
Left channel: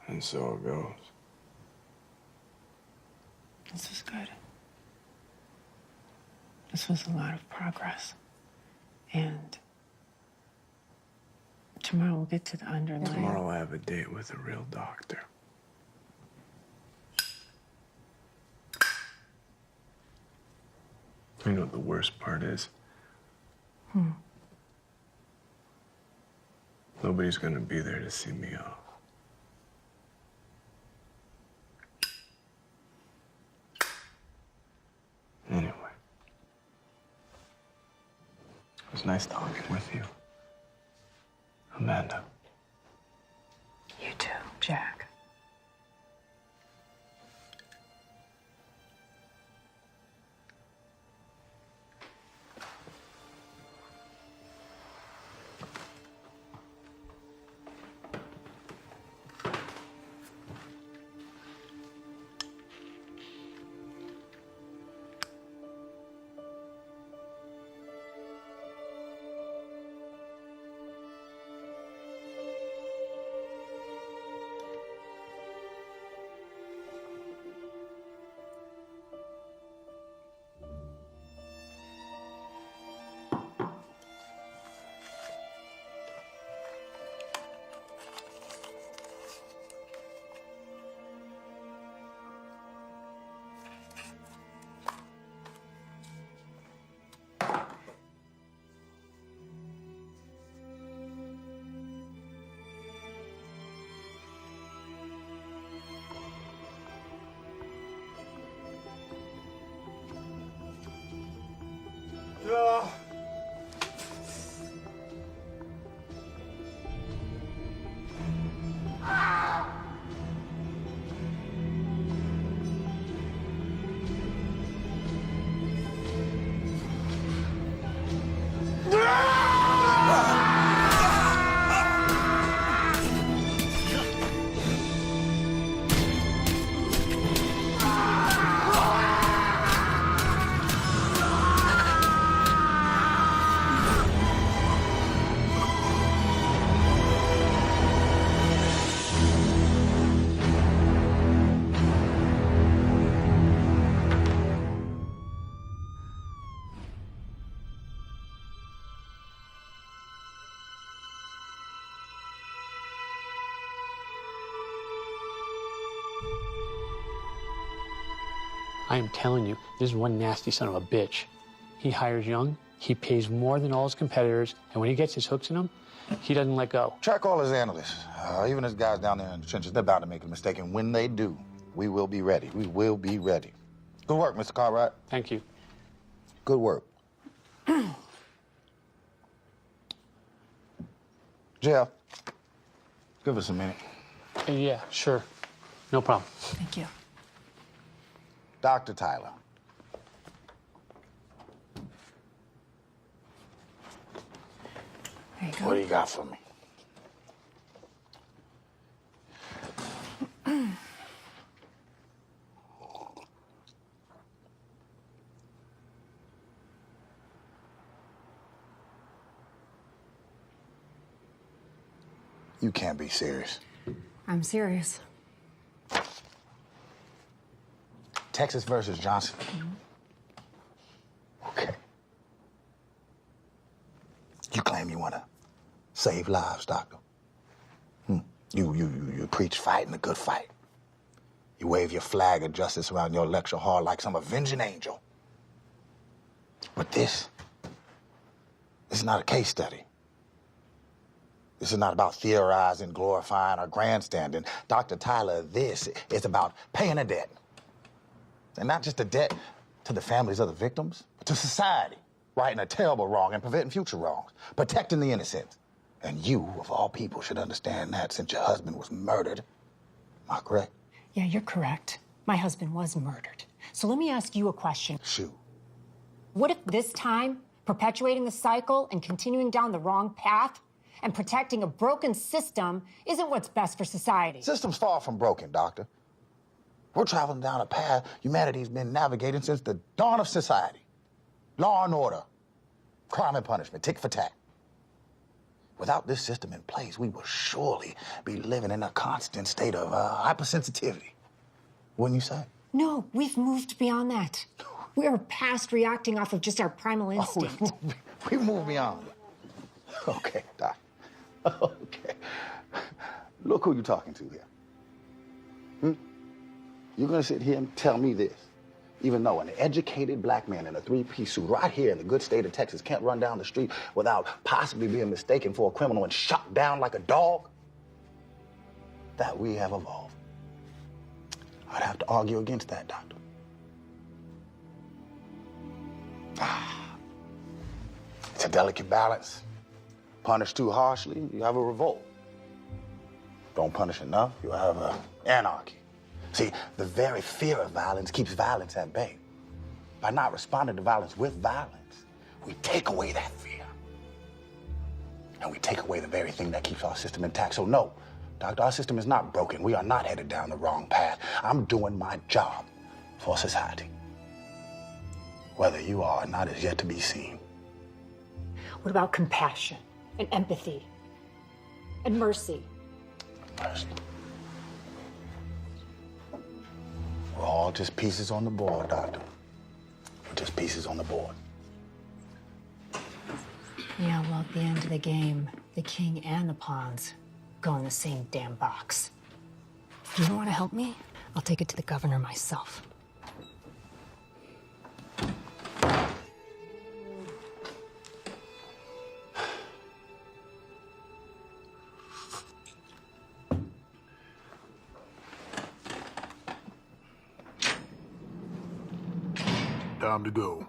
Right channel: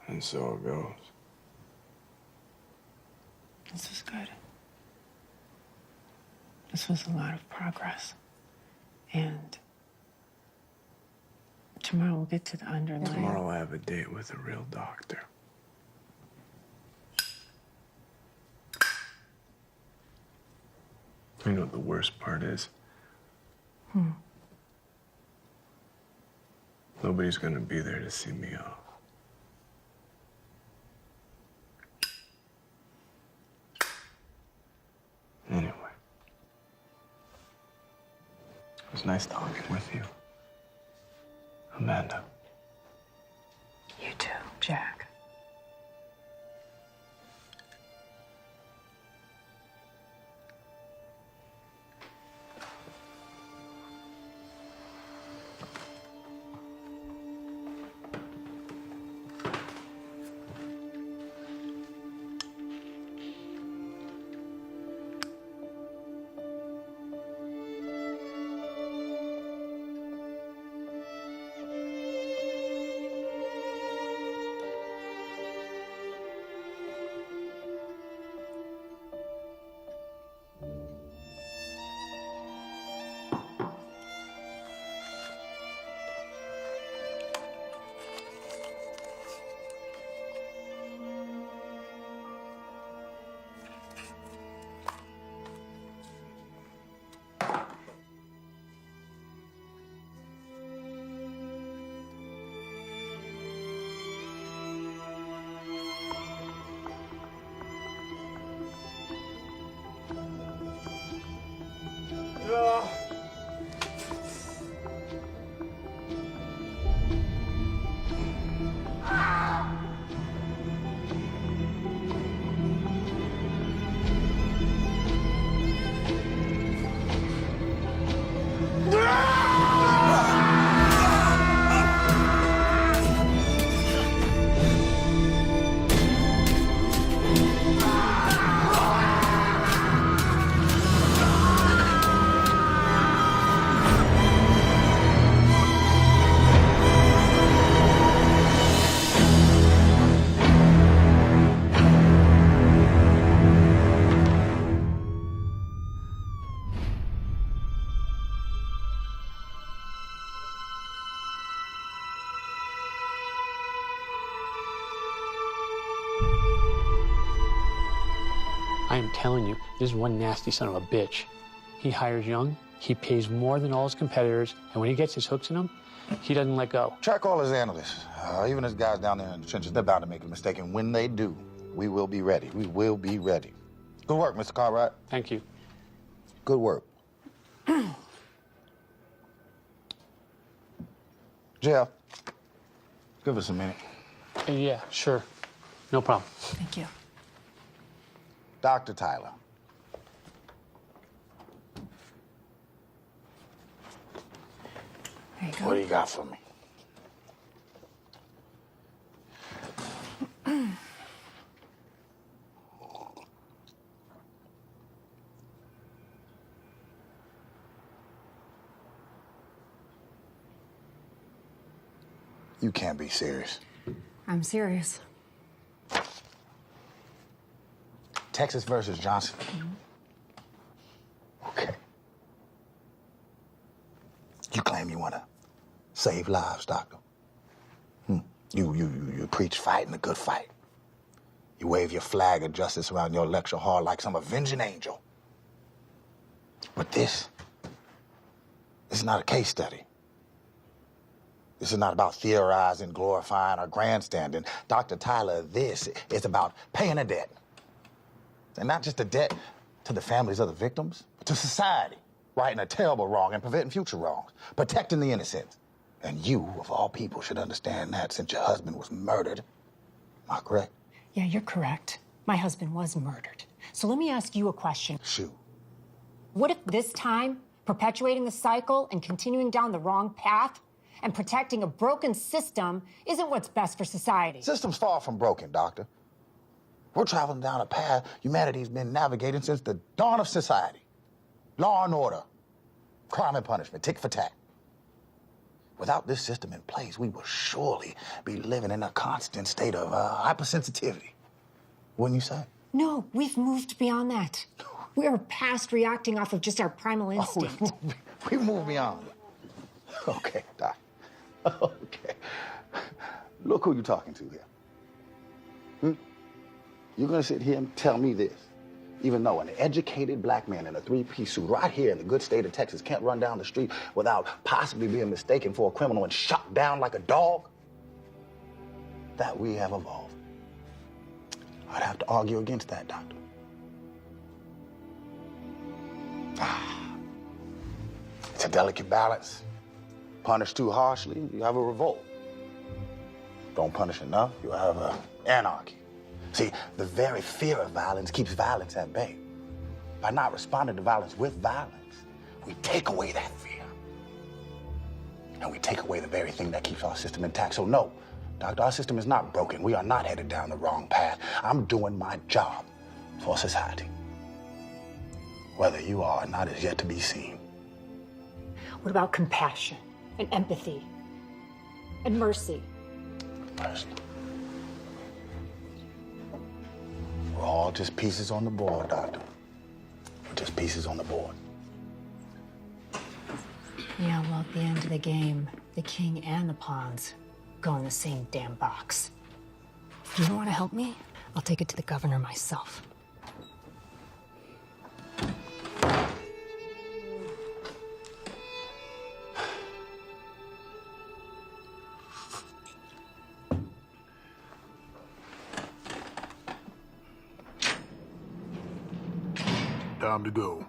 And so it goes. This was good. This was a lot of progress. And tomorrow we'll get to the underlying. Tomorrow I have a date with a real doctor. You know what the worst part is? Nobody's gonna be there to see me off. Anyway, it was nice talking with you, Amanda. You too, Jack. I am telling you, this is one nasty son of a bitch. He hires young, he pays more than all his competitors, and when he gets his hooks in them, he doesn't let go. Track all his analysts, even his guys down there in the trenches. They're bound to make a mistake, and when they do, we will be ready. We will be ready. Good work, Mr. Cartwright. Thank you. Good work. Jeff, give us a minute. Yeah, sure. No problem. Thank you. Dr. Tyler. There you go. What do you got for me? You can't be serious. I'm serious. Texas versus Johnson. Okay. You claim you want to save lives, doctor. You preach fighting a good fight. You wave your flag of justice around your lecture hall like some avenging angel. But this is not a case study. This is not about theorizing, glorifying, or grandstanding. Dr. Tyler, this is about paying a debt. And not just a debt to the families of the victims, but to society, righting a terrible wrong and preventing future wrongs, protecting the innocent. And you, of all people, should understand that since your husband was murdered. Am I correct? Yeah, you're correct. My husband was murdered. So let me ask you a question. Shoot. What if this time, perpetuating the cycle and continuing down the wrong path and protecting a broken system isn't what's best for society? System's far from broken, doctor. We're traveling down a path humanity's been navigating since the dawn of society. Law and order, crime and punishment, tick for tat. Without this system in place, we will surely be living in a constant state of hypersensitivity. Wouldn't you say? No, we've moved beyond that. We're past reacting off of just our primal instinct. We moved beyond. Okay, Doc. Okay. Look who you're talking to here. You're gonna sit here and tell me this, even though an educated black man in a three-piece suit right here in the good state of Texas can't run down the street without possibly being mistaken for a criminal and shot down like a dog? That we have evolved. I'd have to argue against that, doctor. It's a delicate balance. Punish too harshly, you have a revolt. Don't punish enough, you have anarchy. See, the very fear of violence keeps violence at bay. By not responding to violence with violence, we take away that fear. And we take away the very thing that keeps our system intact. So no, doctor, our system is not broken. We are not headed down the wrong path. I'm doing my job for society. Whether you are or not is yet to be seen. What about compassion and empathy and mercy? Mercy. We're all just pieces on the board, doctor. We're just pieces on the board. Yeah, well, at the end of the game, the king and the pawns go in the same damn box. You don't want to help me? I'll take it to the governor myself. Time to go.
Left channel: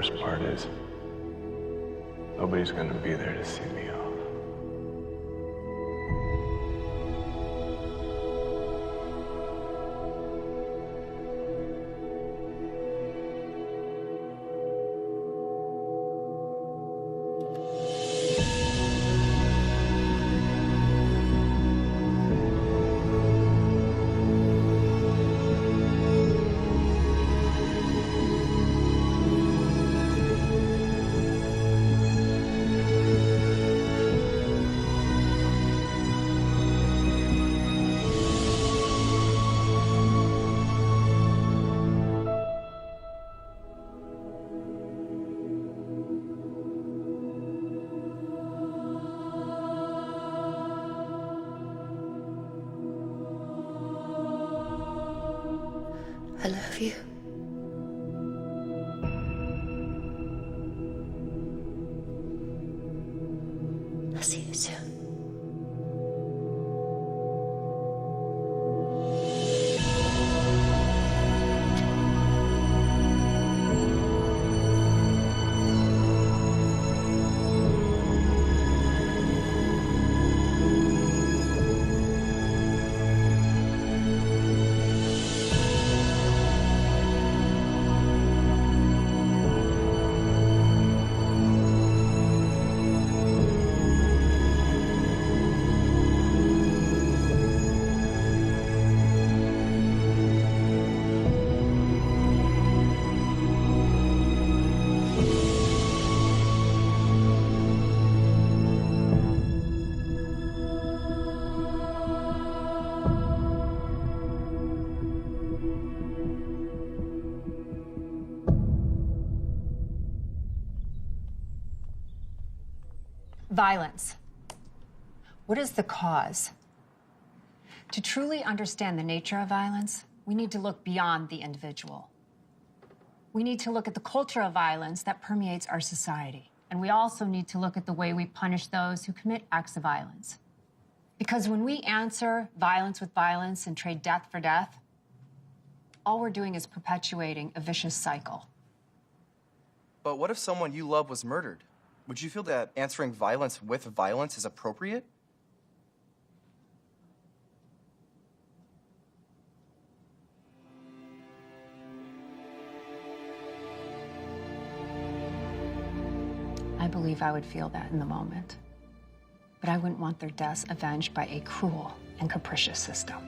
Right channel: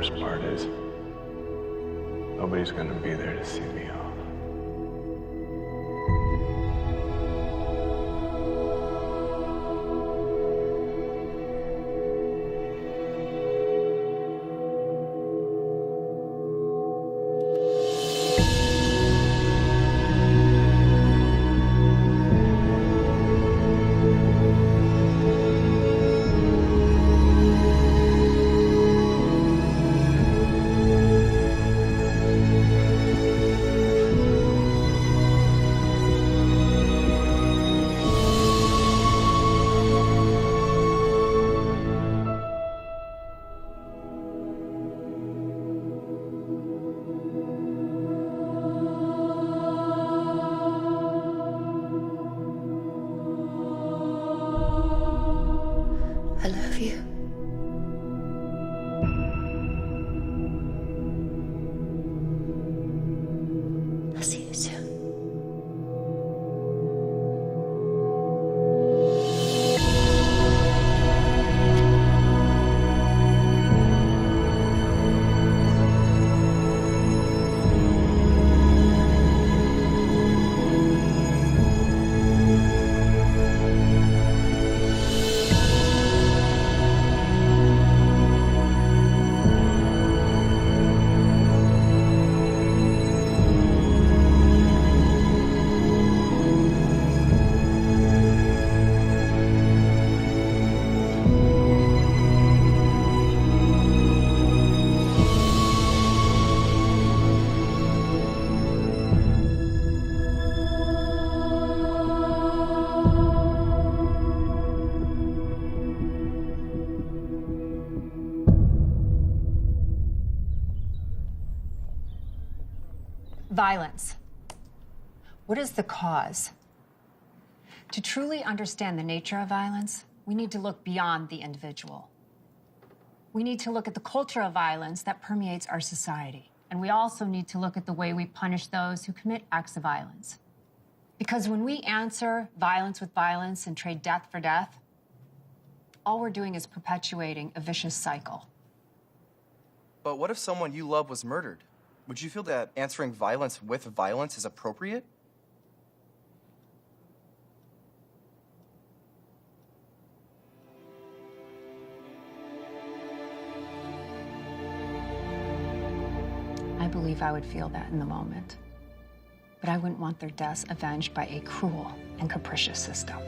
worst part is, nobody's gonna be there to see me off. I love you. I'll see you soon. Violence. What is the cause? To truly understand the nature of violence, we need to look beyond the individual. We need to look at the culture of violence that permeates our society. And we also need to look at the way we punish those who commit acts of violence. Because when we answer violence with violence and trade death for death, all we're doing is perpetuating a vicious cycle. But what if someone you love was murdered? Would you feel that answering violence with violence is appropriate? I believe I would feel that in the moment. But I wouldn't want their deaths avenged by a cruel and capricious system.